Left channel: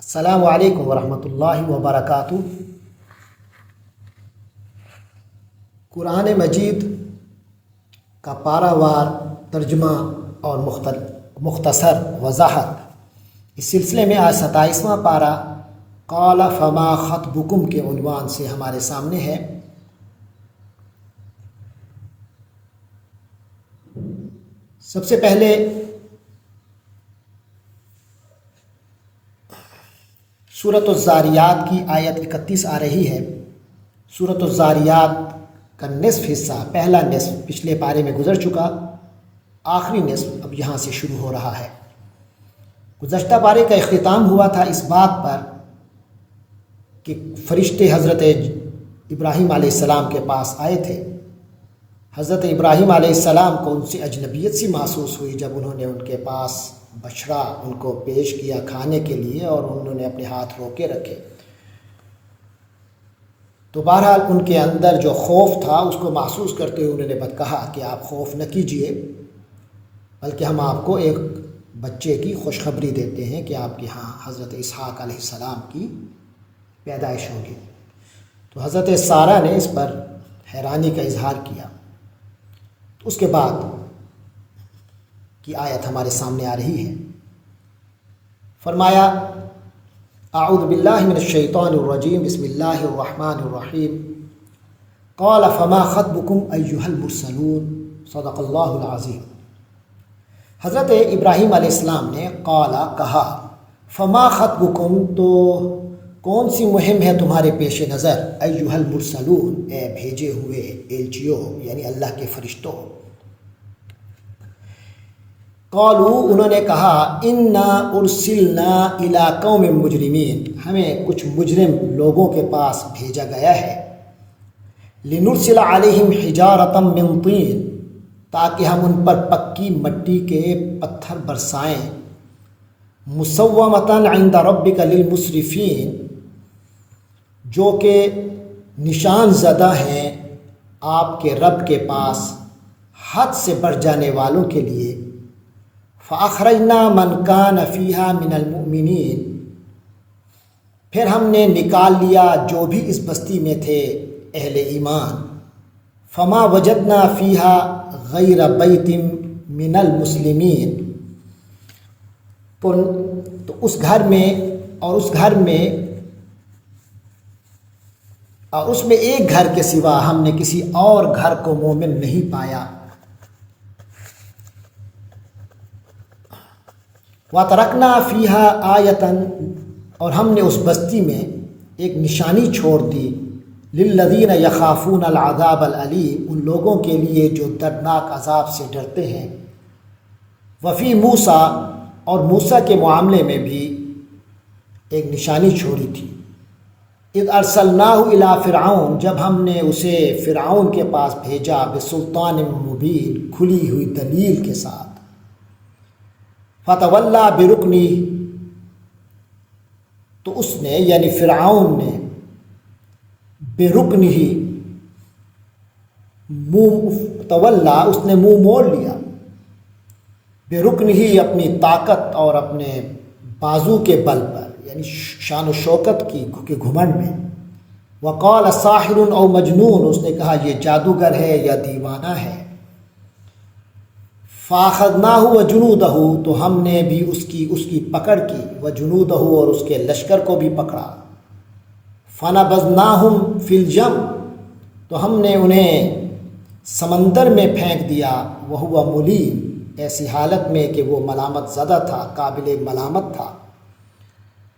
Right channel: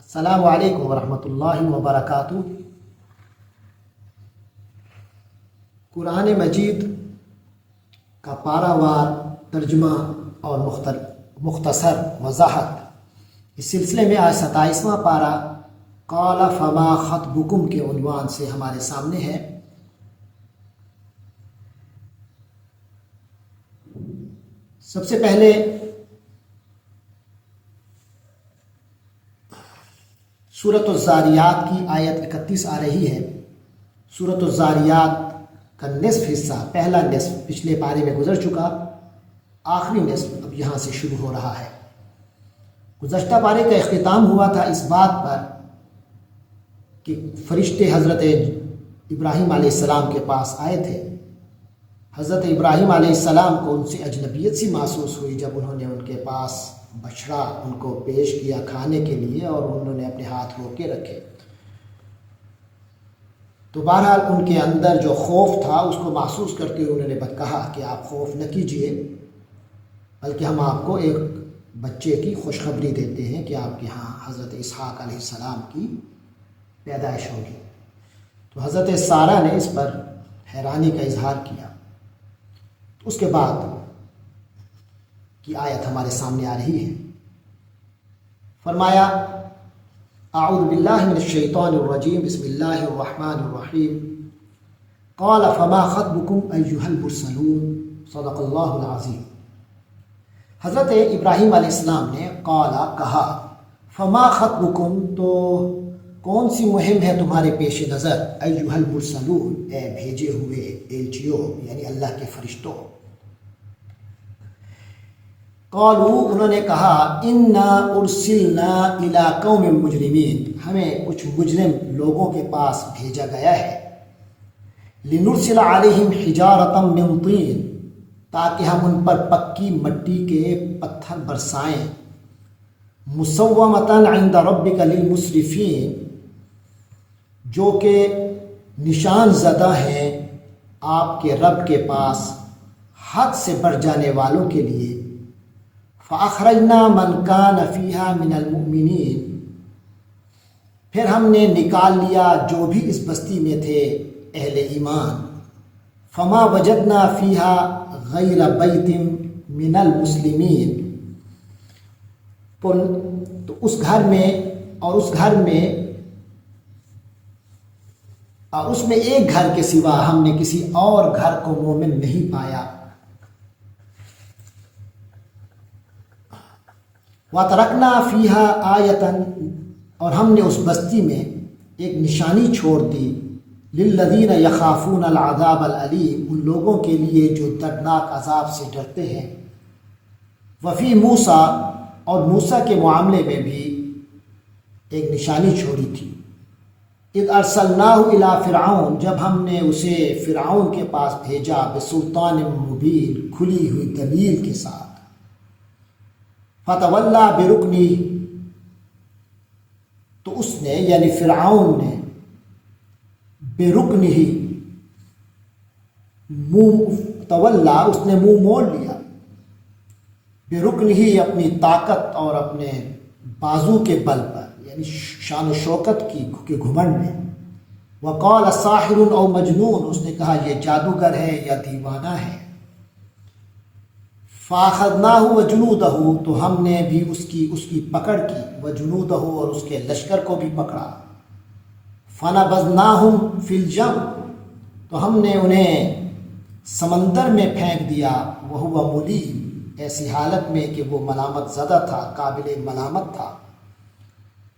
السلام علیکم ورحمۃ اللہ وبرکاتہ۔ قرآن مجید کا پارہ وار ترجمہ اور مختصر وضاحت، اس سلسلے میں آج 27واں پارہ قال فما خطبکم کے عنوان سے ہمارے سامنے ہے۔ سب سے پہلے سورۃ الزاریات کی آیت 31 آ رہی ہے۔ سورۃ الزاریات کا نصف حصہ، پہلا نصف پچھلے پارے میں گزر چکا، آخری نصف اب یہاں سے شروع ہو رہا ہے۔ گزشتہ پارے کا اختتام ہوا تھا اس بات پر کہ فرشتے حضرت ابراہیم علیہ السلام کے پاس آئے تھے۔ حضرت ابراہیم علیہ السلام کو ان سے اجنبیت سی محسوس ہوئی جب انہوں نے ان کے پاس بچڑا ان کو پیش کیا کھانے کے لیے، اور انہوں نے اپنے ہاتھ روکے رکھے۔ تو بہرحال ان کے اندر جو خوف تھا اس کو محسوس کرتے ہوئے انہوں نے کہا کہ آپ خوف نہ کیجئے، بلکہ ہم آپ کو ایک بچے کی خوشخبری دیتے ہیں کہ آپ کے ہاں حضرت اسحاق علیہ السلام کی پیدائش ہوگی۔ تو حضرت سارہ نے اس پر حیرانی کا اظہار کیا۔ اس کے بعد کی آیت ہمارے سامنے آ رہی ہے۔ فرمایا اعوذ باللہ من الشیطان الرجیم، بسم اللہ الرحمن الرحیم، قال فما خطبکم ایھا المرسلون، صدق اللہ العظیم۔ حضرت ابراہیم علیہ السلام نے قال کہا، فما خطبکم تو کون سی مہم ہے تمہارے پیش نظر، ایھا المرسلون اے بھیجے ہوئے ایلچیوں یعنی اللہ کے فرشتوں۔ قالوا انہوں نے کہا، انا ارسلنا الی قوم مجرمین، ہمیں کچھ مجرم لوگوں کے پاس بھیجا گیا ہے، لنرسل علیہم حجارۃ من طین، تاکہ ہم ان پر پکی مٹی کے پتھر برسائیں، مسومۃ عند ربک للمسرفین، جو کہ نشان زدہ ہیں آپ کے رب کے پاس حد سے بڑھ جانے والوں کے لیے، فَأَخْرَجْنَا مَنْ كَانَ فِيهَا مِنَ الْمُؤْمِنِينَ، پھر ہم نے نکال لیا جو بھی اس بستی میں تھے اہل ایمان، فَمَا وَجَدْنَا فِيهَا غَيْرَ بَيْتٍ مِنَ الْمُسْلِمِينَ، تو اس گھر میں ایک گھر کے سوا ہم نے کسی اور گھر کو مومن نہیں پایا۔ وَتَرَكْنَا فِيهَا آیَةً، اور ہم نے اس بستی میں ایک نشانی چھوڑ دی، لِلَّذِينَ يَخَافُونَ الْعَذَابَ الْأَلِيمَ، ان لوگوں کے لیے جو دردناک عذاب سے ڈرتے ہیں۔ وَفِي موسیٰ، اور موسیٰ کے معاملے میں بھی ایک نشانی چھوڑی تھی، اِذْ أَرْسَلْنَاهُ إِلَىٰ فِرْعَوْنَ، جب ہم نے اسے فرعون کے پاس بھیجا، بِسُلْطَانٍ مُبِینٍ، کھلی ہوئی دلیل کے ساتھ، فَتَوَلَّىٰ بِرُكْنِهِ، تو اس نے یعنی فرعون نے بِرُكْنِهِ تولا، اس نے منہ موڑ لیا، بِرُكْنِهِ اپنی طاقت اور اپنے بازو کے بل پر، یعنی شان و شوکت کی گھمنڈ میں۔ وَقَالَ سَاحِرٌ أَوْ مَجْنُونٌ، اس نے کہا یہ جادوگر ہے یا دیوانہ ہے۔ فَأَخَذْنَاهُ وَجُنُودَهُ، تو ہم نے بھی اس کی پکڑ کی، وَجُنُودَهُ، اور اس کے لشکر کو بھی پکڑا۔ فَنَبَذْنَاهُمْ فِي الْيَمِّ، تو ہم نے انہیں سمندر میں پھینک دیا، وَهُوَ مُلِيمٌ، ایسی حالت میں کہ وہ ملامت زدہ تھا، قابل ملامت تھا۔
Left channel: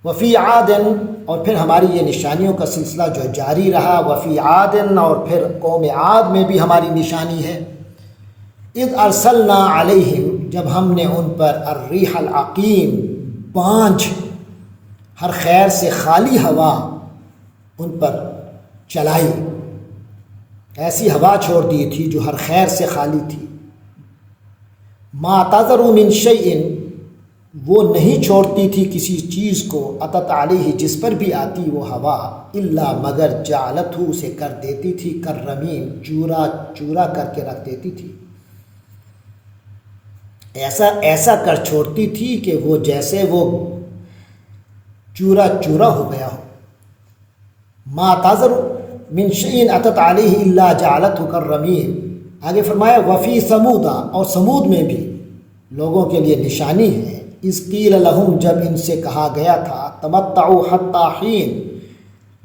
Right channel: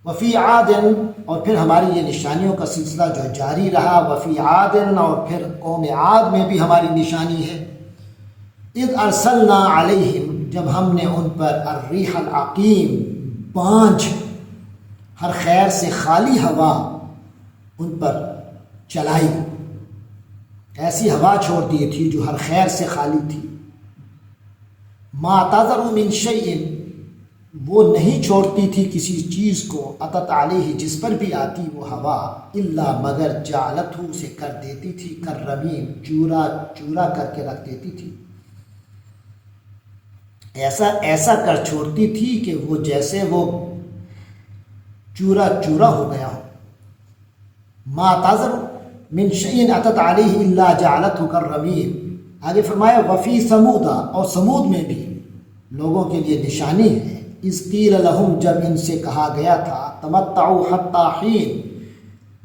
وفی عادن، اور پھر ہماری یہ نشانیوں کا سلسلہ جو جاری رہا، وفی عادن، اور پھر قوم عاد میں بھی ہماری نشانی ہے، اذ ارسلنا علیہم، جب ہم نے ان پر الریح العقیم، بانجھ ہر خیر سے خالی ہوا ان پر چلائی، ایسی ہوا چھوڑ دی تھی جو ہر خیر سے خالی تھی۔ ما تذر من شیء، وہ نہیں چھوڑتی تھی کسی چیز کو، اتت علیہ، جس پر بھی آتی وہ ہوا، الا مگر جعلتہ، اسے کر دیتی تھی کررمیم، چورا چورا کر کے رکھ دیتی تھی، ایسا کر چھوڑتی تھی کہ وہ جیسے وہ چورا چورا ہو گیا ہو۔ ما تذر من شیء اتت علیہ الا جعلتہ کالرمیم۔ آگے فرمایا وفی سمودا، اور سمود میں بھی لوگوں کے لیے نشانی ہے، اذ قیل لہم، جب ان سے کہا گیا تھا تمتعوا حتی حین،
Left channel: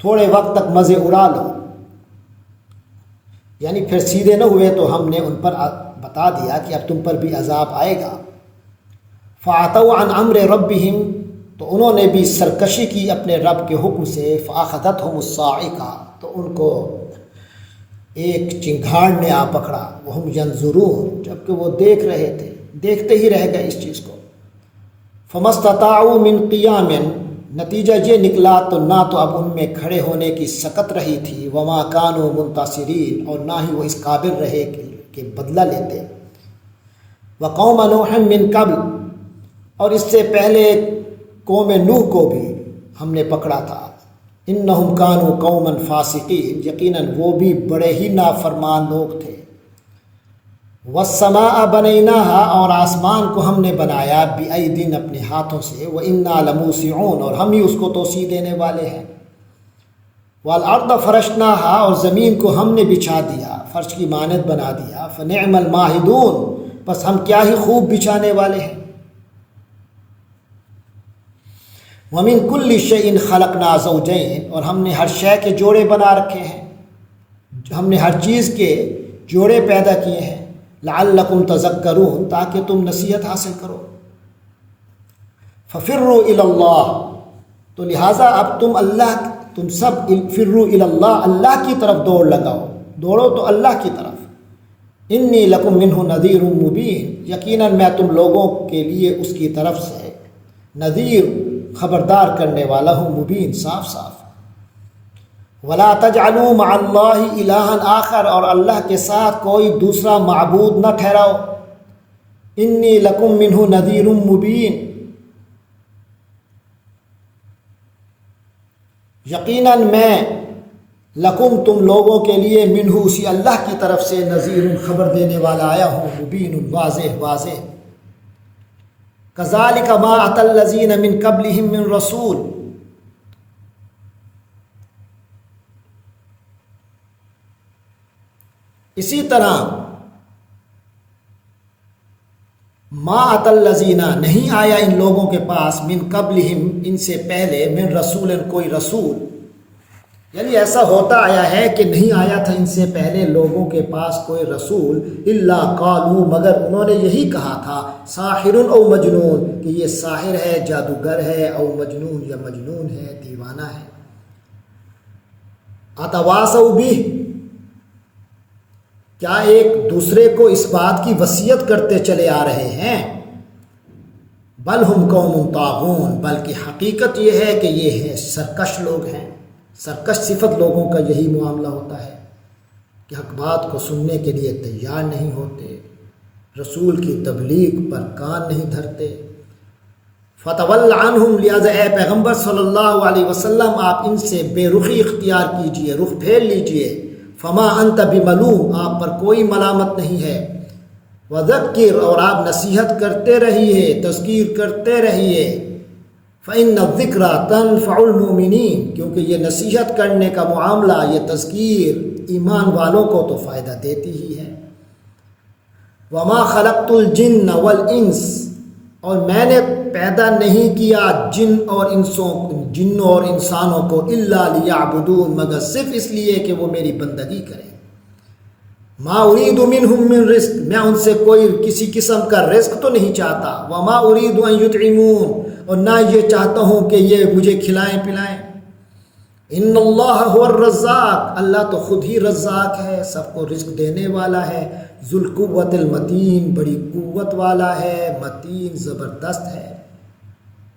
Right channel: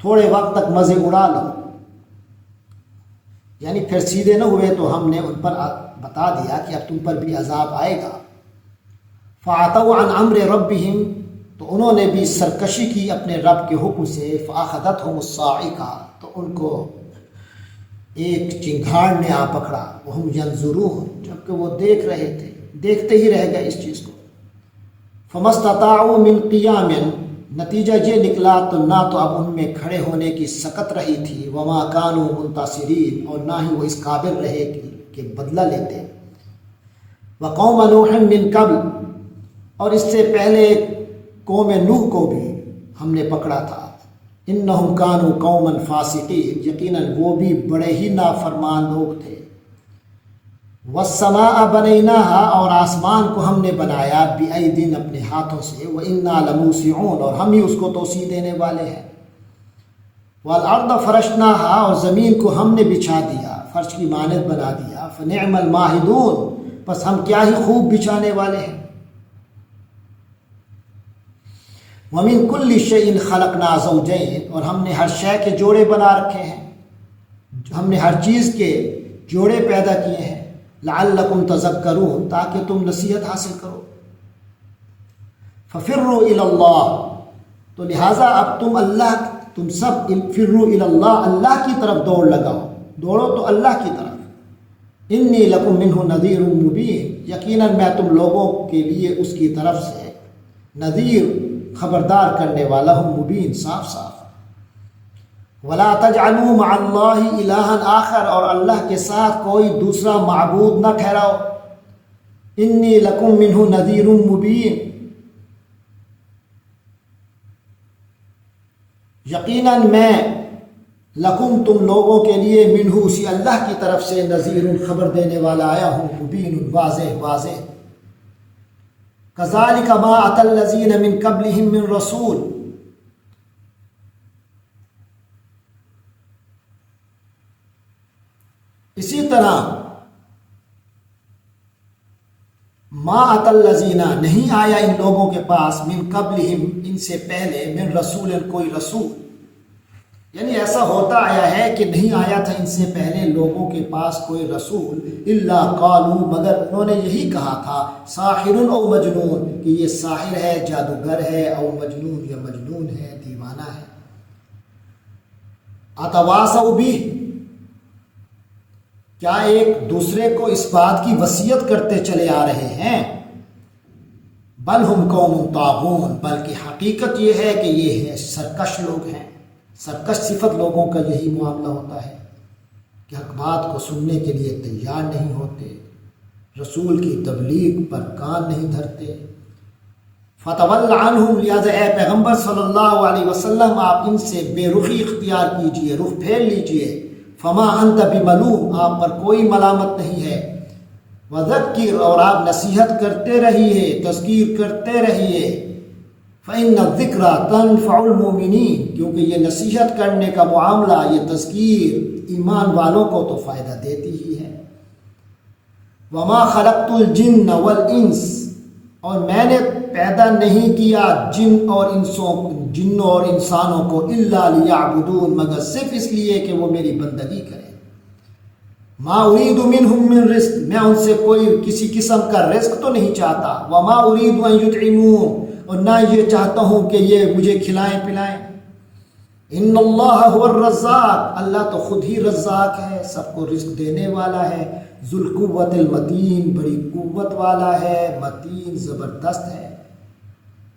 تھوڑے وقت تک مزے اڑا لو، یعنی پھر سیدھے نہ ہوئے تو ہم نے ان پر بتا دیا کہ اب تم پر بھی عذاب آئے گا۔ فعتوا عن امر ربہم، تو انہوں نے بھی سرکشی کی اپنے رب کے حکم سے، فاخذتہم الصاعقہ، تو ان کو ایک چنگھاڑ نے آ پکڑا، وہم ینظرون، جبکہ وہ دیکھ رہے تھے، دیکھتے ہی رہ گئے اس چیز کو۔ فما استطاعوا من قیام، نتیجہ یہ نکلا تو نہ تو اب ان میں کھڑے ہونے کی سکت رہی تھی، وما کانوا منتصرین، اور نہ ہی وہ اس قابل رہے کہ بدلہ لیتے۔ وقوم نوح من قبل، اور اس سے پہلے قوم نوح کو بھی ہم نے پکڑا تھا، انہم کانوا قوما فاسقین، یقیناً وہ بھی بڑے ہی نافرمان لوگ تھے۔ والسماء بنیناہا، اور آسمان کو ہم نے بنایا، بأیدٍ، اپنے ہاتھوں سے، وإنا لموسعون، اور ہم ہی اس کو توسیع دینے والے ہیں۔ والارض فرشناہا، اور زمین کو ہم نے بچھا دیا، فرش کی مانند بنا دیا، فنعم الماہدون، بس ہم کیا ہی خوب بچھانے والے ہیں۔ وَمِن كُلِّ شَيْءٍ خَلَقْنَا زَوْجَيْنِ، اور ہم نے ہر شے کے جوڑے بنا رکھے ہیں، ہم نے ہر چیز کے جوڑے پیدا کیے ہیں، لَعَلَّكُمْ تَذَكَّرُونَ، تاکہ تم نصیحت حاصل کرو۔ فَفِرُّوا إِلَى اللَّهِ، تو لہٰذا اب تم سب فِرُّوا إِلَى اللَّهِ، اللہ کی طرف دوڑ لگاؤ، دوڑو تو اللہ کی طرف۔ إِنِّي لَكُمْ مِنْهُ نَذِيرٌ مُبِينٌ، یقیناً میں تم لوگوں کے لیے اس کی طرف سے نذیر، خبردار کرنے والا ہوں، مبین، صاف صاف۔ وَلَا تَجْعَلُوا مَعَ اللَّهِ إِلَٰهًا آخر، اور اللہ کے ساتھ کوئی دوسرا معبود نہ ٹھہراؤ۔ إِنِّي لَكُمْ مِنْهُ نَذِيرٌ مُبِينٌ، یقیناً میں لکم، تم لوگوں کے لیے، منہ، اسی اللہ کی طرف سے، نذیر، خبر دینے والا آیا ہوں، مبین، واضح واضح۔ کذالک ما اتی الذین من قبلہم من رسول، اسی طرح ما اتی الذین، نہیں آیا ان لوگوں کے پاس، من قبلہم، ان سے پہلے، من رسول، کوئی رسول، یعنی ایسا ہوتا آیا ہے کہ نہیں آیا تھا ان سے پہلے لوگوں کے پاس کوئی رسول، الا قالوا، مگر انہوں نے یہی کہا تھا، ساحر او مجنون، کہ یہ ساحر ہے، جادوگر ہے، او مجنون، یا مجنون ہے، دیوانہ ہے۔ اتواصوا بہ، کیا ایک دوسرے کو اس بات کی وصیت کرتے چلے آ رہے ہیں؟ بل ہم قوم طاغون، بلکہ حقیقت یہ ہے کہ یہ ہے سرکش لوگ ہیں۔ سرکش صفت لوگوں کا یہی معاملہ ہوتا ہے کہ حق بات کو سننے کے لیے تیار نہیں ہوتے، رسول کی تبلیغ پر کان نہیں دھرتے۔ فتول عنہم، لہذا اے پیغمبر صلی اللہ علیہ وسلم آپ ان سے بے رخی اختیار کیجئے، رخ پھیر لیجئے۔ فما انت بملوم، آپ پر کوئی ملامت نہیں ہے۔ وذکر، اور آپ نصیحت کرتے رہیے، تذکیر کرتے رہیے۔ فإن الذکر تنفع المؤمنین، کیونکہ یہ نصیحت کرنے کا معاملہ، یہ تذکیر ایمان والوں کو تو فائدہ دیتی ہی ہے۔ وما خلقت الجن والانس، اور میں نے پیدا نہیں کیا جنوں اور انسانوں کو، الا لیعبدون، مگر صرف اس لیے کہ وہ میری بندگی کریں۔ ما ارید منہم من رزق، میں ان سے کوئی کسی قسم کا رزق تو نہیں چاہتا۔ وما ارید ان یطعمون، اور نہ یہ چاہتا ہوں کہ یہ مجھے کھلائیں پلائیں۔ ان اللہ هو الرزاق، اللہ تو خود ہی رزاق ہے، سب کو رزق دینے والا ہے۔ ذو القوت المتین، بڑی قوت والا ہے، متین، زبردست ہے،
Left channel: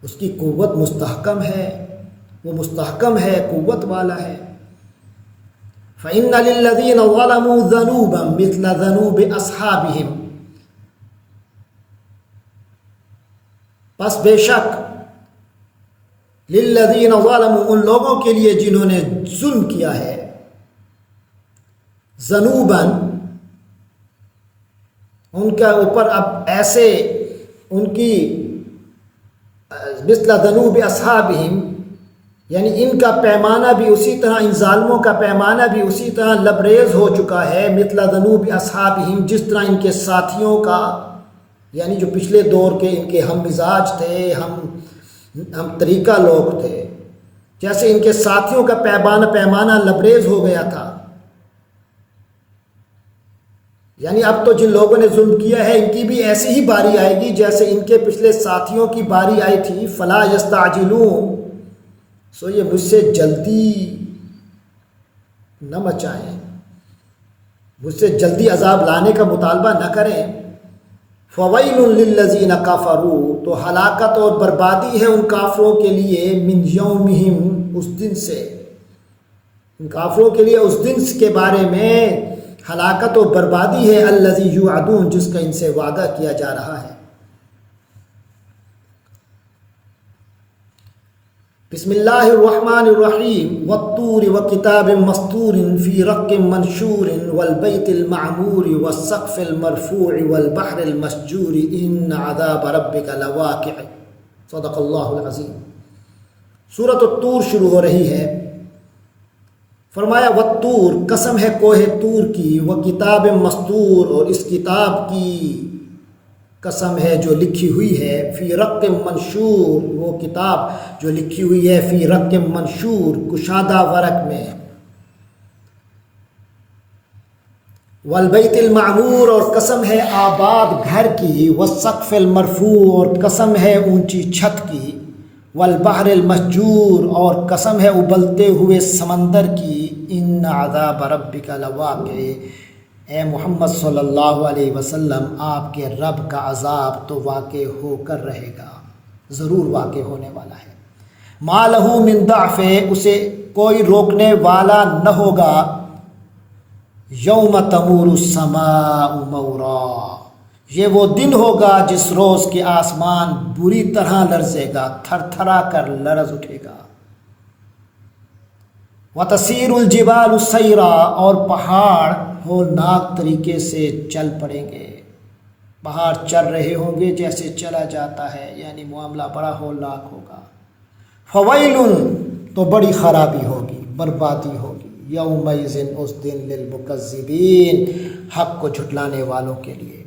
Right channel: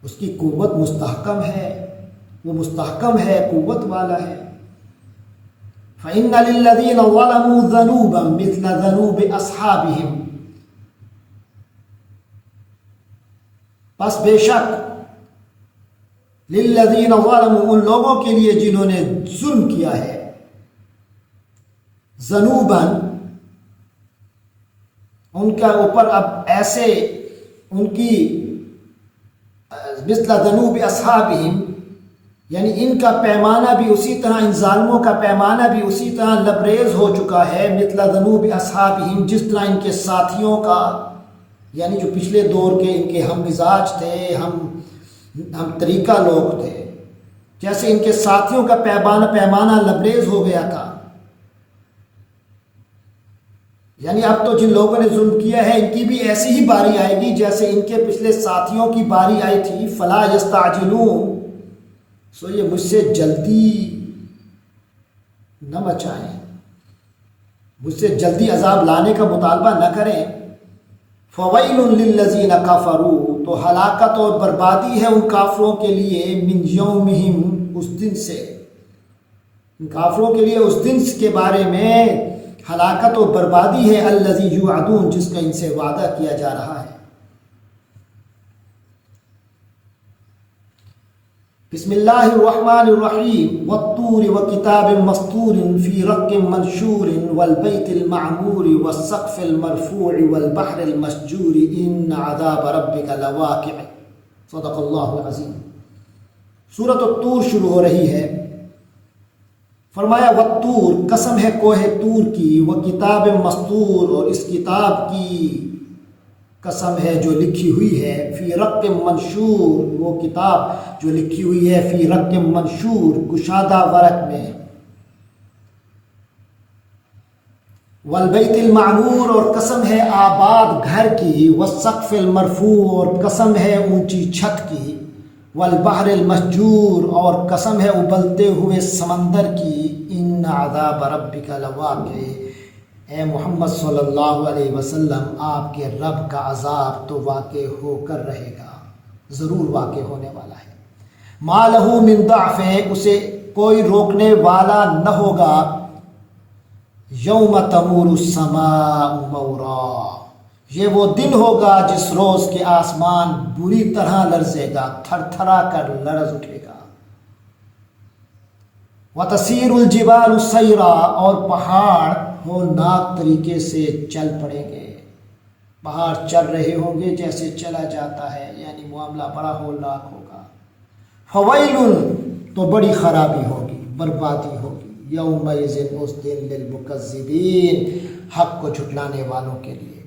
اس کی قوت مستحکم ہے، وہ مستحکم ہے، قوت والا ہے۔ فإن للذین ظلموا ذنوبا مثل ذنوب اصحابہم، پس بے شک للذین ظلموا، ان لوگوں کے لیے جنہوں نے ظلم کیا ہے، ذنوبا، ان کا اوپر اب ایسے ان کی مثل ذنوب اصحابہم، یعنی ان کا پیمانہ بھی اسی طرح، ان ظالموں کا پیمانہ بھی اسی طرح لبریز ہو چکا ہے، مثل ذنوب اصحابہم، جس طرح ان کے ساتھیوں کا، یعنی جو پچھلے دور کے ان کے ہم مزاج تھے، ہم طریقہ لوگ تھے، جیسے ان کے ساتھیوں کا پیمانہ لبریز ہو گیا تھا۔ یعنی اب تو جن لوگوں نے ظلم کیا ہے ان کی بھی ایسی ہی باری آئے گی جیسے ان کے پچھلے ساتھیوں کی باری آئی تھی۔ فلا یستعجلون، سو یہ مجھ سے جلدی نہ مچائیں، مجھ سے جلدی عذاب لانے کا مطالبہ نہ کریں۔ فویل للذین کفروا، تو ہلاکت اور بربادی ہے ان کافروں کے لیے، من یومہم، اس دن سے، ان کافروں کے لیے اس دن کے بارے میں ہلاکت و بربادی ہے، الذی یوعدون، جس کا ان سے وعدہ کیا جا رہا ہے۔ بسم اللہ الرحمن الرحیم، والطور وکتاب مسطور فی رق منشور والبیت المعمور والسقف المرفوع والبحر المسجور ان عذاب ربک لواقع۔ صدق اللہ العظیم۔ سورۃ الطور شروع ہو رہی ہے۔ فرمایا والطور، قسم ہے کوہ طور کی، وہ کتاب مسطور، اور اس کتاب کی قسم ہے جو لکھی ہوئی ہے، فی رق منشور، وہ کتاب جو لکھی ہوئی ہے فی رق منشور، کشادہ ورق میں، والبیت المعمور، اور قسم ہے آباد گھر کی، والسقف المرفوع، اور قسم ہے اونچی چھت کی، والبحر المسجور، اور قسم ہے ابلتے ہوئے سمندر کی، ان عذاب ربک لواقع، اے محمد صلی اللہ علیہ وسلم، آپ کے رب کا عذاب تو واقع ہو کر رہے گا، ضرور واقع ہونے والا ہے۔ ما لہ من ضعف، اسے کوئی روکنے والا نہ ہوگا، یوم تمور السماء مورا، یہ وہ دن ہوگا جس روز کے آسمان بری طرح لرزے گا، تھر تھرا کر لرز اٹھے گا۔ وَتَسِيرُ الْجِبَالُ سَيْرًا، اور پہاڑ ہولناک طریقے سے چل پڑیں گے، پہاڑ چل رہے ہوں گے جیسے چلا جاتا ہے، یعنی معاملہ بڑا ہولناک ہوگا۔ فَوَيْلٌ، تو بڑی خرابی ہوگی، بربادی ہوگی، یومئذ، اس دن، للمکذبین، حق کو جھٹلانے والوں کے لیے،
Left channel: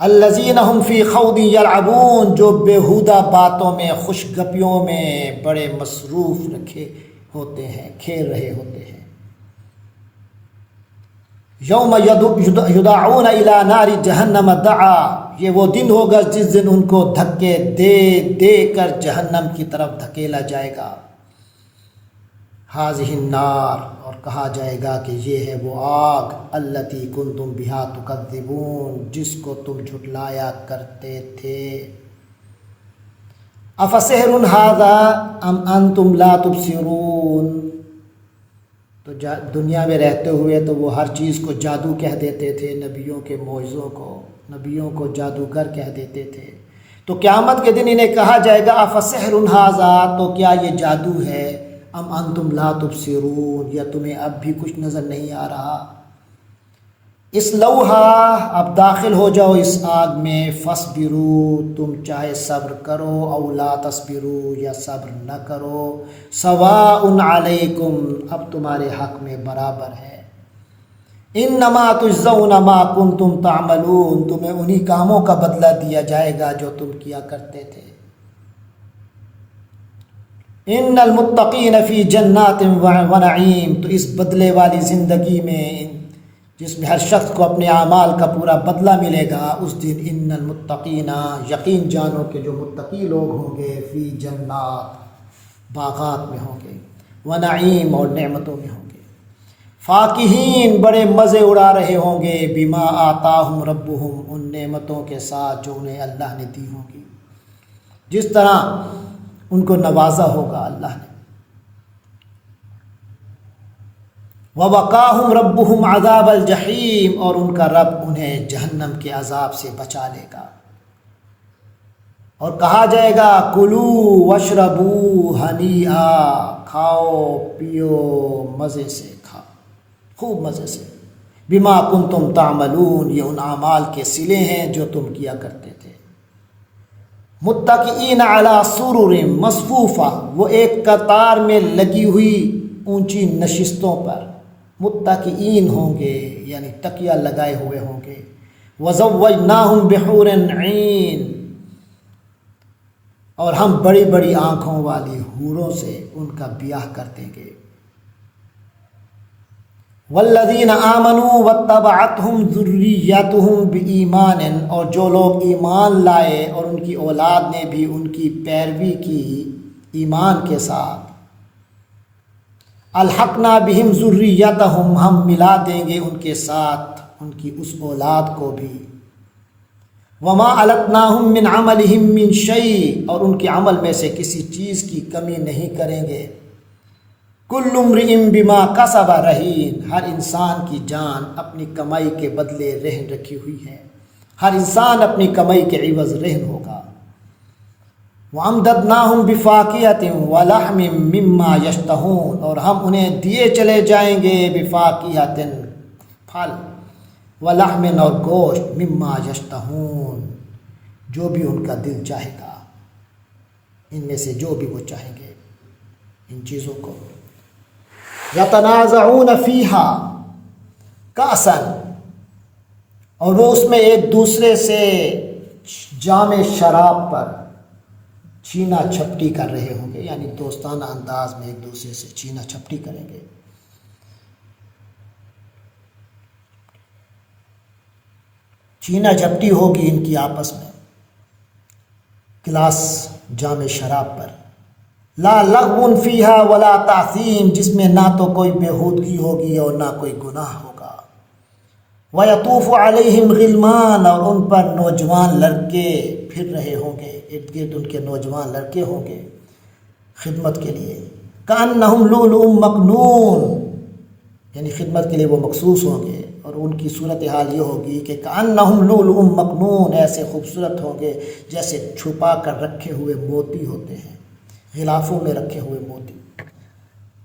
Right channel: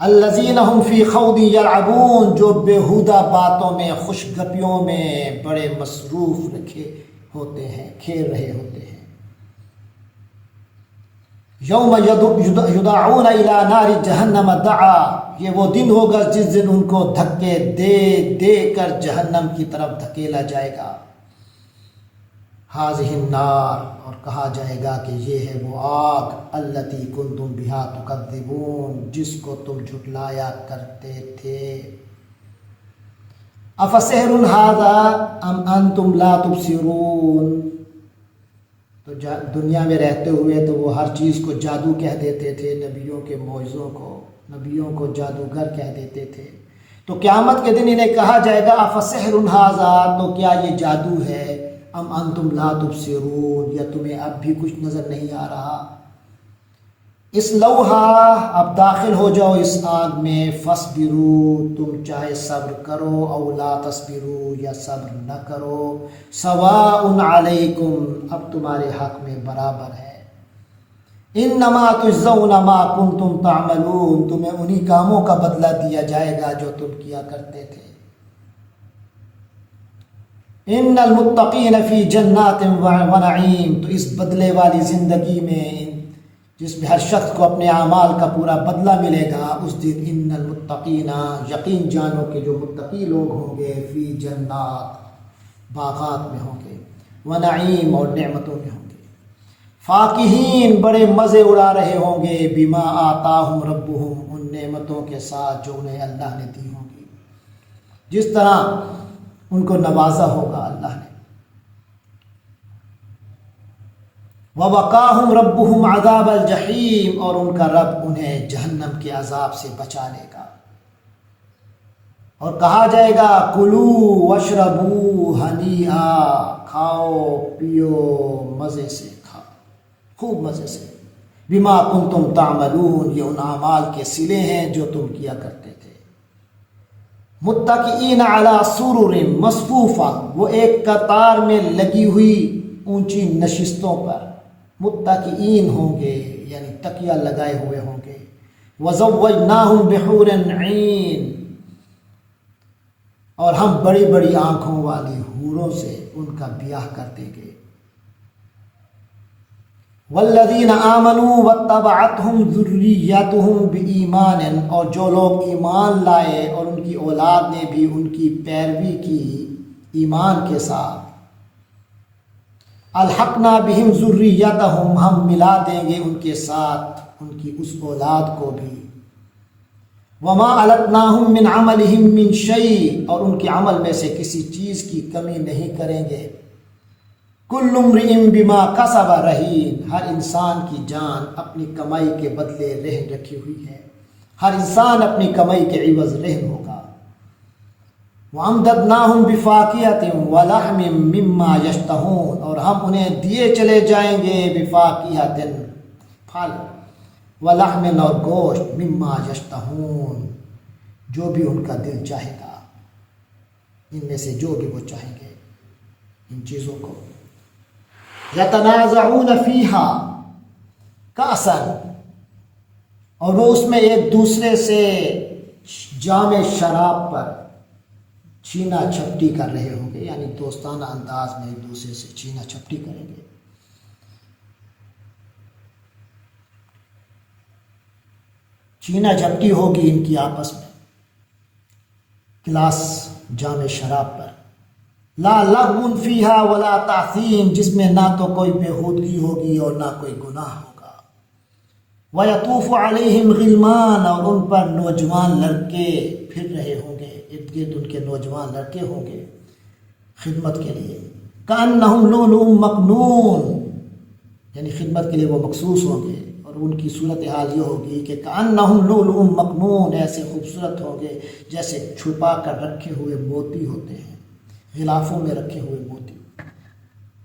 الذین ہم فی خوض یلعبون، جو بیہودہ باتوں میں، خوش گپیوں میں بڑے مصروف رکھے ہوتے ہیں، کھیل رہے ہوتے ہیں۔ یوم یدعون الی نار جہنم دعا، یہ وہ دن ہوگا جس دن ان کو دھکے دے دے کر جہنم کی طرف دھکیلا جائے گا۔ ہذہ النار، اور کہا جائے گا کہ یہ ہے وہ آگ، التی کنتم بہا تکذبون، جس کو تم جھٹلایا کرتے تھے۔ افسحر ھذا ام انتم لا تبصرون، تو دنیا میں رہتے ہوئے تو وہ ہر چیز کو جادو کہہ دیتے تھے، نبیوں کے معجزوں کو، نبیوں کو جادوگر کہہ دیتے تھے۔ تو قیامت کے دن انہیں کہا جائے گا افسحر ھذا، تو کیا یہ جادو ہے، ام انتم لا تبصرون، یا تمہیں اب بھی کچھ نظر نہیں آ رہا۔ اصلوہا، اب داخل ہو جاؤ اس آگ میں، فاصبروا، تم چاہے صبر کرو، او لا تصبروا، یا صبر نہ کرو، سواء علیکم، اب تمہارے حق میں برابر ہے۔ انما تجزون ما کنتم تعملون، تمہیں انہی کاموں کا بدلہ دیا جائے گا جو تم کیا کرتے تھے۔ ان المتقین فی جنات ونعیم، تو اس بدلے والی زندگی میں جس میں ہر شخص کو اپنے اعمال کا پورا بدلہ ملے گا، اس دن ان المتقین، یقین جانو کہ جو متقی لوگ ہوں گے، فی جنات، باغات میں ہوں گے، ونعیم، اور نعمتوں میں ہوں گے، فاکہین، بڑے مزے اڑا رہے ہوں گے، بما آتاہم ربہم، ان نعمتوں کے ساتھ جو انہیں اللہ نے دی ہوں گی، جس طرح ان کو نوازا ہوگا اللہ نے۔ وَوَقَاهُمْ رَبُّهُمْ عَذَابَ الْجَحِيمِ، اور ان کا رب انہیں جہنم کے عذاب سے بچا لے گا۔ اور کہا جائے گا کُلُوا وَاشْرَبُوا ہَنِیئًا، کھاؤ پیو مزے سے، کھاؤ خوب مزے سے، بِمَا كُنتُمْ تَعْمَلُونَ، یہ ان اعمال کے صلے ہیں جو تم کیا کرتے تھے۔ متکئین علی سرر مصفوفہ، وہ ایک قطار میں لگی ہوئی اونچی نشستوں پر متکئین ہوں گے، یعنی تکیہ لگائے ہوئے ہوں گے۔ وزوجناہم بحور عین، اور ہم بڑی بڑی آنکھوں والی حوروں سے ان کا بیاہ کر دیں گے۔ والذین آمنوا واتبعتہم ذریتہم بایمان، اور جو لوگ ایمان لائے اور ان کی اولاد نے بھی ان کی پیروی کی ایمان کے ساتھ، الحقنا بہم ذریتہم، ہم ملا دیں گے ان کے ساتھ ان کی اس اولاد کو بھی۔ وما التناہم من عملہم من شیء، اور ان کے عمل میں سے کسی چیز کی کمی نہیں کریں گے۔ کل امرئ بما کسب رہین، ہر انسان کی جان اپنی کمائی کے بدلے رہن رکھی ہوئی ہے، ہر انسان اپنی کمائی کے عوض رہن ہوگا۔ وَأَمْدَدْنَاهُمْ بِفَاكِهَةٍ وَلَحْمٍ مِّمَّا يَشْتَهُونَ، اور ہم انہیں دیے چلے جائیں گے بِفَاكِهَةٍ، پھل، وَلَحْمٍ، اور گوشت، مِّمَّا يَشْتَهُونَ، جو بھی ان کا دل چاہے گا، ان میں سے جو بھی وہ چاہیں گے ان چیزوں کو۔ يَتَنَازَعُونَ فِيهَا كَأْسًا، اور وہ اس میں ایک دوسرے سے جام شراب پر چھینا چھپٹی کر رہے ہوں گے، یعنی دوستانہ انداز میں ایک دوسرے سے چھینا چھپٹی کریں گے۔ چھینا جھپٹی ہوگی ان کی آپس میں، گلاس جام شراب پر۔ لا لغو فیہا ولا تعثیم، جس میں نہ تو کوئی بےہودگی ہوگی اور نہ کوئی گناہ ہوگا۔ وَيَطُوفُ عَلَيْهِمْ غِلْمَانٌ، اور ان پر نوجوان لڑکے پھر رہے ہوں گے، ارد گرد ان کے نوجوان لڑکے ہوں گے خدمت کے لیے۔ كَأَنَّهُمْ لُؤْلُؤٌ مَّكْنُونٌ، یعنی خدمت کے لیے وہ مخصوص ہوں گے، اور ان کی صورتحال یہ ہوگی کہ كَأَنَّهُمْ لُؤْلُؤٌ مَّكْنُونٌ، ایسے خوبصورت ہوں گے جیسے چھپا کر رکھے ہوئے موتی ہوتے ہیں، غلافوں میں رکھے ہوئے موتی۔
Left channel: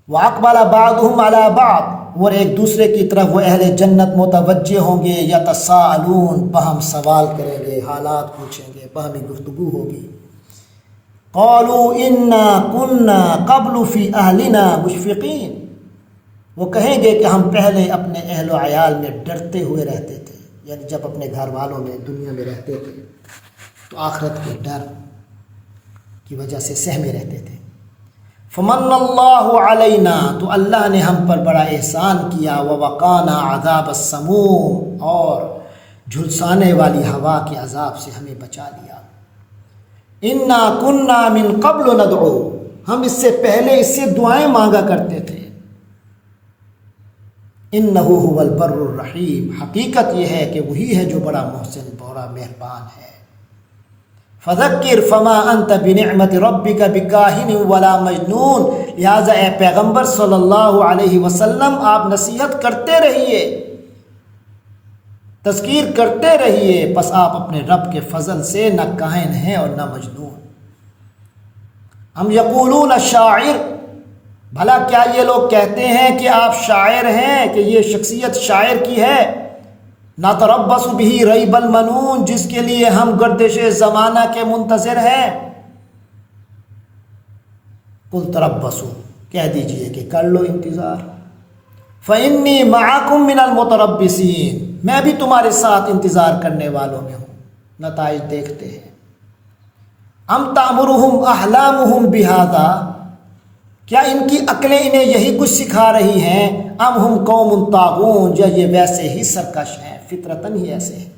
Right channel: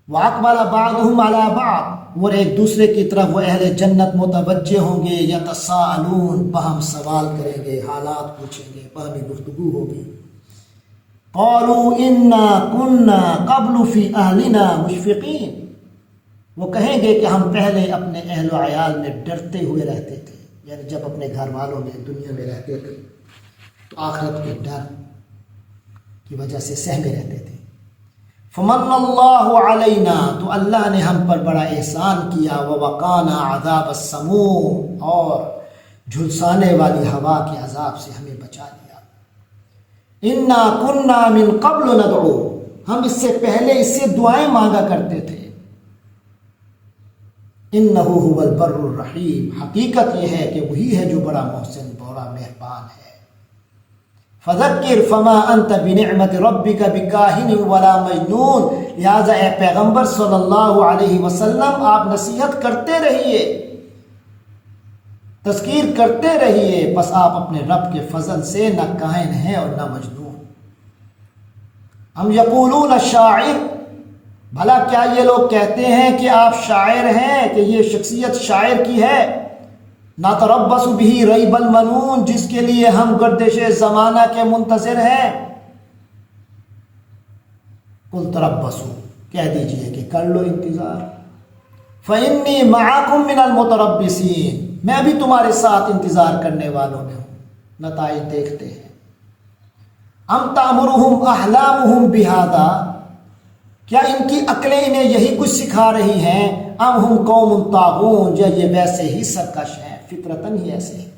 وَأَقْبَلَ بَعْضُهُمْ عَلَى بَعْضٍ، اور ایک دوسرے کی طرف وہ اہل جنت متوجہ ہوں گے، یتساءلون، باہم سوال کریں گے، حالات پوچھیں گے، باہمی گفتگو ہوگی۔ قالوا انا كنا قبل فی اہلنا مشفقین، وہ کہیں گے کہ ہم پہلے اپنے اہل و عیال میں ڈرتے ہوئے رہتے تھے، یعنی جب اپنے گھر والوں میں دنیا میں رہتے تھے تو آخرت کے ڈر کی وجہ سے سہمے رہتے تھے۔ فمن اللہ علینا، تو اللہ نے ہم پر بڑا احسان کیا، ووقانا عذاب السموم، اور جھلسانے والی ہوا کے عذاب سے ہمیں بچا لیا۔ انا کنا من قبل ندعو، ہم اس سے پہلے اس سے دعائیں مانگا کرتے تھے۔ انہ هو البر الرحیم، حقیقت یہ ہے کہ وہی ہے جو بڑا محسن، بڑا مہربان ہے۔ فذکر فما انت بنعمت ربک بکاہن ولا مجنون، لہٰذا اے پیغمبر صلی اللہ علیہ وسلم آپ نصیحت کرتے رہیے، تذکیر کرتے رہیے، بس آپ اپنے رب کے فضل سے نہ کاہن ہیں اور نہ مجنون۔ ہم یقولون شاعر، بھلا کیا یہ لوگ کہتے ہیں کہ آپ شاعر ہیں، کہ یہ شخصیت شاعر کی ہے؟ نتربص بہ ریب المنون، جس کے لیے ہم گردش زمانہ کے منتظر ہیں۔ قل تربصوا، کہہ دیجئے کہ کر لو انتظار۔ فإنی معکم من المتربصین، میں بھی تمہارے ساتھ انتظار کرنے والوں میں ہوں، نتائج دیکھتے ہیں۔ ام تأمرہم احلامہم بہذا، کیا ان کی عقلیں انہیں یہی کچھ سکھا رہی ہیں؟ ام ہم قوم طاغون، یا یہ ویسے ہی سرکش ہیں، فطرتاً ہی ایسے ہیں۔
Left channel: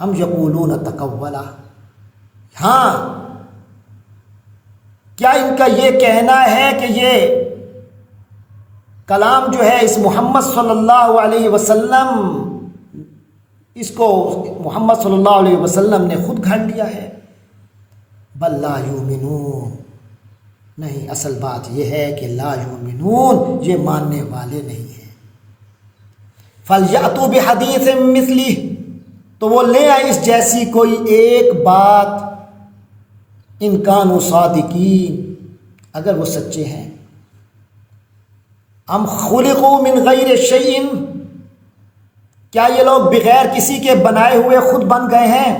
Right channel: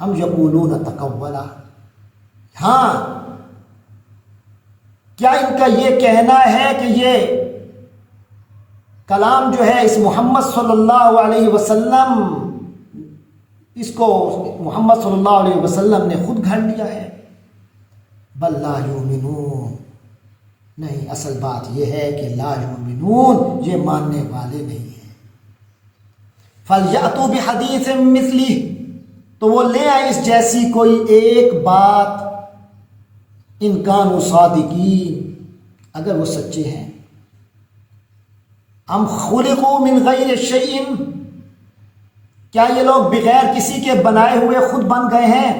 ہم یقولون تقولا، ہاں کیا ان کا یہ کہنا ہے کہ یہ کلام جو ہے اس محمد صلی اللہ علیہ وسلم، اس کو محمد صلی اللہ علیہ وسلم نے خود گھڑ لیا ہے؟ بل لا یؤمنون، نہیں، اصل بات یہ ہے کہ لا یؤمنون، یہ ماننے والے نہیں ہیں۔ فَلْيَأْتُوا بِحَدِيثٍ مِثْلِهِ، تو وہ لے آئے اس جیسی کوئی ایک بات، ان کانوا صادقین، اگر وہ سچے ہیں۔ ام خلقوا من غیر شیء، کیا یہ لوگ بغیر کسی کے بنائے ہوئے خود بن گئے ہیں؟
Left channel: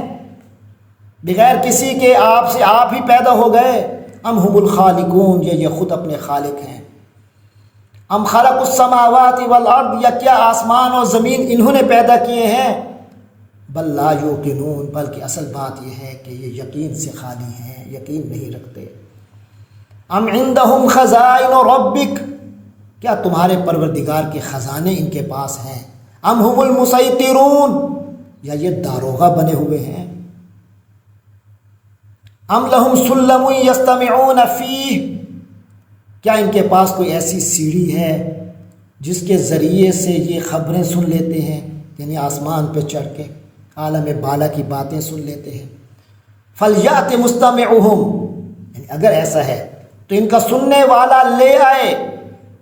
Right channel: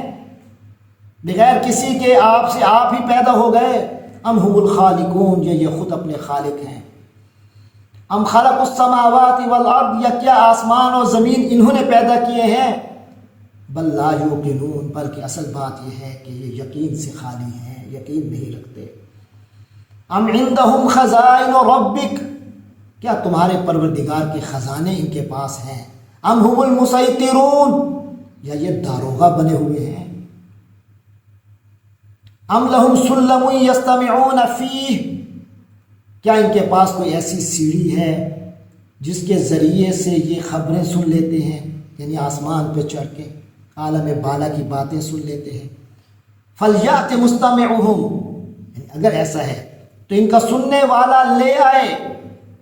بغیر کسی کے آپ سے آپ ہی پیدا ہو گئے؟ ام هم الخالقون، یہ خود اپنے خالق ہیں۔ ام خلق السماوات والارض، یا کیا آسمان اور زمین انہوں نے پیدا کیے ہیں؟ بل لا یوقنون، بلکہ اصل بات یہ ہے کہ یہ یقین سے خالی ہیں، یقین نہیں رکھتے۔ ام عندهم خزائن ربک، کیا تمہارے پروردگار کے خزانے ان کے پاس ہیں؟ ام هم المسیطرون، یا یہ داروغہ بنے ہوئے ہیں؟ ام لہم سلم یستمعون فیہ، کیا ان کے پاس کوئی ایسی سیڑھی ہے جس کے ذریعے سے یہ خبریں سن لیتے ہیں، یعنی آسمان پہ چڑھ کے عالم بالا کی باتیں سن لیتے ہیں؟ فلیأت مستمعہم، یعنی اگر ایسا ہے تو ان کا سننے والا لے آئے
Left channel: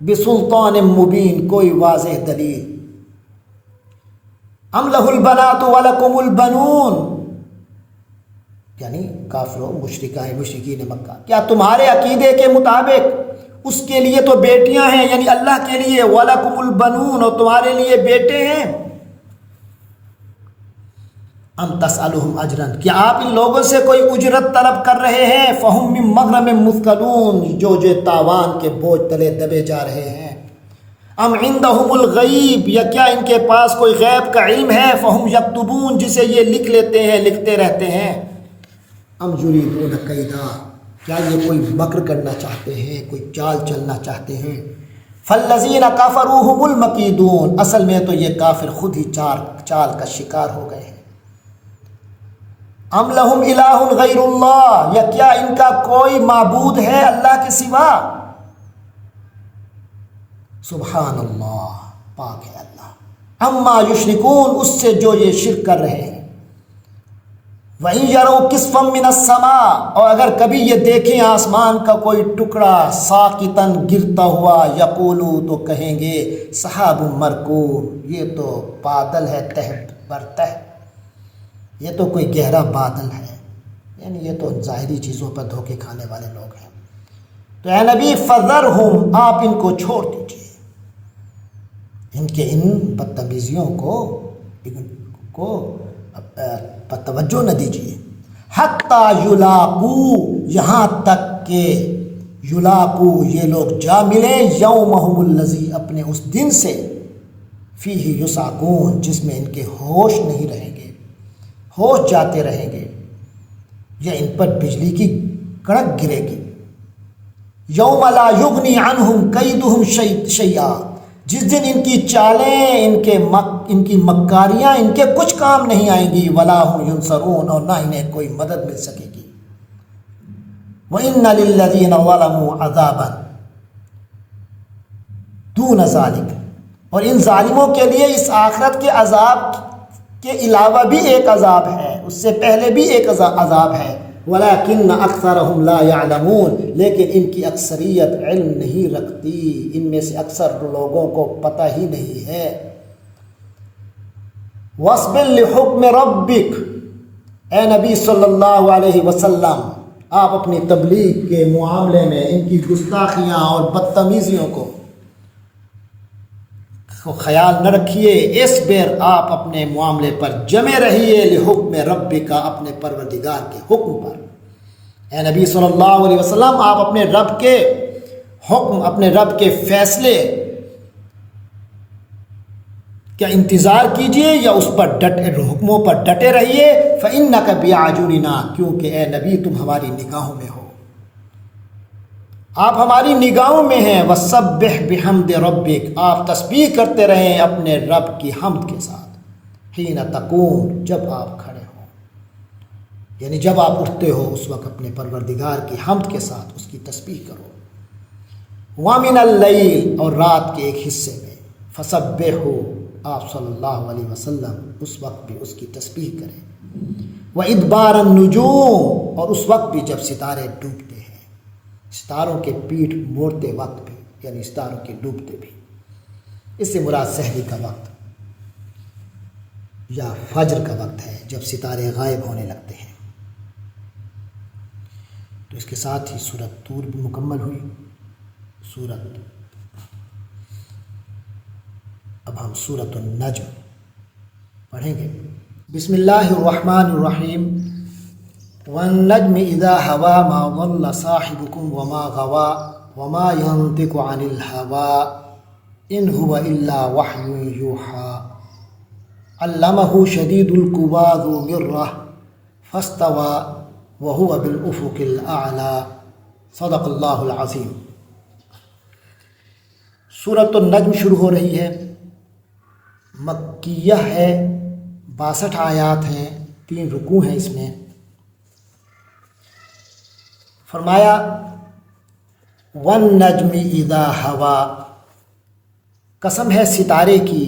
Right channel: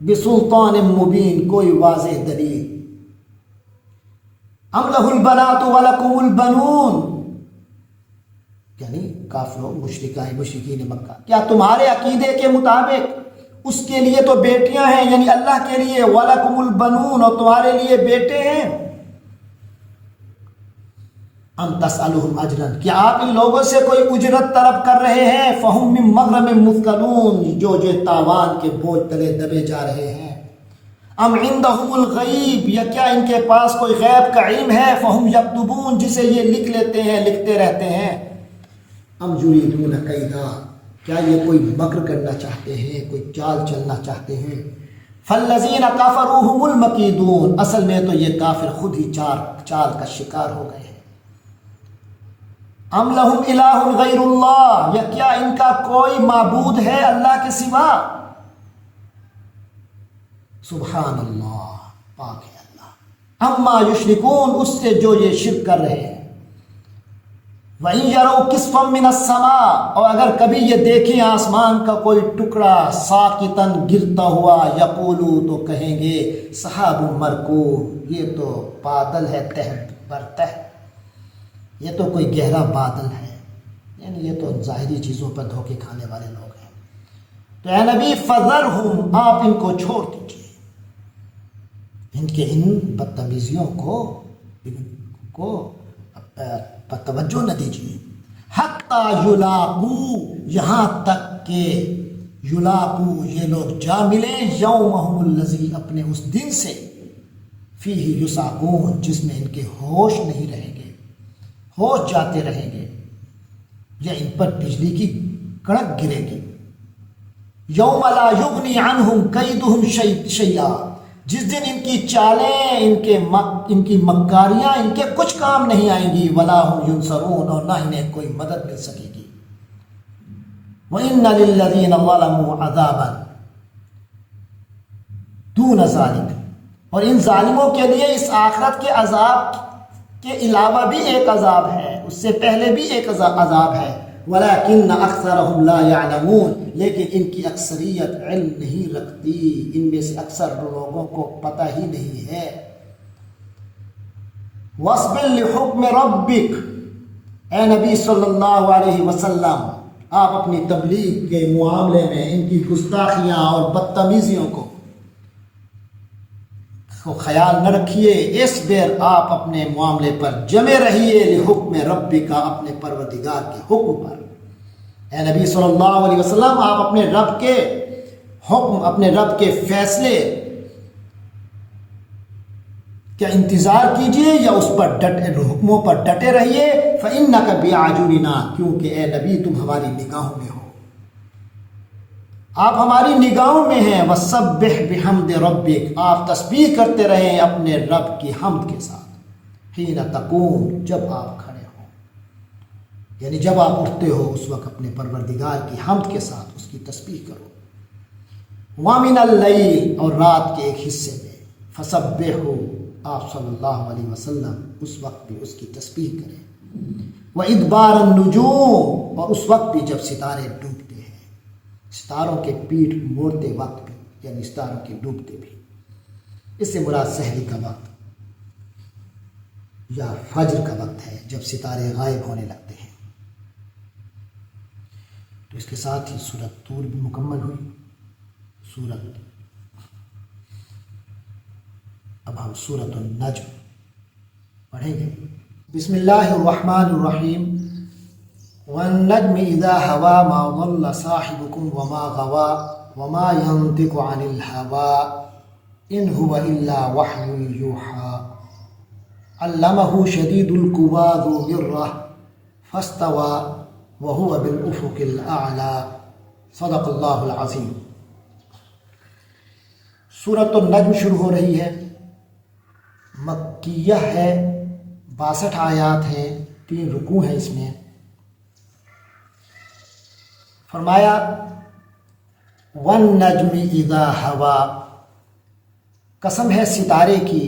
بسلطان مبین، کوئی واضح دلیل۔ ام لہ البنات ولکم البنون، یعنی کافروں مشرکین مکہ، کیا تمہارے عقیدے کے مطابق اس کے لیے تو بیٹیاں ہیں، یعنی اللہ کے لیے، وَلَكُمُ الْبَنُونَ، اور تمہارے لیے بیٹے ہیں؟ ام تسألهم اجرا، کیا آپ ان لوگوں سے کوئی اجرت طلب کر رہے ہیں؟ فَهُم مِّن مَّغْرَمٍ مُثْقَلُونَ، جو تاوان کے بوجھ تلے دبے جا رہے ہیں۔ ام عندهم الغیب، یا کیا ان کے پاس کوئی غیب کا علم ہے؟ فَهُم يَكْتُبُونَ، جسے یہ لکھ لیتے ہیں، لکھتے رہتے ہیں۔ ام یریدون کیدا، کیا یہ کوئی مکر کرنا چاہتے ہیں، کوئی چال چلنا چاہتے ہیں؟ فالذین کفروا هم المکیدون، اصل میں تو یہ کافر خود ہی چال کا شکار ہو گئے ہیں۔ ام لہم الہ غیر اللہ، یا کیا ان کا کوئی معبود ہے اللہ کے سوا؟ سبحان اللہ، پاک ہے اللہ، اما یشرکون، اس سے جو یہ شرک کر رہے ہیں۔ وَإِن يَرَوْا كِسْفًا مِّنَ السَّمَاءِ، اور اگر کبھی یہ دیکھیں آسمان کا کوئی ٹکڑا ساقطاً گرتا ہوا، یقولوا، تو کہیں گے سحاب مرکوم، یہ تو بادل ہے تہ بر تہ، یہ تو کوئی گہرا بادل ہے، یعنی یہ تو ظاہری چیزوں پر دھوکے کھانے والے لوگ ہیں۔ تو اے نبی فذرہم، آپ ان کو چھوڑ دیجئے، ان کے ان بدتمیزیوں کو توجہ نہ دیجیے۔ حتی یلاقو، یہاں تک کہ یلاقو، یہ لوگ جا ملیں، یومہم الذی، اپنے اس دن سے، فیہ یصعقون، جس میں ان کے ہوش نہیں رہیں گے، ہوش جاتے رہیں گے، یا ان پر بجلی کی کڑک گرے گی۔ یوم لا یغنی عنہم کیدہم شیئا، جس دن ان کی چالیں، ان کی مکاریاں ان کے کچھ کام نہیں آئیں گی۔ ولا هم ینصرون، اور نہ انہیں کوئی مدد مل سکے گی۔ وَإِنَّ لِلَّذِينَ ظَلَمُوا عَذَابًا دُونَ ذَلِكَ، اور ان ظالموں کے لیے اس آخرت کے عذاب کے علاوہ بھی ایک عذاب ہے، اس سے پہلے بھی ایک عذاب ہے۔ وَلَكِنَّ أَكْثَرَهُمْ لَا يَعْلَمُونَ، لیکن ان کی اکثریت علم نہیں رکھتی، ان میں سے اکثر لوگوں کو پتہ ہی نہیں ہے۔ وَاصْبِرْ لِحُكْمِ رَبِّكَ، اے نبی صلی اللہ علیہ وسلم، آپ اپنی تبلیغ کے معاملے میں ان کی گستاخیاں اور بدتمیزیوں کو خیال نہ رکھیے۔ اس بیر آپ اپنے معاملے پر جمے رہیے، لحکم ربک، اپنے پروردگار کے حکم پر۔ اے نبی صلی اللہ علیہ وسلم، آپ اپنے رب کے حکم، اپنے رب کے فیصلے کا انتظار کیجئے، یا اس پر حکموں پر ڈٹے رہیے۔ فإنک بأعیننا، کیونکہ اے نبی تم ہماری نگاہوں میں ہو، آپ ہماری نگاہوں میں ہیں۔ وَسَبِّحْ بِحَمْدِ رَبِّكَ، آپ تسبیح کرتے رہیں اپنے رب کی حمد کے ساتھ۔ حِینَ تَقُومُ، جب آپ کھڑے ہوں، یعنی جب آپ اٹھتے ہو اس وقت اپنے پروردگار کی حمد کے ساتھ اس کی تسبیح کرو۔ وَمِنَ اللَّيْلِ، اور رات کے ایک حصے میں، فَسَبِّحْهُ، آپ صلی اللہ علیہ وسلم اس وقت بھی اس کی تسبیح کریں۔ وَإِدْبَارَ النُّجُومِ، اور اس وقت بھی جب ستارے ڈوبتے ہیں، ستاروں کے پیٹھ موڑتے وقت بھی، یعنی ستاروں کے ڈوبتے بھی۔ اس سے مراد سحری کا وقت یا فجر کا وقت ہے، جب ستارے غائب ہونے لگتے ہیں۔ تو اس کے ساتھ ہی سورۃ طور بھی مکمل ہوئی۔ اب ہم سورۃ النجم پڑھیں گے۔ بسم اللہ الرحمن الرحیم۔ والنجم اذا هوى ما ضل صاحبكم وما غوى وما ينطق عن الهوى ان هو الا وحي يوحى علمه شديد القوى ذو مرة فاستوى وهو بالافق الاعلى صدق اللہ العظیم۔ سورۃ النجم شروع ہو رہی ہے، مکیہ ہے، 62 آیات ہیں، 3 رکوع ہیں اس میں۔ فرمایا والنجم اذا ہوا، قسم ہے ستارے کی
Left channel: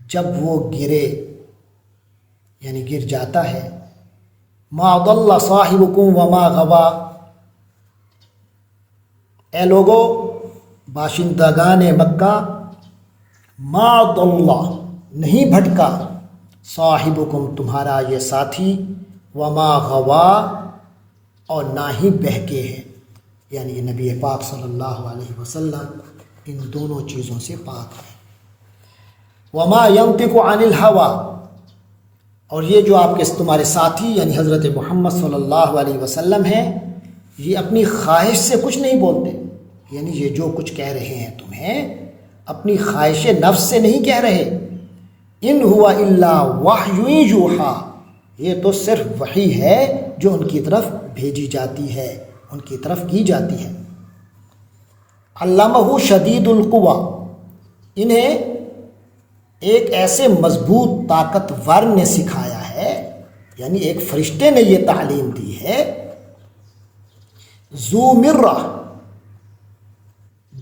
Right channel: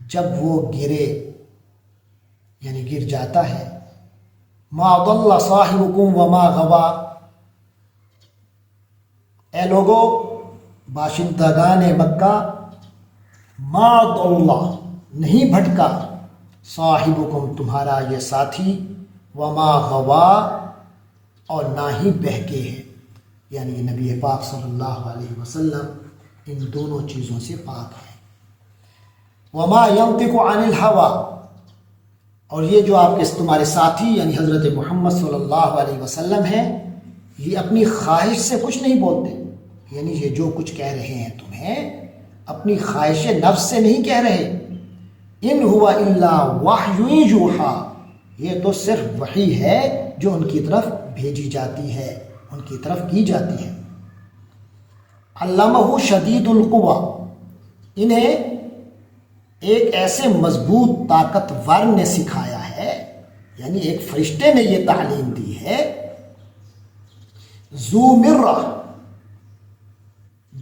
جب وہ گرے، یعنی گر جاتا ہے۔ ما ضل صاحبکم وما غوا، اے لوگو باشندگان مکہ، ما ضل نہیں بھٹکا، صاحبکم تمہارا یہ ساتھی، وما غوا اور نہ ہی بہکے ہیں، یعنی یہ نبی پاک صلی اللہ علیہ وسلم ان دونوں چیزوں سے پاک ہے۔ وما ينطق عن الهوى، اور یہ جو آپ کے تمہارے ساتھی یعنی حضرت محمد صلی اللہ علیہ وسلم ہیں، یہ اپنی خواہش سے کچھ نہیں بولتے، یعنی یہ جو کچھ کہہ رہے ہیں تمہیں اپنی خواہش نفس سے نہیں کہہ رہے۔ ان ہوا الا وحی یوحی، یہ تو صرف وحی ہے جو ان کی طرف بھیجی جاتی ہے، ان کی طرف کی جاتی ہے۔ علمہ شدید القوی، انہیں ایک ایسے مضبوط طاقتور نے سکھایا ہے، یعنی ایک فرشتے نے یہ تعلیم دی ہے۔ ذو مرہ،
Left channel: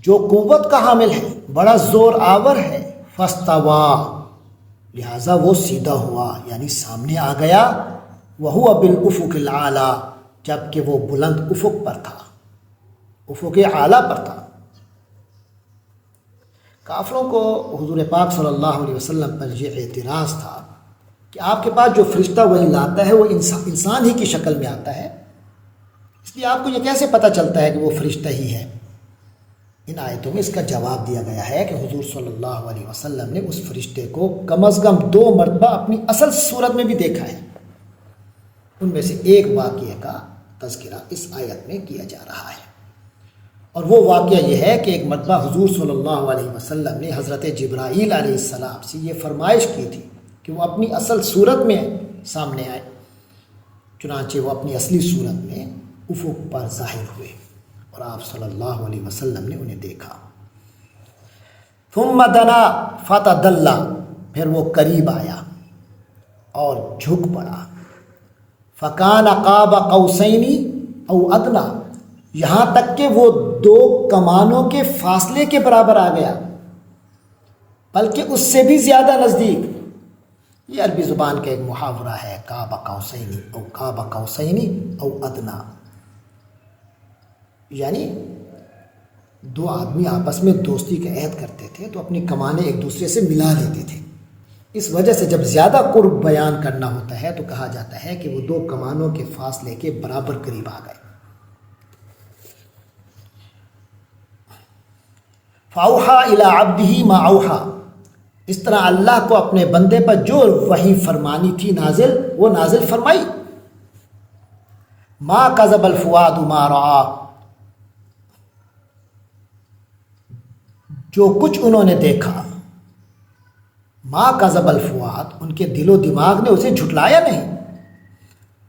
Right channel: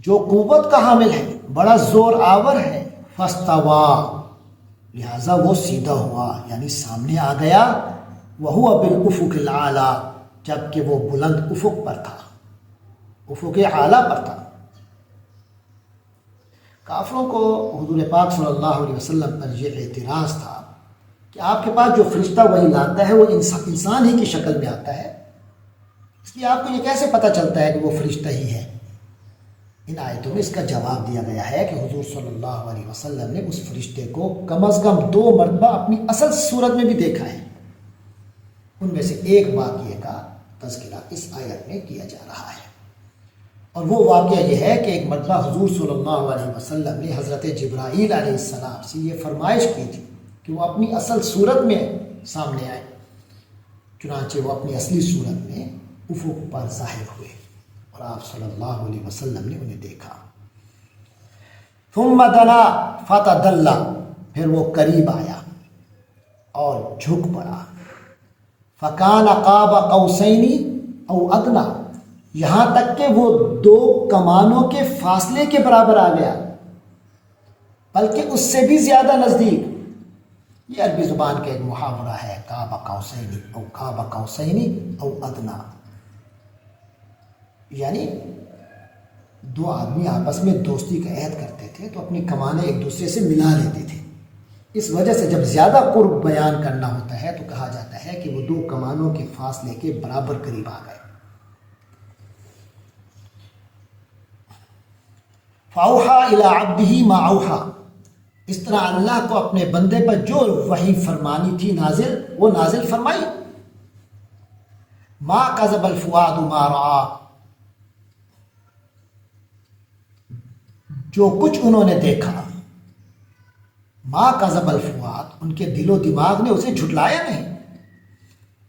جو قوت کا حامل ہے، بڑا زور آور ہے۔ فاستوی، لہذا وہ سیدھا ہوا، یعنی سامنے آ گیا۔ وہو بالافق الاعلی، جبکہ وہ بلند افق پر تھا، افق اعلیٰ پر تھا۔ کافروں کو حضور پاک صلی اللہ علیہ وسلم پر یہ اعتراض تھا کہ آپ کے پاس جو فرشتہ وہی لاتا ہے وہ انسان ہی کی شکل میں آتا ہے، اس لیے آپ کو یہ کیسے پتہ چلتا ہے کہ وہ فرشتہ ہی ہے؟ ان آیتوں میں اس کا جواب دیا گیا ہے کہ حضور صلی اللہ علیہ وسلم نے اس فرشتے کو کم از کم 2 مرتبہ اپنی اصل صورت میں بھی دیکھا ہے۔ ان میں سے ایک واقعے کا تذکرہ اس آیت میں کیا جا رہا ہے، اور وہ واقعہ یہ ہے کہ ایک مرتبہ حضور صلی اللہ علیہ وسلم نے حضرت جبرائیل علیہ السلام سے یہ فرمائش کی تھی کہ وہ اپنی اصل صورت میں سامنے آئے، چنانچہ وہ اپنی اصلی صورت میں افق پر ظاہر ہوئے اور آپ صلی اللہ علیہ وسلم نے انہیں دیکھا۔ ثم دنا فتدلی، پھر وہ قریب آیا اور جھک پڑا۔ فکان قاب قوسین او ادنی، یہاں تک کہ وہ 2 کمانوں کے فاصلے کے برابر آ گیا، بلکہ اس سے بھی زیادہ نزدیک۔ یہ عربی زبان کا ایک محاورہ ہے، قاب قوسین او ادنی، یعنی 2 آدمی آپس میں دوستی کا عہد کرتے تھے تو اپنی کمانیں ایک دوسرے سے ملا لیتے تھے۔ اس وجہ سے جب زیادہ قرب بیان کرنا ہوتا ہے تو کہا جاتا ہے کہ وہ 2 کمانوں کے فاصلے کے برابر قریب آ گئے۔ فاوحا الی عبدہ ما اوحا، اس طرح اللہ کو اپنے بندے پر جو وحی فرمانی تھی وہ نازل فرمائی۔ ما کذب الفؤاد ما رأى، جو کچھ انہوں نے دیکھا، ما کذب الفؤاد، ان کے دل و دماغ نے اسے جھٹلایا نہیں۔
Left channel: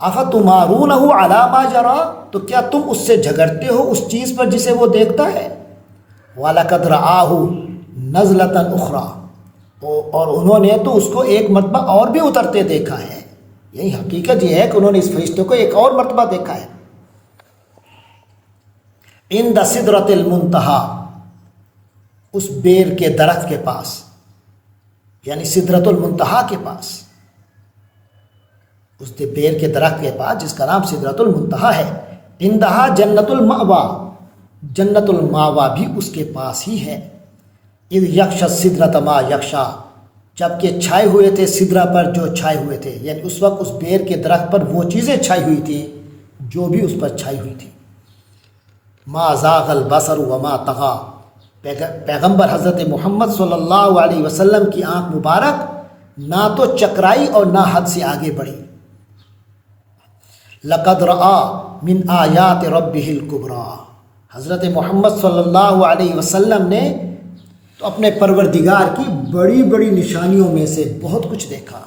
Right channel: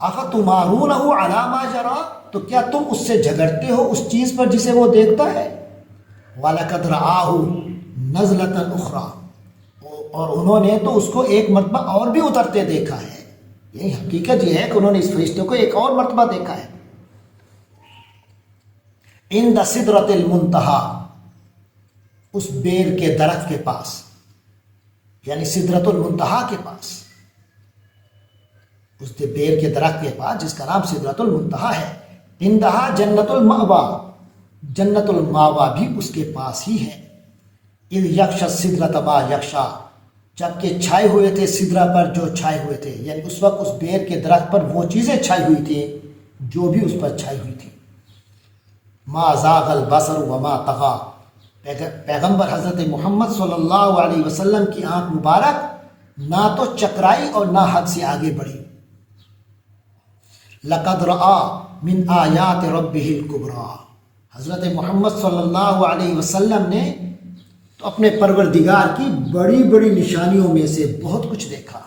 افتمارونہ علی ما جرى، تو کیا تم اس سے جھگڑتے ہو اس چیز پر جسے وہ دیکھتا ہے۔ وَلَقَدْ رَآهُ نَزْلَةً أُخْرَى، اور انہوں نے تو اس کو ایک مرتبہ اور بھی اترتے دیکھا ہے، یہی حقیقت یہ ہے کہ انہوں نے اس فرشتے کو ایک اور مرتبہ دیکھا ہے۔ عند سدرۃ المنتہا، اس بیر کے درخت کے پاس، یعنی سدرۃ المنتہا کے پاس، اس بیر کے درخت کے پاس جس کا نام سدرۃ المنتہا ہے۔ عندہا جنت المأویٰ، جنت المأویٰ بھی اس کے پاس ہی ہے۔ اذ یغشی السدرۃ ما یغشی، جبکہ چھائے ہوئے تھے سدرہ پر جو چھائے ہوئے تھے، یعنی اس وقت اس بیر کے درخت پر وہ چیزیں چھائی ہوئی تھیں جو بھی اس پر چھائی ہوئی تھی۔ ما زاغ البصر وما طغی، پیغمبر حضرت محمد صلی اللہ علیہ وسلم کی آنکھ مبارک نہ تو چکرائی اور نہ حد سے آگے بڑھی۔ لقد رآ من آیات ربہ الکبریٰ، حضرت محمد صلی اللہ علیہ وسلم نے تو اپنے پروردگار کی بڑی بڑی نشانیوں میں سے بہت کچھ دیکھا،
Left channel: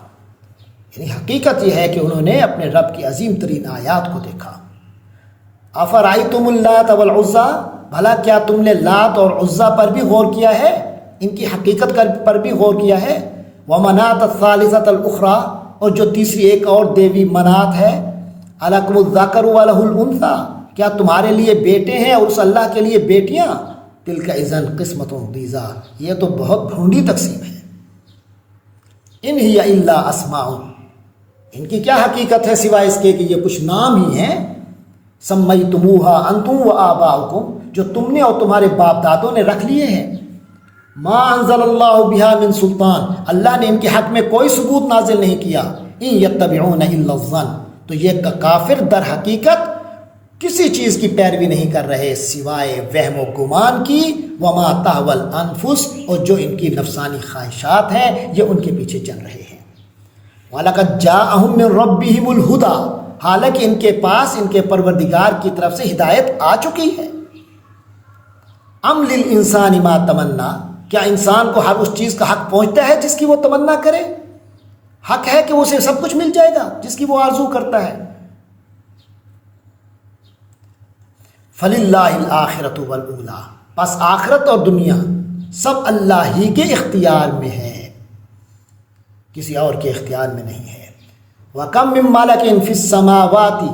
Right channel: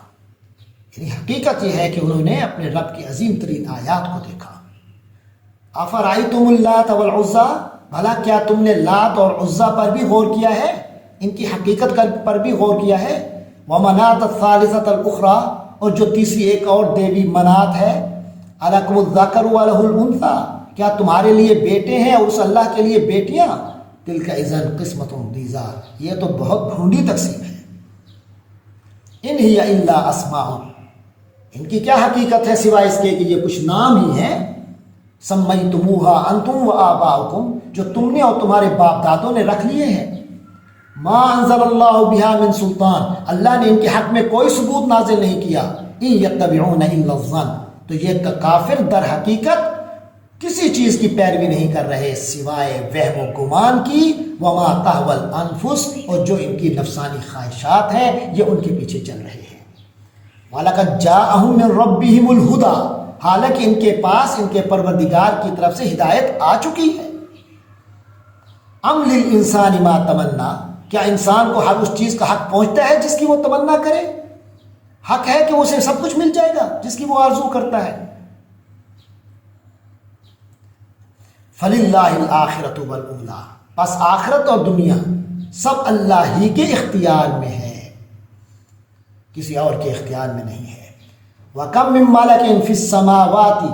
یعنی حقیقت یہ ہے کہ انہوں نے اپنے رب کی عظیم ترین آیات کو دیکھا۔ افرأیتم اللات والعزیٰ، بھلا کیا تم نے لات اور عزیٰ پر بھی غور کیا ہے، ان کی حقیقت پر بھی غور کیا ہے؟ ومناۃ الثالثۃ الاخریٰ، اور جو تیسری ایک اور دیوی منات ہے، الکم الذکر ولہ الانثیٰ، کیا تمہارے لیے بیٹے ہیں اور اس اللہ کے لیے بیٹیاں؟ تلک اذا قسمۃ ضیزیٰ، یہ تو بہت بھونڈی تقسیم ہے۔ ان ہی الا اسماء، ان کی کیا حقیقت ہے سوائے اس کے کہ یہ کچھ نام ہی ہیں، سمیتموہا انتم و آباؤکم، جو تم نے اور تمہارے باپ دادوں نے رکھ لیے ہیں، ما انزل اللہ بہا من سلطان، اللہ نے ان کے حق میں کوئی ثبوت نازل نہیں کیا، ان یتبعون الا الظن، تو یہ کافر در حقیقت کسی چیز کی پیروی نہیں کر رہے سوائے وہم و گمان کی، وما تہوی الانفس، اور جو ان کی نفسانی خواہشات ہیں یہ ان کے پیچھے چل رہے ہیں۔ وَلَقَدْ جَاءَهُم مِّن رَّبِّهِمُ الْهُدَىٰ، حالانکہ ان کے پاس ان کے پروردگار کی طرف سے ہدایت آ چکی ہے۔ ام للانسان ما تمنا، کیا انسان کو ہر اس چیز کا حق پہنچتا ہے جس کی وہ تمنا کرے؟ حق ہے کہ اسے سب کچھ مل جائے گا جس کی وہ آرزو کرتا ہے۔ فَلِلَّهِ الْآخِرَةُ وَالْأُولَىٰ، پس آخرت اور دنیا سب اللہ ہی کے اختیار میں ہے، کسی اور کے اختیار میں نہیں ہے۔ وَكَم مِّن مَّلَكٍ فِي السَّمَاوَاتِ،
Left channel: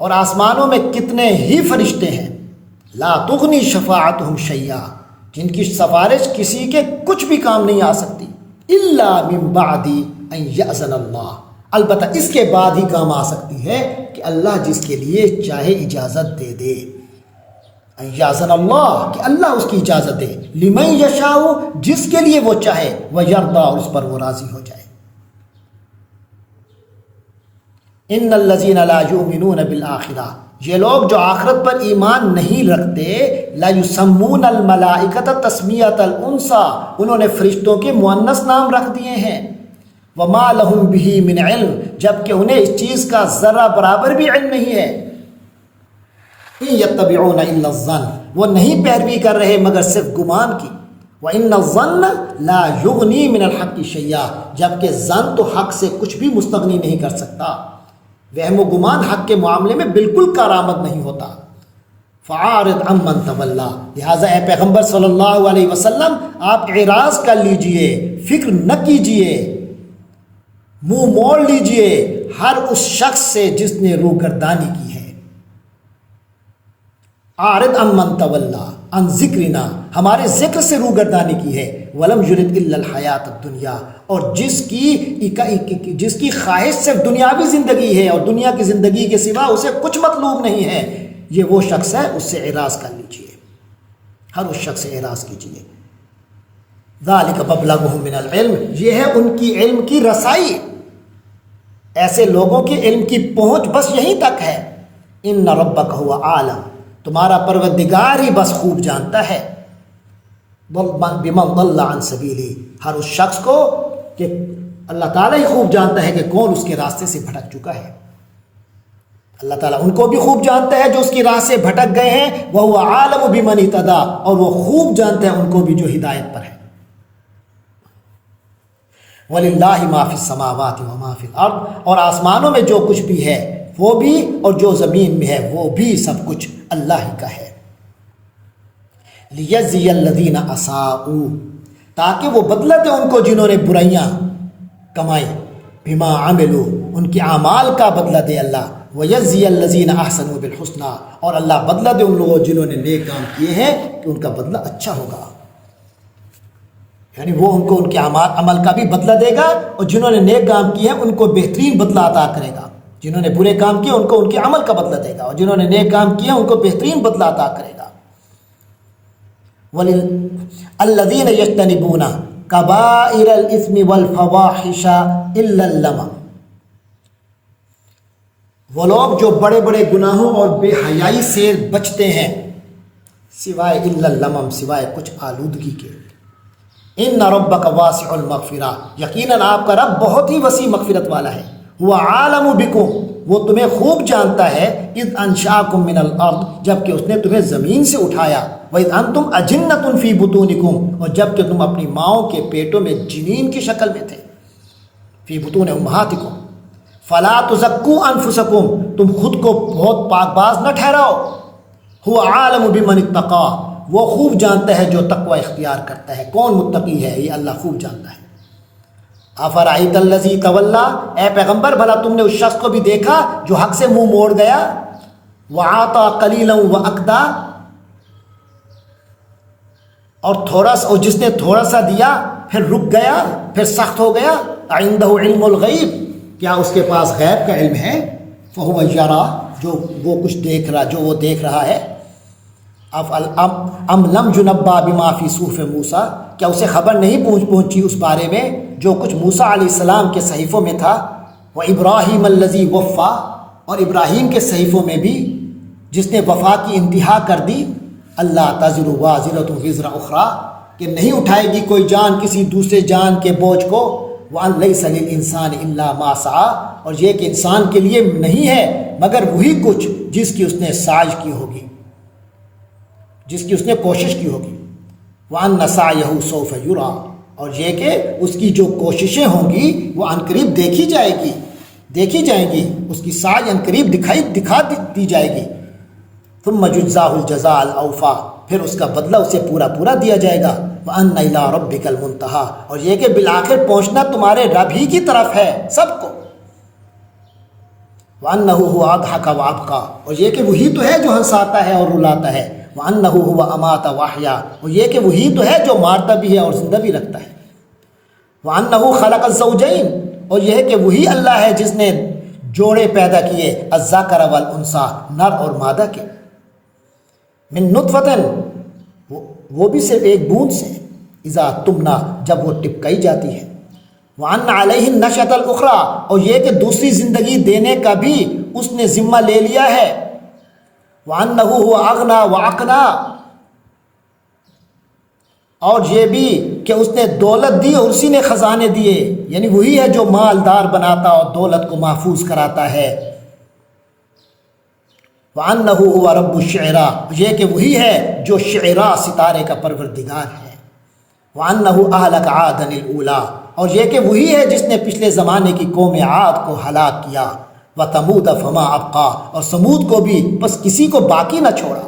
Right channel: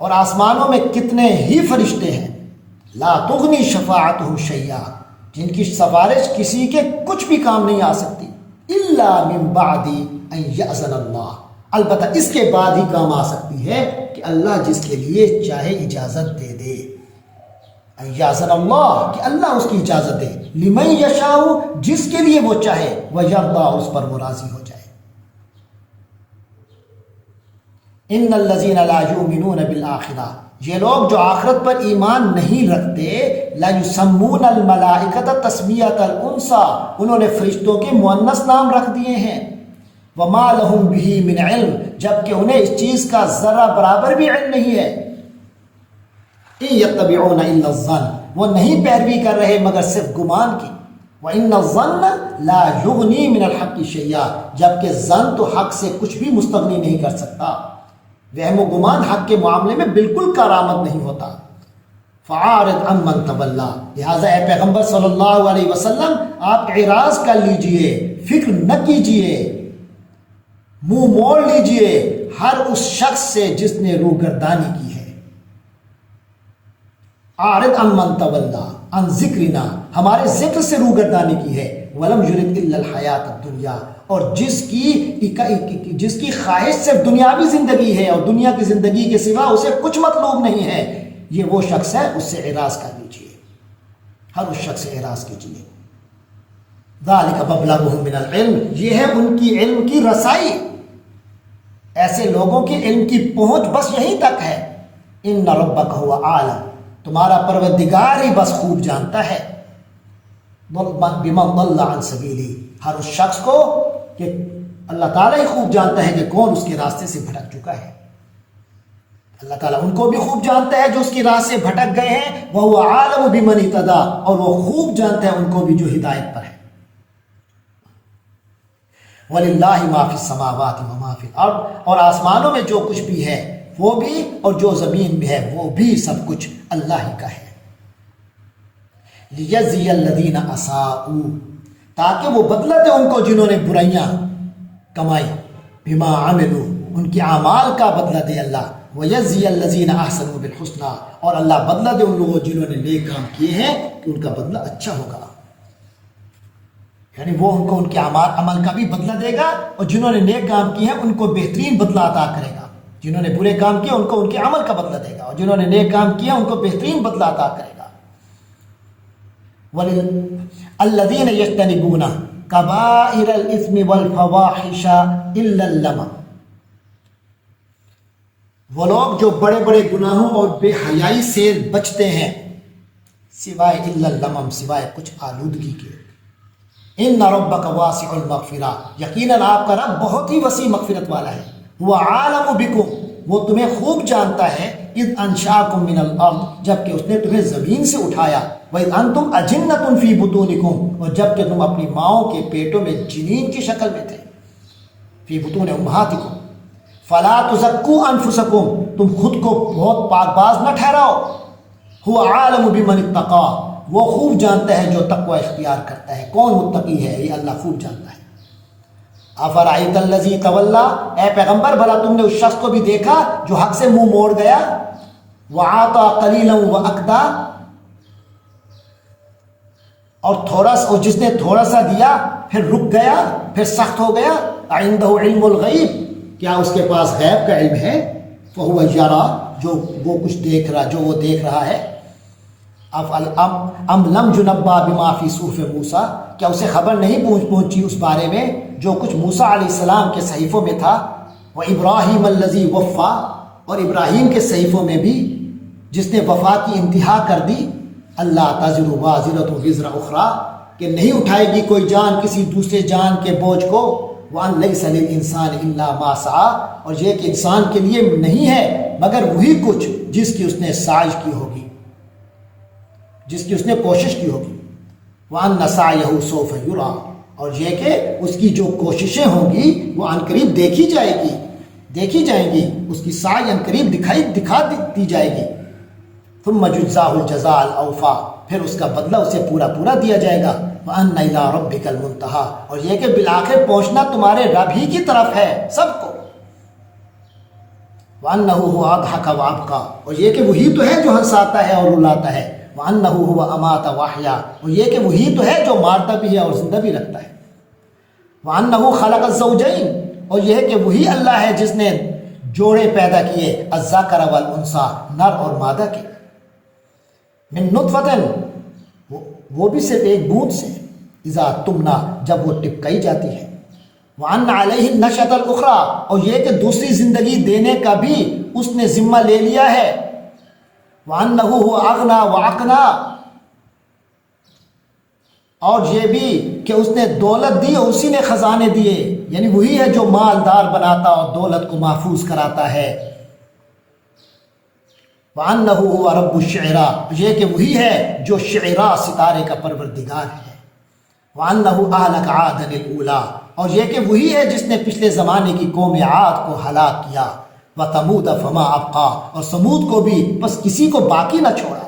اور آسمانوں میں کتنے ہی فرشتے ہیں، لا تغنی شفاعتہم شیئا، جن کی سفارش کسی کے کچھ بھی کام نہیں آ سکتی، الا من بعد ان یأذن اللہ، البتہ اس کے بعد ہی کام آ سکتی ہے کہ اللہ جس کے لیے چاہے اجازت دے دے، ان یأذن اللہ، کہ اللہ اس کی اجازت دے، لمن یشاء، جس کے لیے وہ چاہے، ویرضی، اور اس پر وہ راضی ہو جائے۔ ان الذین لا یؤمنون بالآخرہ، یہ لوگ جو آخرت پر ایمان نہیں رکھتے، لا یسمون الملائکۃ تسمیۃ الانثیٰ، انہوں نے فرشتوں کے مؤنث نام رکھ دیے ہیں، وما لہم بہ من علم، جبکہ انہیں اس چیز کا ذرہ برابر بھی علم نہیں ہے۔ ان یتبعون الا الظن، وہ نہیں پیروی کر رہے مگر صرف گمان کی، وان الظن لا یغنی من الحق شیئا، جبکہ ظن تو حق سے کچھ بھی مستغنی نہیں کر سکتا، وہم و گمان حق کے معاملے میں بالکل کارآمد نہیں ہوتا۔ فعارض عمن تولی، لہٰذا اے پیغمبر صلی اللہ علیہ وسلم آپ اعراض کر لیجئے، فکر نہ کیجئے، منہ موڑ لیجئے ہر اس شخص سے جس نے روگردانی کی ہے۔ عارض عمن تولی عن ذکرنا، ہمارے ذکر سے روگردانی کی ہے، ولم یرد الا الحیات الدنیا، اور جس کی خواہش صرف دنیاوی زندگی ہے اور دنیا کی زندگی کے سوا اسے کچھ مطلوب نہیں ہے، یہ وہ شخص ہے، اس سے اعراض کر لیجئے، ہر اس شخص سے اعراض کیجئے۔ ذالک مبلغہم من العلم، یہ ہے ان کی علم کی رسائی، ایسے لوگوں کے علم کی پہنچ بس یہیں تک ہے۔ ان ربک هو عالم، تمہارا پروردگار ہی بس خوب جانتا ہے، بمن ضل عن سبیلی، ہر اس شخص کو، کہ اللہ تعالیٰ ہی خوب جانتا ہے کہ کون اس کے راستے سے بھٹک چکا ہے، اللہ تعالیٰ ان کو بھی خوب جانتا ہے جو اس کی راہ سے بھٹک گئے ہیں، وَهُوَ عَالَمُ بِمَنِ اهْتَدَىٰ، اور وہ خوب جانتا ہے ان کو بھی جو ہدایت پر ہے۔ وَلِلَّهِ مَا فِي السَّمَاوَاتِ وَمَا فِي الْأَرْضِ، اور آسمانوں میں جو کچھ بھی ہے وہ بھی، اور جو زمین میں ہے وہ بھی، سب کچھ اللہ ہی کا ہے۔ لِيَجْزِيَ الَّذِينَ أَسَاءُوا، تاکہ وہ بدلہ دے ان کو جنہوں نے برائیاں کمائی، بما عملوا، ان کے اعمال کا بدلہ دے اللہ، وَيَجْزِيَ الَّذِينَ أَحْسَنُوا بِالْحُسْنَىٰ، اور اللہ بدلہ دے ان لوگوں جنہوں نے نیک کام کیے ہیں کہ ان کا بدلہ اچھا ہوگا، یعنی وہ ان کو ان کے عمل کا بھی بدلہ دے گا، اور جنہوں نے نیک کام کیے ہیں ان کو بہترین بدلہ عطا کرے گا، جنہوں نے برے کام کیے ان کو ان کے عمل کا بدلہ دے گا، اور جنہوں نے نیک کام کیا ان کو بہترین بدلہ عطا کرے گا۔ الذین یجتنبون کبائر الاثم والفواحش الا اللمم، وہ لوگ جو بڑے بڑے گناہوں اور بے حیائی سے بچتے ہیں، سوائے الا اللمم، سوائے کچھ آلودگی کے۔ ان ربک واسع المغفرہ، یقیناً آپ کا رب بہت ہی وسیع مغفرت والا ہے۔ هو عالم بکم، وہ تمہیں خوب جانتا ہے اذ انشاکم من الارض جب کہ اس نے تمہیں زمین سے اٹھایا وَإِذْ أَنْتُمْ أَجِنَّةٌ فِي بُطُونِكُمْ اور جب کہ تم اپنی ماؤں کے پیٹوں میں جنین کی شکل میں تھے فی بطون امہاتکم فلا تزکوا انفسکم تم خود کو بہت پاک باز نہ ٹھہراؤ هو عالم بمن اتقى وہ خوب جانتا ہے جو تقوی اختیار کرتا ہے کون متقی ہے یہ اللہ خوب جانتا ہے افرأیت الذی تولی اے پیغمبر بھلا تم نے اس شخص کو بھی دیکھا جو حق سے منہ موڑ گیا وعاطى قلیلا واکدا اور جس نے تھوڑا سا دیا پھر رک گیا پھر سخت ہو گیا عنده علم الغیب کیا اس کے پاس غیب کا علم ہے فهو یرا جو وہ کچھ دیکھ رہا جو وہ دیکھ رہا ہے ام لم ينبأ بما فی صحف موسیٰ کیا اسے خبر نہیں پہنچی اس بارے میں جو کچھ موسیٰ علیہ السلام کے صحیفوں میں تھا وابراہیم الذی وفا اور ابراہیم کے صحیفوں میں بھی جس نے وفا کی انتہا کر دی اللہ تزر وازرۃ وزر اخری کہ نہیں اٹھائے گی کوئی جان کسی دوسرے جان کے بوجھ کو وَأَن لَيْسَ لِلْإِنسَانِ إِلَّا مَا سَعَىٰ اور یہ کہ انسان کے لیے نہیں ہے مگر وہی کچھ جس کی اس نے سعی کی ہوگی جس کی اس نے کوشش کی ہوگی وَأَنَّ سَعْيَهُ سَوْفَ يُرَىٰ اور یہ کہ اس کی جو کوششیں ہوں گی وہ عنقریب دیکھی جائیں گی اس کی سعی عنقریب دکھا دی جائے گی ثُمَّ يُجْزَاهُ الْجَزَاءَ الْأَوْفَىٰ پھر اس کا بدلہ اسے پورا دیا جائے گا وَأَنَّ إِلَىٰ رَبِّكَ الْمُنتَهَىٰ اور یہ کہ بالآخر پہنچنا تمہارے رب ہی کی طرف ہے سب کو وَأَنَّهُ هُوَ أَضْحَكَ وَأَبْكَىٰ اور یہ کہ وہی تو ہے جو ہنساتا ہے اور رلاتا ہے وَأَنَّهُ هُوَ أَمَاتَ وَأَحْيَا اور یہ کہ وہی تو ہے جو مارتا بھی ہے اور زندہ بھی رکھتا ہے وَأَنَّهُ خَلَقَ الزَّوْجَيْنِ اور یہ کہ وہی اللہ ہے جس نے جوڑے پیدا کیے الذَّكَرَ وَالْأُنثىٰ نر اور مادہ کے من نطفة وہ بھی صرف ایک بوند سے اذا تمنا جب وہ ٹپکائی جاتی ہے وَأَنَّ عَلَيْهِ النَّشْأَةَ الْأُخْرَىٰ اور یہ کہ دوسری زندگی دینے کا بھی اس نے ذمہ لے لیا ہے وَأَنَّهُ هُوَ أَغْنَىٰ وَأَقْنَىٰ اور یہ بھی کہ اس نے دولت دی اور اسی نے خزانے دیے یعنی وہی ہے جو مالدار بناتا اور دولت کو محفوظ کراتا ہے وَأَنَّهُ هُوَ رَبُّ الشِّعْرَىٰ یہ کہ وہی ہے جو شعراء ستارے کا پروردگار ہے وَأَنَّهُ أَهْلَكَ عَادًا الْأُولَىٰ اور یہ کہ وہی ہے جس نے پچھلے زمانے کی قوم عاد کو ہلاک کیا وَثَمُودَ فَمَا أَبْقَىٰ اور سمود کو بھی بس کسی کو باقی نہ چھوڑا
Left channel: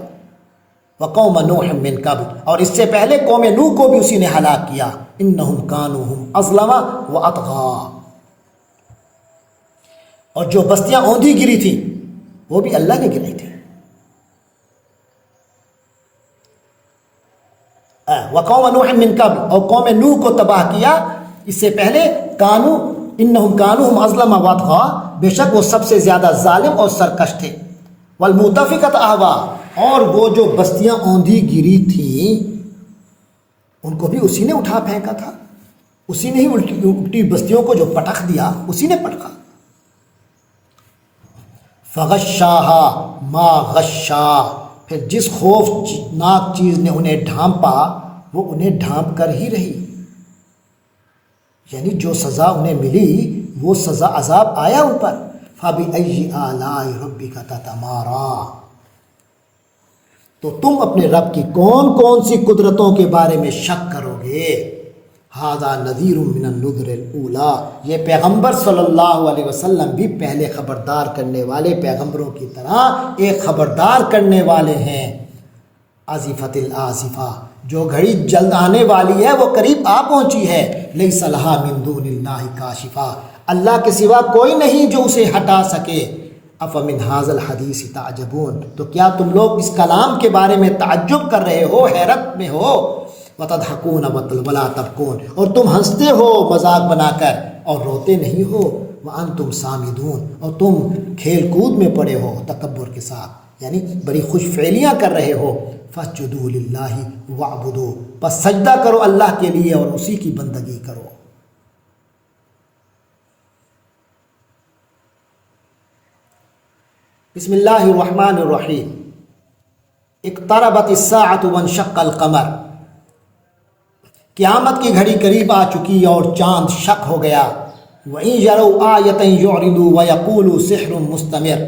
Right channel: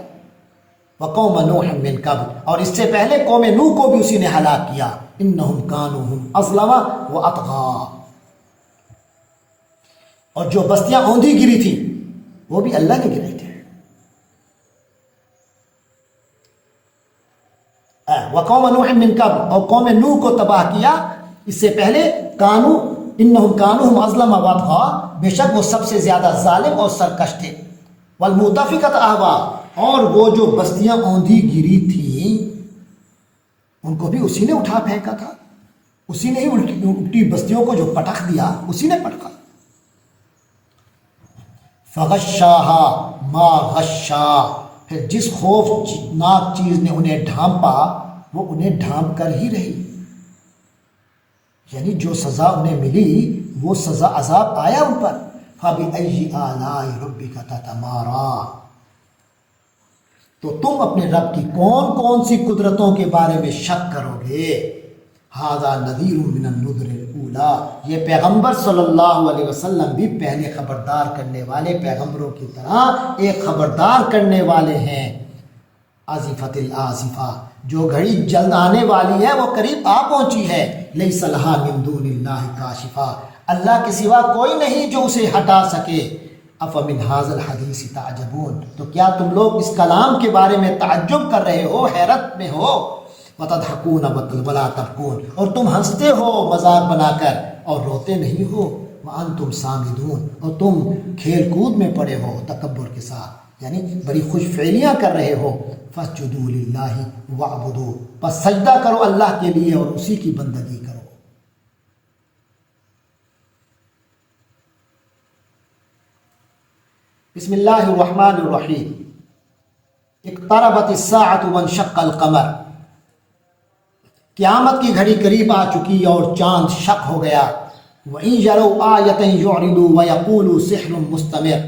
وَقَوْمَ نُوحٍ مِّن قَبْلُ اور اس سے پہلے قوم نوح کو بھی اسی نے ہلاک کیا إِنَّهُمْ كَانُوا هُمْ أَظْلَمَ وَأَطْغَىٰ اور جو بستیاں اوندھی گری تھی وہ بھی اللہ نے گرائی تھی وقوم نوح من قبل اور قوم نوح کو تباہ کیا اس سے پہلے انہم کانوا اظلم واطغیٰ بے شک وہ سب سے زیادہ ظالم اور سرکش تھے والمؤتفکۃ اہوا اور وہ جو بستیاں اوندھی گری تھیں ان کو بھی اسی نے اٹھا پھینکا تھا اسی نے ہی الٹی بستیوں کو جو پٹخ دیا اسی نے پٹخا فغشاها ما غشا پھر جس خوفناک چیز نے انہیں ڈھانپا وہ انہیں ڈھانپ کر ہی رہی یعنی جو سزا انہیں ملی وہ سزا عذاب آیا ان پر فَبِأَيِّ آلَاءِ رَبِّكَ تَتَمَارَىٰ تو تم اپنے رب کی کون کون سی قدرتوں کے بارے میں شک کرو گے ہذا نذیر من النذر الاولیٰ یہ پیغمبر صلی اللہ علیہ وسلم بھی پہلے خبردار کرنے والے پیغمبروں کی طرح ایک خبردار کرنے والے ہیں آزفۃ الآزفہ جو گھڑی جلد آنے والی ہے وہ قریب آ پہنچی ہے لیس لہا من دون اللہ کاشفہ اللہ کے سوا کوئی نہیں جو اسے ہٹا سکے افمن ھذا الحدیث تعجبون تو کیا تم لوگ اس کلام کے بارے میں تعجب کر رہے ہو حیرت میں ہو وَتَضْحَكُونَ وَلَا تَبْكُونَ اور تم ہنستے ہو مذاق بنا کر اور روتے نہیں ہو وَأَنْتُمْ سَامِدُونَ اور تم کھیل کود میں پڑے ہو تکبر کے ساتھ یعنی بڑی خوش فعلیاں کر رہے ہو فَاسْجُدُوا لِلَّهِ وَاعْبُدُوا بس سجدہ کرو اللہ کے لیے اور اسی کی بندگی کرو بسم اللہ الرحمن الرحیم اقتربت الساعة وانشق القمر قیامت کی گھڑی قریب آ چکی اور چاند شق ہو گیا وَإِن يَرَوْا آيَةً يُعْرِضُوا وَيَقُولُوا سِحْرٌ مُسْتَمِرٌ۔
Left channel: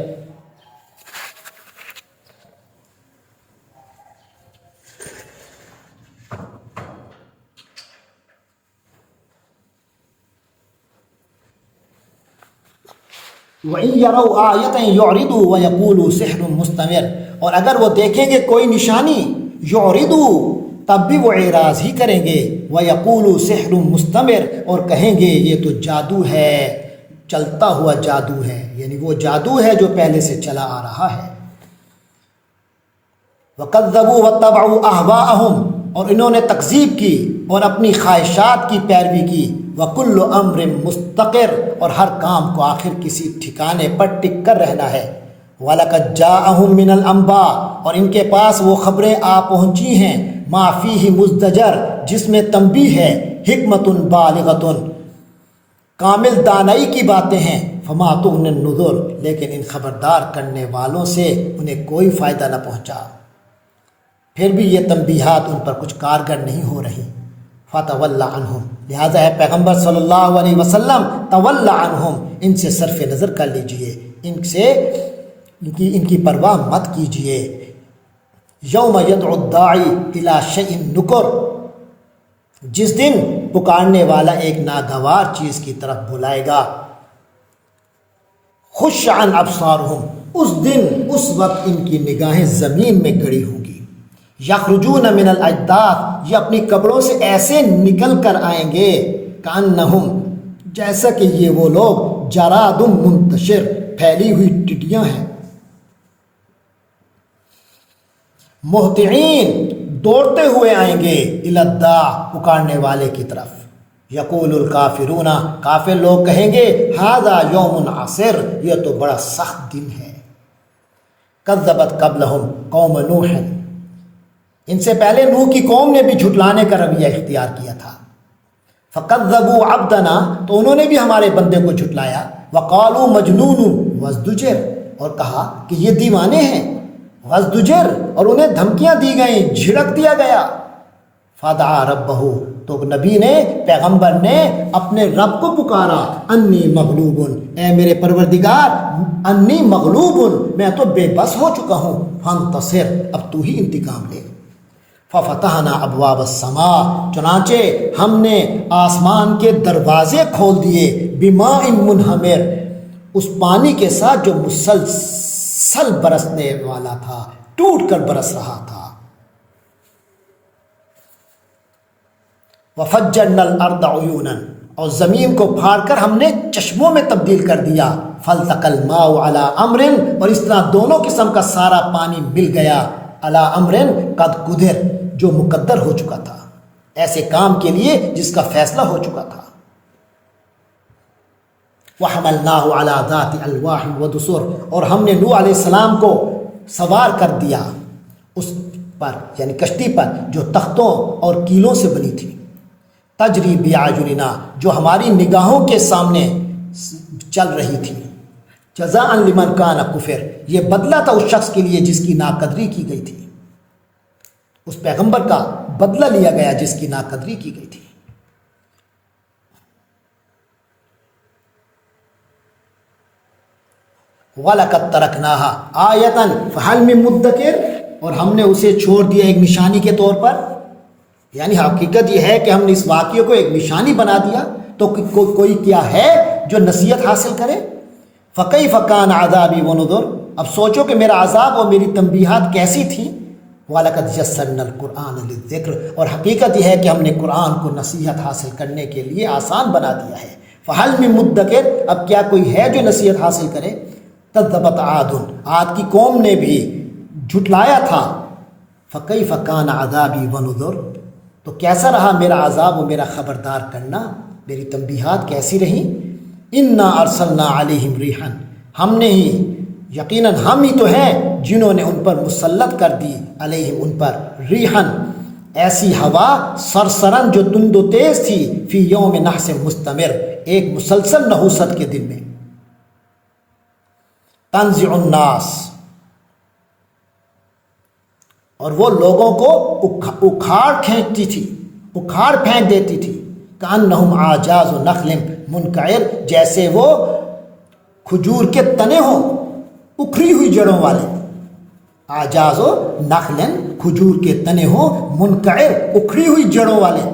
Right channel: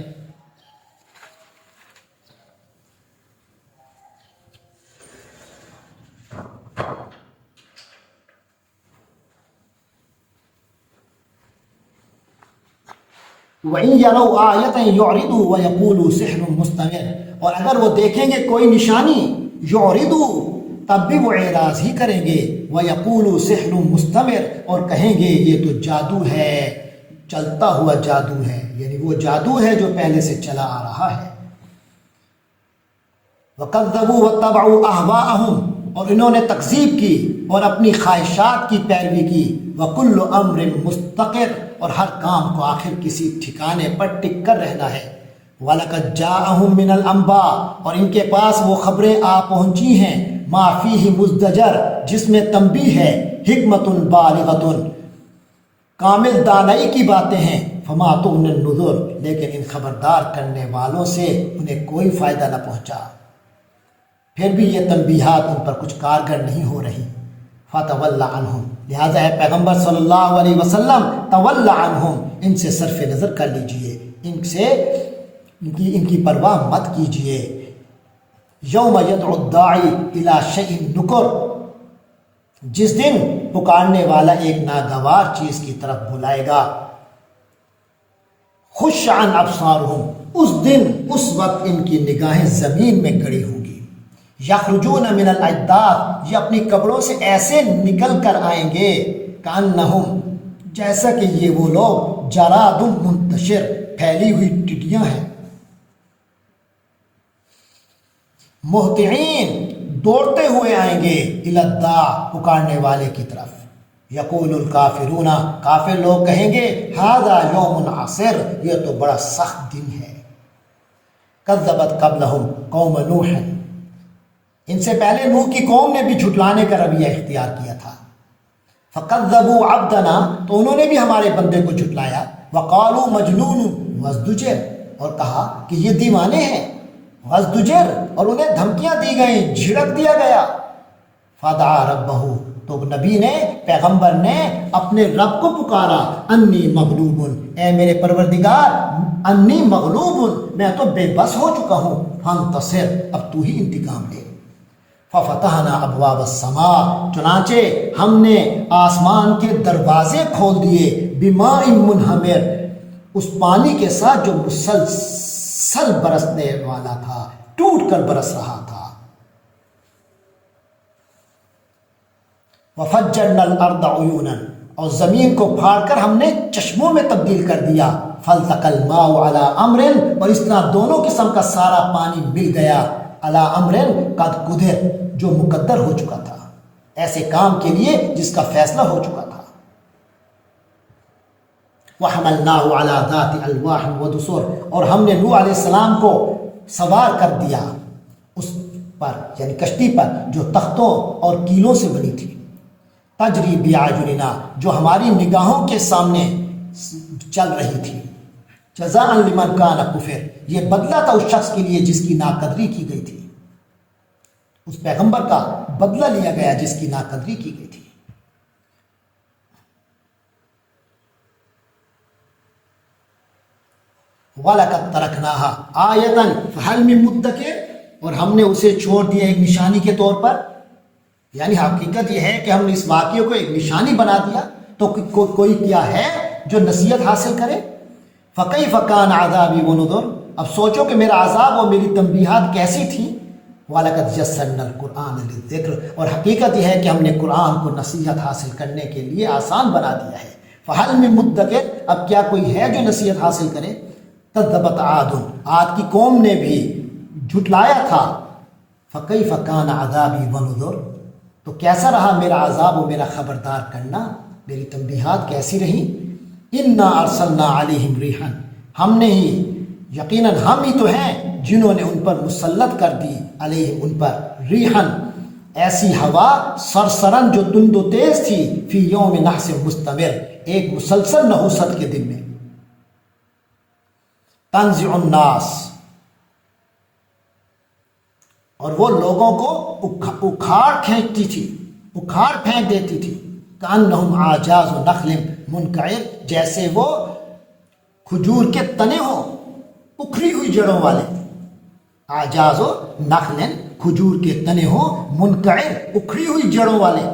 وَإِن يَرَوْا آيَةً يُعْرِضُوا وَيَقُولُوا سِحْرٌ مُسْتَمِرٌ، اور اگر وہ دیکھیں گے کوئی نشانی، یعرضوا تب بھی وہ اعراض ہی کریں گے، وَيَقُولُوا سِحْرٌ مُسْتَمِرٌ اور کہیں گے یہ تو جادو ہے، چلتا ہوا جادو ہے، یعنی وہ جادو ہے جو پہلے سے چلا آ رہا ہے۔ وَكَذَّبُوا وَاتَّبَعُوا أَهْوَاءَهُمْ، اور انہوں نے تکذیب کی اور اپنی خواہشات کی پیروی کی۔ وَكُلُّ أَمْرٍ مُسْتَقِرٌ، اور ہر کام کو آخر کسی ٹھکانے پر ٹک کر رہنا ہے۔ وَلَقَدْ جَاءَهُم مِّنَ الْأَنبَاءِ، اور ان کے پاس وہ خبریں آ پہنچی ہیں، مَا فِيهِ مُزْدَجَرٌ، جس میں تنبیہ ہے، حکمتٌ بالغۃ، کامل دانائی کی باتیں ہیں، فَمَا تُغْنِ النُّذُرُ، لیکن ان خبردار کرنے والوں سے انہیں کوئی فائدہ نہ پہنچا، پھر بھی یہ تنبیہات ان پر کچھ کارگر نہیں ہو رہی۔ فَتَوَلَّ عَنْهُمْ، لہٰذا ہے پیغمبر صلی اللہ علیہ وسلم تَوَلَّ عَنْهُمْ، ان سے صرف نظر کر لیجئے، ان کی پرواہ مت کیجئے۔ یوم یدعو الداعی الی شیء نکر، جس دن پکارنے والا ایک ناگوار چیز کی طرف بلائے گا۔ خش عن ابصارہم، اس دن اس وقت ان کی نگاہیں زمین میں گڑی ہوں گی۔ یخرجون من الاجداث، یہ اپنی قبروں سے ایسے نکل کر آئیں گے، کأنہم، جیسا کہ یہ وہ لوگ جراد منتشر، پھیلی ہوئی ٹڈیاں ہیں۔ مہطعین، دوڑتے ہوئے آئیں گے، الی الداع، پکارنے والے کی طرف۔ یقول الکافرون، کافر لوگ کہیں گے، ھذا یوم عسر، یہ تو بڑا سخت دن ہے۔ کذبت قبلہم قوم نوح، ان سے پہلے نوح کی قوم نے بھی جھٹلانے کا رویہ اختیار کیا تھا۔ فکذبوا عبدنا، تو انہوں نے بھی ہمارے بندے کو جھٹلایا۔ وقالوا مجنون وازدجر، اور کہا کہ یہ دیوانے ہیں۔ وازدجر، اور انہیں دھمکیاں دی گئیں، جھڑک دیا گیا۔ فدعا ربہ، تو نبی نے، پیغمبر نے اپنے رب کو پکارا، انی مغلوب، اے میرے پروردگار، انی مغلوب، میں تو بے بس ہو چکا ہوں، فانتصر، اب تو ہی انتقام لے۔ ففتحنا ابواب السماء، چنانچہ ہم نے آسمان کے دروازے کھول دیے، بماء منہمر، اس پانی کے ساتھ جو مسلسل برسنے والا تھا، ٹوٹ کر برس رہا تھا۔ وفجرنا الارض عیونا، اور زمین کو پھاڑ کر ہم نے چشموں میں تبدیل کر دیا۔ فالتقى الماء على امر، اور اس طرح دونوں قسم کا سارا پانی مل گیا، على امر قد قدر، جو مقدر ہو چکا تھا، ایسے کام کے لیے جس کا فیصلہ ہو چکا تھا۔ وحملناه على ذات الواح ودسر، اور ہم نے نوح علیہ السلام کو سوار کر دیا اس پر، یعنی کشتی پر، جو تختوں اور کیلوں سے بنی تھی۔ تجری باعیننا، جو ہماری نگاہوں کے سامنے چل رہی تھی۔ جزاء لمن کان کفر، یہ بدلہ تھا اس شخص کے لیے جس کی ناقدری کی گئی تھی، اس پیغمبر کا بدلہ لیا گیا جس کی ناقدری کی گئی تھی۔ وَلَقَدْ تَرَكْنَاهَا آیَةً فَهَلْ مِن مُدَّکِرٍ، اور ہم نے اسے چھوڑ دیا ایک نشانی کے طور پر، یعنی حقیقت یہ ہے کہ ہم نے اس واقعے کو ایک نشانی بنا دیا، تو کوئی کیا ہے جو نصیحت حاصل کرے۔ فَكَيْفَ كَانَ عَذَابِي وَنُذُرِ، اب سوچو کہ میرا عذاب اور میری تنبیہات کیسی تھیں۔ وَلَقَدْ يَسَّرْنَا الْقُرْآنَ لِلذِّكْرِ، اور حقیقت یہ ہے کہ ہم نے قرآن کو نصیحت حاصل کرنے کے لیے آسان بنا دیا ہے۔ فَهَلْ مِن مُدَّکِرٍ، اب کیا کوئی ہے جو نصیحت حاصل کرے۔ کذبت عاد، عاد کی قوم نے بھی جھٹلایا تھا۔ فکیف کان عذابی ونذر، تو کیسا رہا میرا عذاب و میرا خبردار کرنا، میری تنبیہات کیسی رہیں۔ انا ارسلنا علیہم ریحا، ہم نے ہی، یقیناً ہم ہی تو ہیں جنہوں نے ان پر مسلط کر دی، علیہم ان پر، ریحا ایسی ہوا، سرسرن جو تند و تیز تھی، فی یوم نحس مستمر، ایک مسلسل نحوست کے دن میں۔ تنزع الناس، اور وہ لوگوں کو اکھاڑ کھینچتی تھی، اکھاڑ پھینک دیتی تھی۔ کأنہم اعجاز نخل منقعر جیسے وہ کھجور کے تنے ہوں اکھڑی ہوئی جڑوں والے. اعجاز و نخلن کھجور کے تنے ہوں منقعر اکھڑی ہوئی جڑوں والے.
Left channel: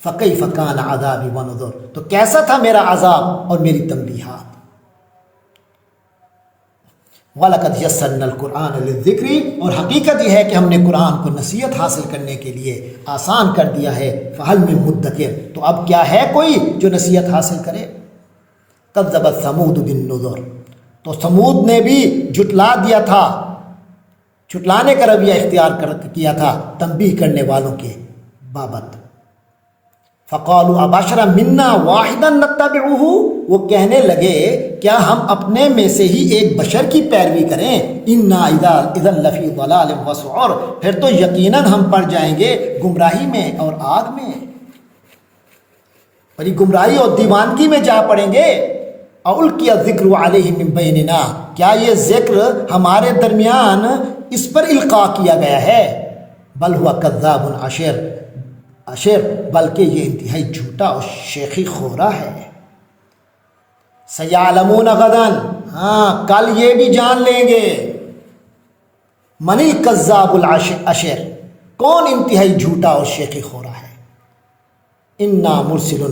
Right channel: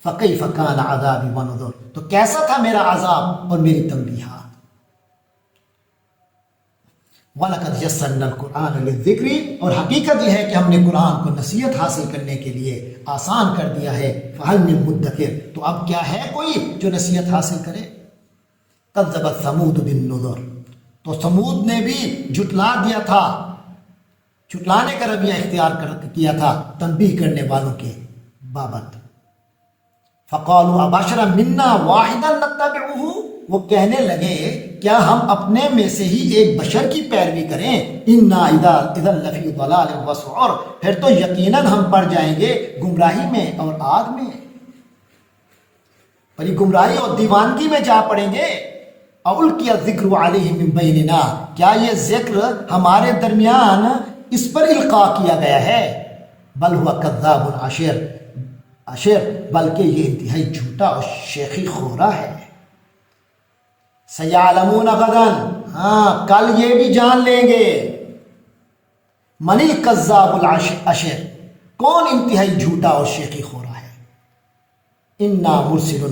فکیف کان عذابی ونذر تو کیسا تھا میرا عذاب اور میری تنبیہات. وَلَقَدْ يَسَّرْنَا الْقُرْآنَ لِلذِّكْرِ اور حقیقت یہ ہے کہ ہم نے قرآن کو نصیحت حاصل کرنے کے لیے آسان کر دیا ہے. فَهَلْ مِن مُدَّكِرٍ تو اب کیا ہے کوئی جو نصیحت حاصل کرے. كَذَّبَتْ ثَمُودُ بِالنُّذُرِ تو ثمود نے بھی جھٹلا دیا تھا، جھٹلانے کا رویہ اختیار کیا تھا تنبیہ کرنے والوں کے بابت. فَقَالُوا أَبَشَرًا مِنَّا وَاحِدًا نَتَّبِعُهُ وہ کہنے لگے کیا ہم اپنے میں سے ہی ایک بشر کی پیروی کریں. اِنَّا إِذًا لَفِي ضَلَالٍ وَسُعُرٍ پھر تو یقیناً ہم پڑ جائیں گے گمراہی میں اور آگ میں، بڑی گمراہی اور دیوانگی میں جا پڑیں گے. أَلْقِيَ الذِّكْرُ عَلَيْهِ مِن بَيْنِنَا کیا یہ ذکر ہمارے درمیان اس پر القاء کیا گیا ہے. بل هو كذاب عشر بلکہ یہ انتہائی جھوٹا اور شیخی خورا ہے. سیعلمون غداً ہاں کل یہ بھی جان لیں گے. من الکذاب العشر کون انتہائی جھوٹا اور شیخی خورا ہے. انا مرسل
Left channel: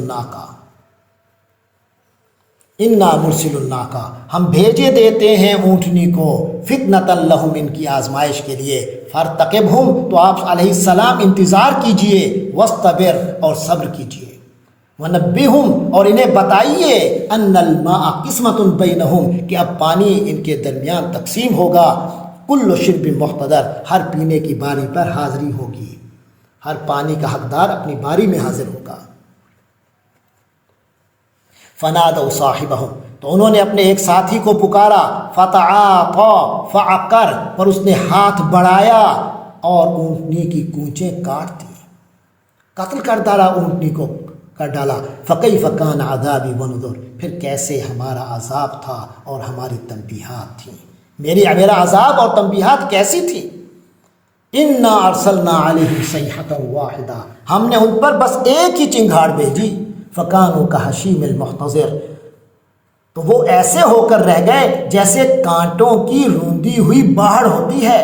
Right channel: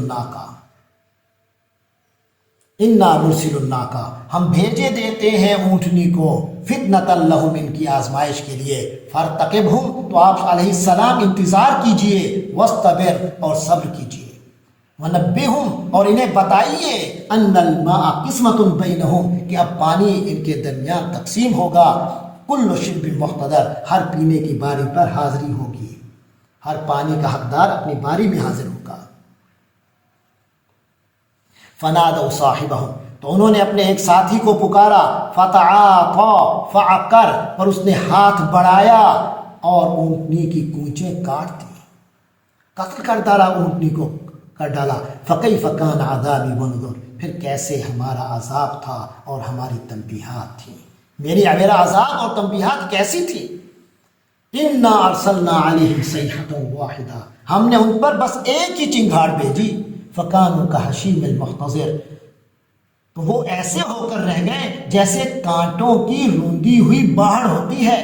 الناقہ ہم بھیجے دیتے ہیں اونٹنی کو فتنۃ لہم ان کی آزمائش کے لیے. فارتقبہم تو آپ علیہ السلام انتظار کیجئے، واصطبر اور صبر کیجئے. ونبہم اور انہیں بتائیے ان الماء قسمۃ بینہم کہ اب پانی ان کے درمیان تقسیم ہوگا. کل شرب محتضر ہر پینے کی باری پر حاضری ہوگی، ہر پانی کا حقدار اپنی باری میں حاضر ہوگا. فنادوا صاحبہم تو انہوں نے اپنے ایک ساتھی کو پکارا. فتعاطى فعقر پر اس نے ہاتھ بڑھایا اور اونٹنی کی کونچیں کاٹ دی، قتل کر ڈالا، اونٹنی کو کر ڈالا. فکیف کان عذابی ونذر پھر کیسے ہمارا عذاب تھا اور ہماری تنبیہات تھیں. میرا عذاب اور تنبیہات کیسی تھی. انا ارسلنا علیہم صیحۃ واحدہ ہم نے ان پر بس ایک ہی چنگھاڑ بھیجی. فکانوا کحشیم المحتضر تو وہ ایسے ہو کر رہ گئے جیسے کانٹوں کی روندی ہوئی باڑ ہوتی ہے.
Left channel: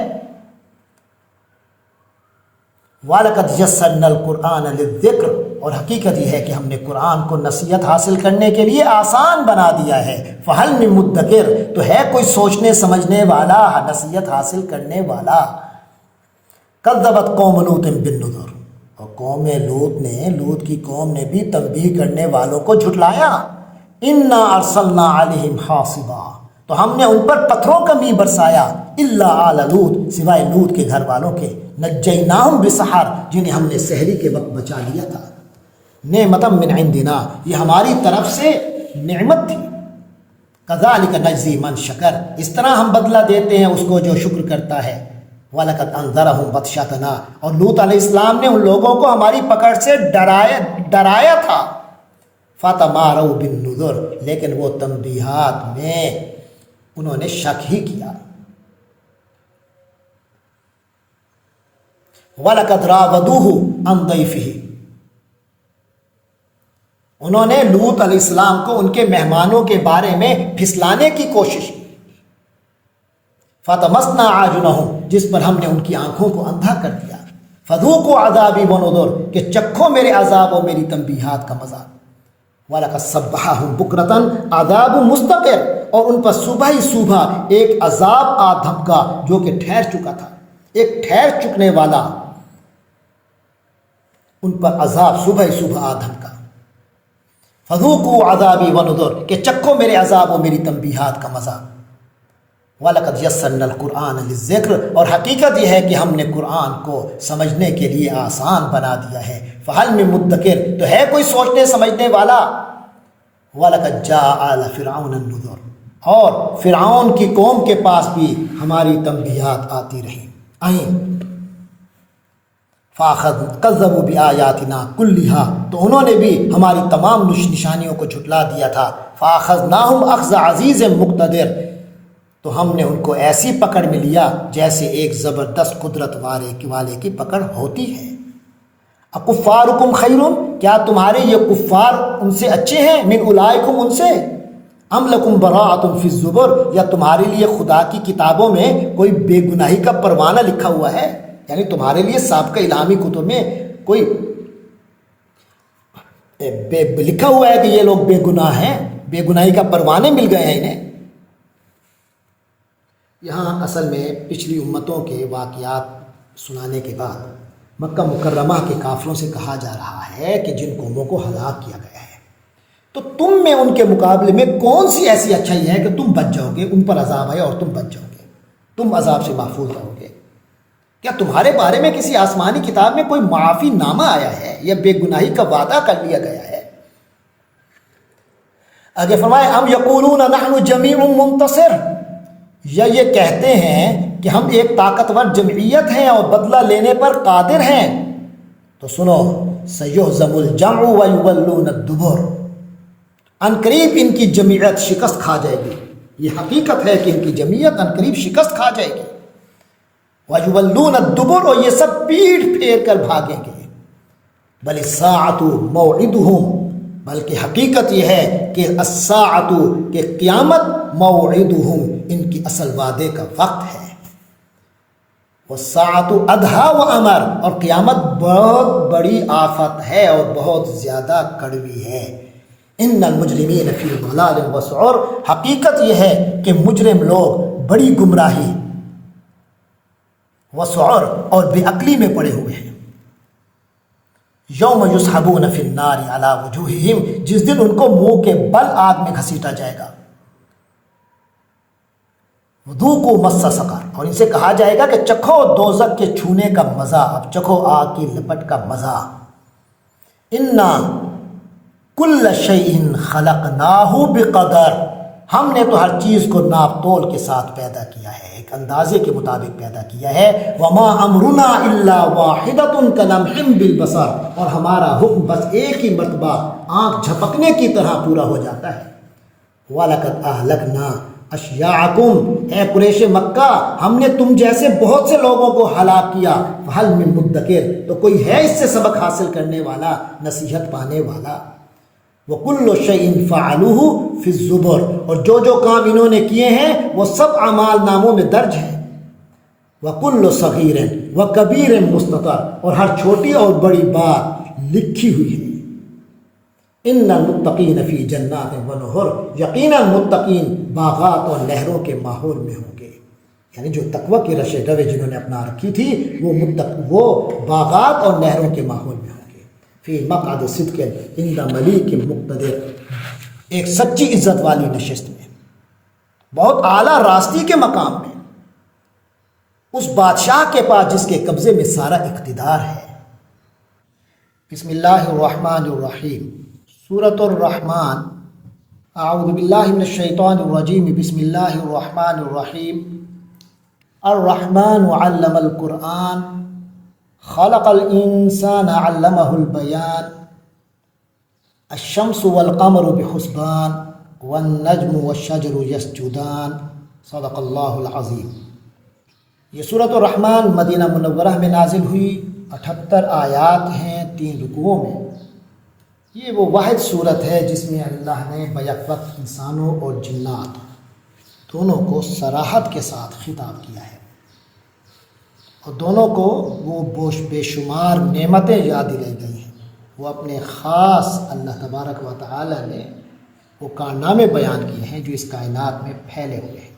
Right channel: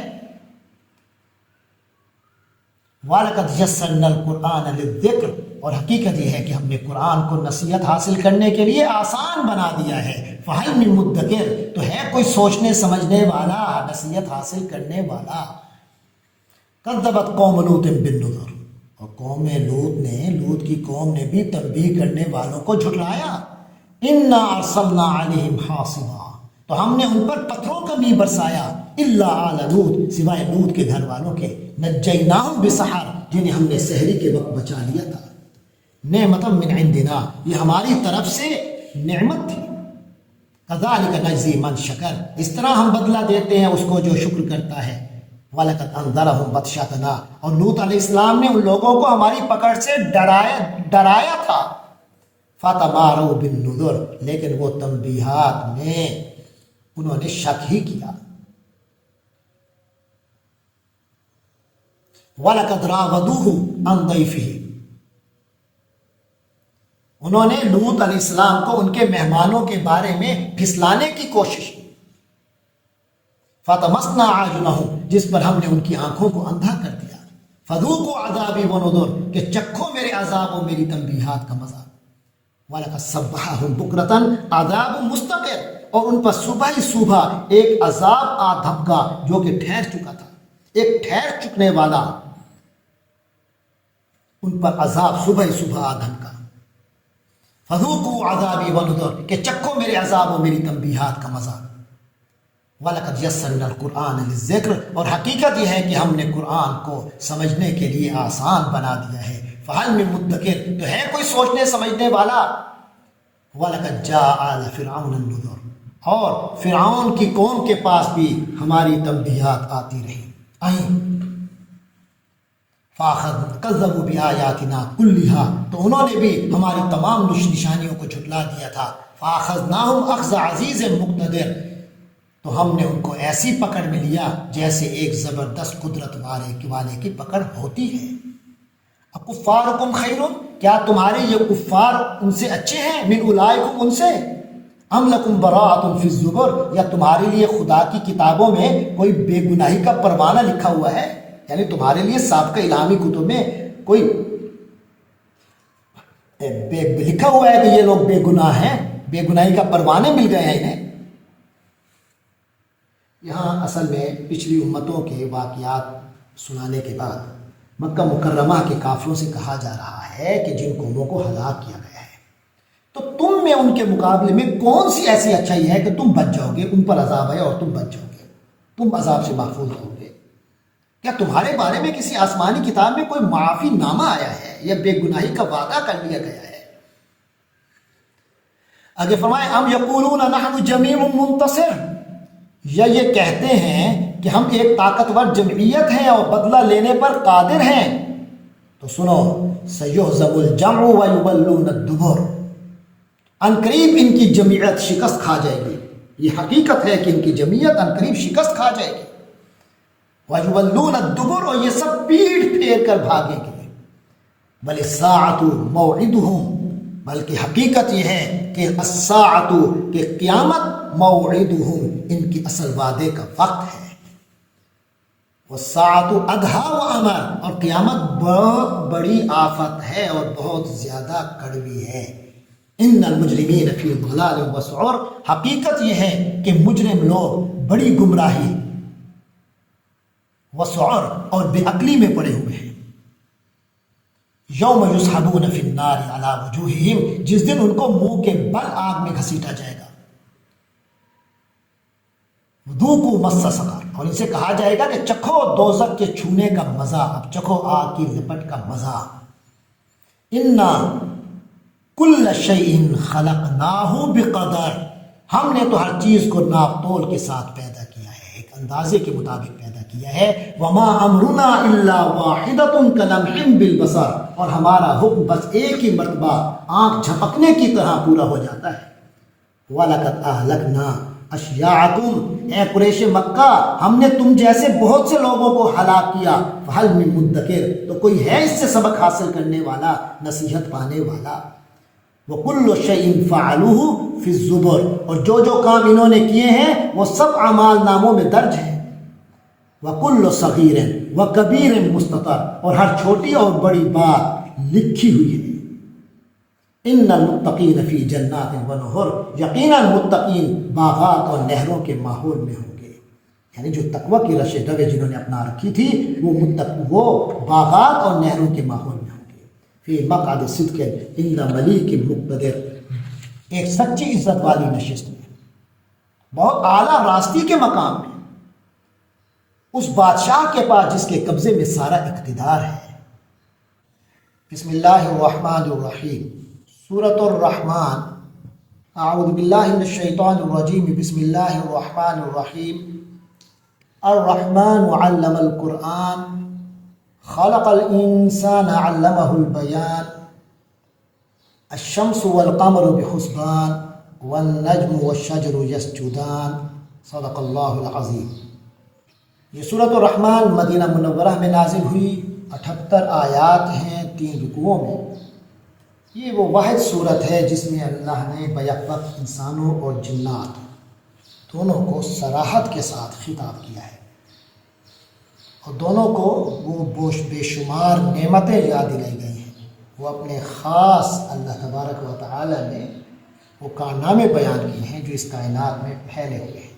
وَلَقَدْ يَسَّرْنَا الْقُرْآنَ لِلذِّكْرِ اور حقیقت یہ ہے کہ ہم نے قرآن کو نصیحت حاصل کرنے کے لیے آسان بنا دیا ہے. فَهَلْ مِن مُدَّكِرٍ تو ہے کوئی سوچنے سمجھنے والا، نصیحت حاصل کرنے والا. كَذَّبَتْ قَوْمُ لُوطٍ بِالنُّذُرِ اور لوط کی قوم نے بھی تنبیہ کرنے والوں کو جھٹلایا. انا ارسلنا علیہم حاصبا تو ہم نے ان پر پتھروں کا می برسایا. الا آل لوط سوائے لوط کے گھر والوں کے. نجیناہم بسحر جنہیں ہم نے سحری کے وقت بچا لیا تھا. نعمتا من عندنا یہ ہماری طرف سے نعمت تھی. کذالک نجزی من شکر اس طرح ہم بدلہ دیتے ہیں اس کو جو شکر کرتا ہے. وَلَقَدْ أَنذَرَهُمْ بَطْشَتَنَا اور لوط علیہ السلام نے ان لوگوں کو ہماری پکڑ سے ڈرایا تھا. فَتَمَارَوْا بِالنُّذُرِ لیکن وہ تنبیہات میں انہوں نے شک ہی کیا. وَلَقَدْ رَاوَدُوهُ عَنْ ضَيْفِهِ انہوں نے لوط علیہ السلام کو ان کے مہمانوں کے بارے میں پھسلانے کی کوشش کی. فَطَمَسْنَا أَعْيُنَهُمْ جس پر ہم نے ان کی آنکھوں کو اندھا کر دیا. فَذُوقُوا عَذَابِي وَنُذُرِ کہ چکھو میرے عذاب و میری تنبیہات کا مزہ. وَلَقَدْ صَبَّحَهُمْ بُكْرَةً عَذَابٌ مُسْتَقِرٌ اور ان پر صبح ہی صبح ایک عذاب آ دھمکا جو کہ ٹھہر چکا تھا، ایک ٹھہر چکنے والا ان پر عذاب صبح ہی صبح آ دھمکا. فَذُوقُوا عَذَابِي وَنُذُرِ کہ چکھو میرے عذاب و میری تنبیہات کا مزہ. وَلَقَدْ يَسَّرْنَا الْقُرْآنَ لِلذِّكْرِ اور حقیقت یہ ہے کہ ہم نے قرآن کو سمجھنے کے لیے آسان بنا دیا ہے. فَهَلْ مِن مُدَّكِرٍ تو ہے کوئی سوچنے سمجھنے والا. وَلَقَدْ جَاءَ آلَ فِرْعَوْنَ النُّذُرُ اور فرعون کی قوم کے پاس بھی ہماری تنبیہات آتی رہیں. كَذَّبُوا بِآيَاتِنَا كُلِّهَا تو انہوں نے بھی ہماری تمام نشانیوں کو جھٹلا دیا تھا. فَأَخَذْنَاهُمْ أَخْذَ عَزِيزٍ مُقْتَدِرٍ تو ہم نے ان کو ایسی پکڑ میں لیا جیسے ایک زبردست قدرت والے کی پکڑ ہوتی ہے. اکفارکم خیر، کیا تمہارے یہ کفار ان سے اچھے ہیں، من اولئکم ان سے، ام لکم براءۃ فی الزبر، یا تمہارے لیے خدا کی کتابوں میں کوئی بے گناہی کا پروانہ لکھا ہوا ہے، یعنی تمہارے لیے سابقہ الہامی کتب میں کوئی لکھا ہوا ہے کہ یہ لوگ بے گناہ ہیں، بے گناہی کا پروانے مل گئے ہیں انہیں۔ یہاں اصل میں پچھلی امتوں کے واقعات سنانے کے بعد مکہ مکرمہ کے کافروں سے کہا جا رہا ہے کہ جن قوموں کو ہلاک کیا گیا ہے، تو تم میں ان کے مقابلے میں کون سی ایسی اچھائی ہے کہ تم بچ جاؤ گے، ان پر عذاب آئے اور تم بچ جاؤ گے، تم عذاب سے محفوظ رہو گے؟ کیا تمہارے بارے میں کسی آسمانی کتاب میں کوئی معافی نامہ آیا ہے یا بے گناہی کا وعدہ کر لیا گیا ہے؟ آگے فرمائے ام یقولون نحن جمیع منتصر، یا یہ کہتے ہیں کہ ہم ایک طاقتور جمعیت ہیں اور بدلہ لینے پر قادر ہیں؟ تو سنو، سیہزم الجمع ویولون الدبر، عنقریب ان کی جمعیت شکست کھا جائے گی، یہ حقیقت ہے کہ ان کی جمعیت عنقریب شکست کھا جائے گی، ویولون الدبر، اور یہ سب پیٹھ پھیر کر بھاگیں گے، بل الساعۃ موعدہم، بلکہ حقیقت یہ ہے کہ الساعۃ، کہ قیامت، موعدہم، ان کی اصل وعدے کا وقت ہے، والساعۃ ادھیٰ وامر، اور قیامت بہت بڑی آفت ہے اور بہت زیادہ کڑوی ہے، ان المجرمین فی ضلال وسعر، حقیقت یہ ہے کہ مجرم لوگ بڑی گمراہی، وسعر، اور بے عقلی میں پڑے ہوئے ہیں، یوم یسحبون فی النار علی وجوہہم، جس دن ان کو منہ کے بل آگ میں گھسیٹا جائے گا، ذوقوا مس سقر، اور ان سے کہا جائے گا کہ چکھو دوزخ کے چھونے کا مزہ، اب چکھو آگ کی لپٹ کا مزہ، انا کل شیء خلقناہ بقدر، ہم نے تو ہر چیز کو ناپ تول کے ساتھ پیدا کیا ہے، ایک اندازے کے مطابق پیدا کیا ہے، وما امرنا الا واحدۃ کلمح بالبصر، اور ہمارا حکم بس ایک ہی مرتبہ آنکھ جھپکنے کی طرح پورا ہو جاتا ہے، وَلَقَدْ أَهْلَكْنَا أَشْيَاعَكُمْ، اے قریش مکہ، ہم نے تم جیسے بہت سے لوگوں کو ہلاک کیا، فَهَلْ مِن مُدَّكِرٍ، تو کوئی ہے اس سے سبق حاصل کرنے والا، نصیحت پانے والا، وَكُلُّ شَيْءٍ فَعَلُوهُ فِي الزُّبُرِ، اور جو جو کام انہوں نے کیے ہیں وہ سب اعمال ناموں میں درج ہیں، وَكُلُّ صَغِيرٍ وَكَبِيرٍ مُسْتَطَرٍ، اور ہر چھوٹی اور بڑی بات لکھی ہوئی ہے، ان المتقین فی جنات ونہر، یقیناً متقین باغات اور نہروں کے ماحول میں ہوں گے، یعنی جو تقوی کی رش دوے جنہوں نے اپنا رکھی تھی وہ باغات اور نہروں کے ماحول میں ہوں گے، فی مقعد صدق عند ملیک مقتدر، ایک سچی عزت والی نشست میں، بہت اعلیٰ راستی کے مقام میں، اس بادشاہ کے پاس جس کے قبضے میں سارا اقتدار ہے۔ بسم اللہ الرحمن الرحیم، سورۃ الرحمن، اعوذ باللہ من الشیطان الرجیم، بسم اللہ الرحمن الرحیم، الرحمن علم القرآن، خلق الانسان علمہ البیان، الشمس والقمر بحسبان، والنجم والشجر یسجدان، صدق اللہ العظیم۔ یہ سورۃ الرحمن مدینہ منورہ میں نازل ہوئی، 78 آیات ہیں 3 رکوعوں میں۔ یہ وہ واحد صورت ہے جس میں اللہ نے بیک وقت انسانوں اور جنات دونوں کو صراحت کے ساتھ خطاب کیا ہے، اور دونوں کو وہ بے شمار نعمتیں یاد دلائی گئی ہیں، وہ اپنے خاص اللہ تبارک و تعالی نے وہ کارنامے بیان کیے ہیں جو اس کائنات میں پھیلے ہوئے ہیں،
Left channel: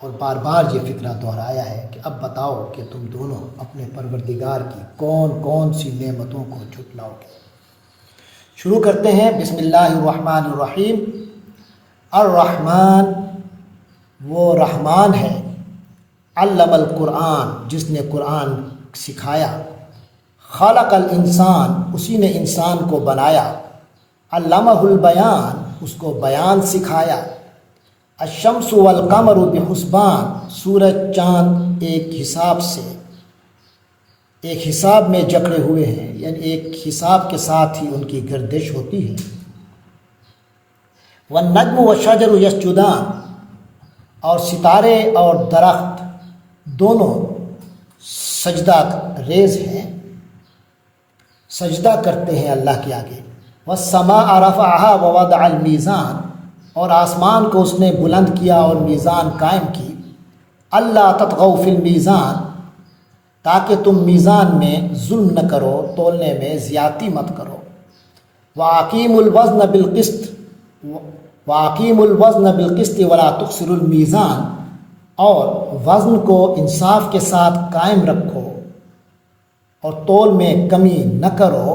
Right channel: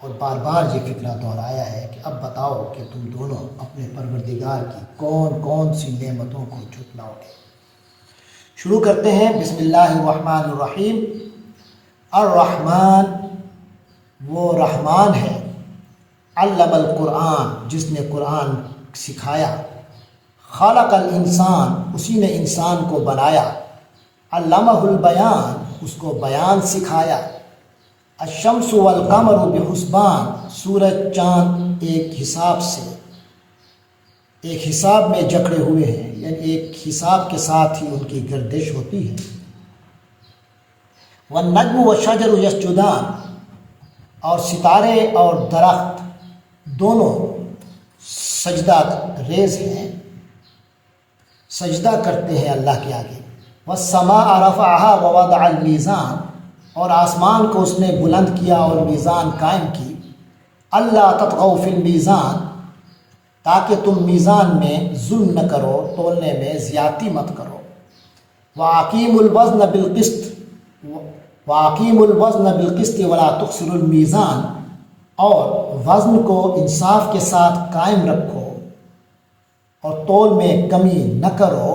اور بار بار یہ فکرہ دہرایا ہے کہ اب بتاؤ کہ تم دونوں اپنے پروردگار کی کون کون سی نعمتوں کو جھٹلاؤ گے۔ شروع کرتے ہیں، بسم اللہ الرحمن الرحیم۔ الرحمن، وہ رحمان ہے، علم القرآن، جس نے قرآن سکھایا، خلق الانسان، اسی نے انسان کو بنایا، علمہ البیان، اس کو بیان سکھایا، الشمس والقمر بحسبان، سورج چاند ایک حساب میں جکڑے ہوئے ہیں، یعنی ایک حساب کے ساتھ ہی ان کی گردش ہوتی ہے، والنجم والشجر یسجدان، اور ستارے اور درخت دونوں سجدہ ریز ہیں، سجدہ کرتے ہیں اللہ کے آگے۔ وَالسَّمَاءَ رَفَعَهَا وَوَضَعَ الْمِيزَانَ، اور آسمان کو اس نے بلند کیا اور میزان قائم کی۔ اللہ تطغوا فی المیزان، تاکہ تم میزان میں ظلم نہ کرو، تولنے میں زیادتی مت کرو۔ وَأَقِیمُوا الْوَزْنَ بِالْقِسْطِ وَأَقِیمُوا الْوَزْنَ بِالْقِسْطِ وَلَا تُخْسِرُوا الْمِيزَانَ، اور وزن کو انصاف کے ساتھ قائم رکھو اور تول میں کمی نہ کرو۔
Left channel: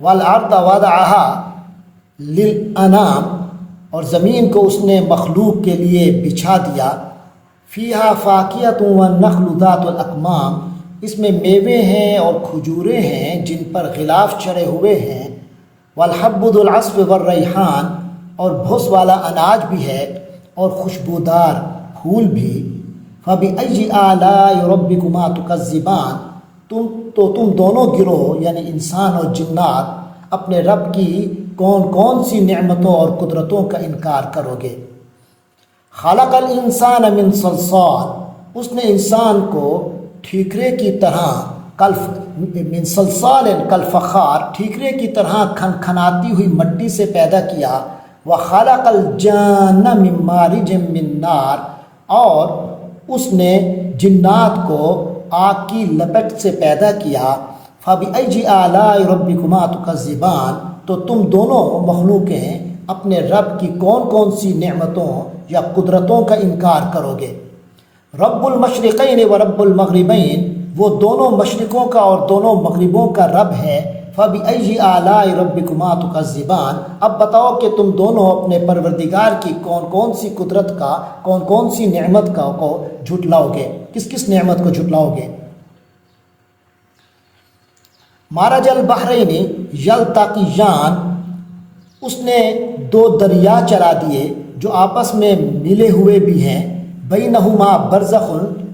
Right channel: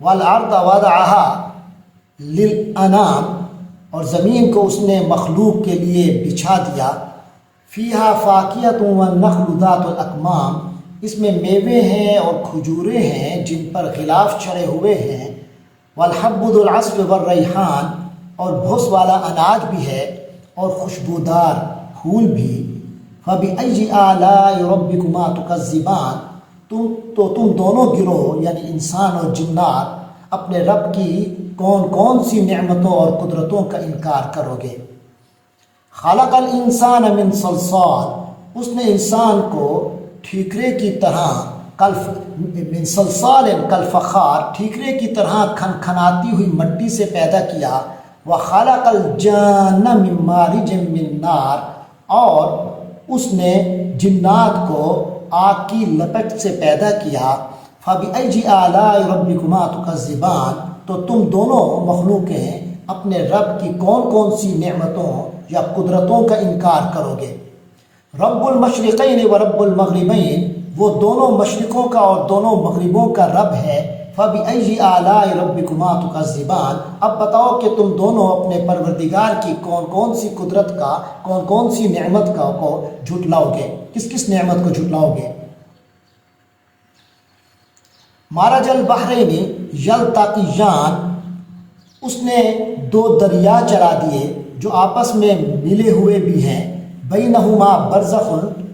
وَالْأَرْضَ وَضَعَهَا لِلْأَنَامِ، اور زمین کو اس نے مخلوق کے لیے بچھا دیا۔ فِيهَا فَاكِهَةٌ وَالنَّخْلُ ذَاتُ الْأَكْمَامِ، اس میں میوے ہیں اور کھجوریں ہیں جن پر غلاف چڑھے ہوئے ہیں۔ وَالْحَبُّ ذُو الْعَصْفِ وَالرَّيْحَانِ، اور بھوس والا اناج بھی ہے اور خوشبودار پھول بھی۔ فَبِأَيِّ آلَاءِ رَبِّكُمَا تُكَذِّبَانِ، تم دونوں گروہ یعنی انسان اور جنات اپنے رب کی کون کون سی نعمتوں اور قدرتوں کا انکار کرو گے۔ خلق الانسان من صلصال، اس نے انسان کو ٹھیکرے کی طرح من صلصال کالفخار، ٹھیکرے کی طرح کھنکھناتی ہوئی مٹی سے پیدا کیا۔ وخلق الجان من مارج من نار، اور اس نے جنات کو آگ کی لپٹ سے پیدا کیا۔ فَبِأَيِّ آلَاءِ رَبِّكُمَا تُكَذِّبَانِ، تو تم دونوں مخلوقیں اپنے رب کی کون کون سی نعمتوں یا قدرتوں کا انکار کرو گے۔ رب المشرقین و رب المغربین، وہ دونوں مشرقوں کا اور دونوں مغربوں کا رب ہے۔ فَبِأَيِّ آلَاءِ رَبِّكُمَا تُكَذِّبَانِ، اب بتاؤ کہ تم دونوں اپنے پروردگار کی کون کون سی قدرت کا، کون کون سی نعمت کا کو جھٹلاؤ گے، کس کس نعمت کو جھٹلاؤ گے۔ مَرَجَ الْبَحْرَيْنِ یلتقیان، اس نے دو دریا چلا دیے جو آپس میں ملے ہوئے بھی ہیں۔ بینہما برزخ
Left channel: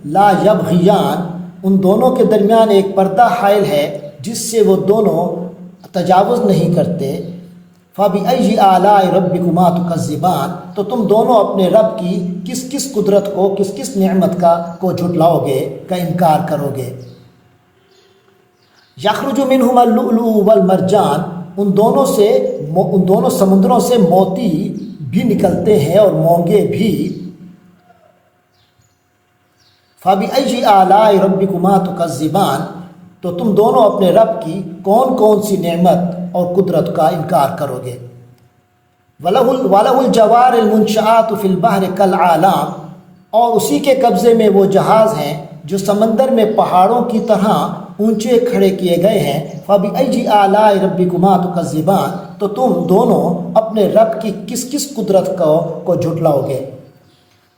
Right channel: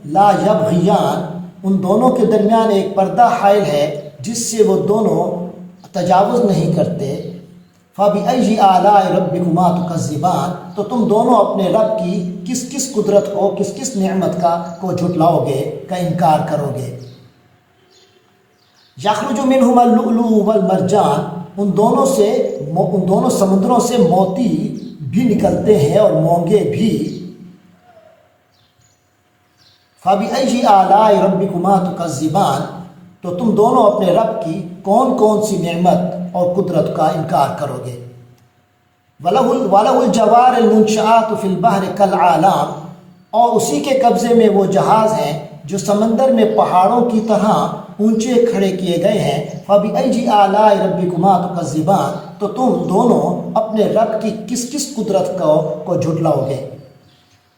لا یبغیان، ان دونوں کے درمیان ایک پردہ حائل ہے جس سے وہ دونوں تجاوز نہیں کرتے۔ فَبِأَيِّ آلَاءِ رَبِّكُمَا تُكَذِّبَانِ، تو تم دونوں اپنے رب کی کس کس قدرت کو، کس کس نعمت کو جھٹلاؤ گے، کا انکار کرو گے۔ یخرج منہما اللؤلؤ والمرجان، ان دونوں سمندروں سے موتی بھی نکلتے ہیں اور مونگے بھی۔ فَبِأَيِّ آلَاءِ رَبِّكُمَا تُكَذِّبَانِ، تو تم دونوں اپنے رب کی کون کون سی نعمت اور قدرت کا انکار کرو گے۔ وَلَهُ الْجَوَارِ الْمُنشَآتُ فِي الْبَحْرِ كَالْأَعْلَامِ، اور اسی کے قبضے میں وہ جہاز ہیں جو سمندر میں پہاڑوں کی طرح اونچے کھڑے کیے گئے ہیں۔ فَبِأَيِّ آلَاءِ رَبِّكُمَا تُكَذِّبَانِ، تو تم دونوں اپنے رب کی کس کس قدرت کو جھٹلاؤ گے۔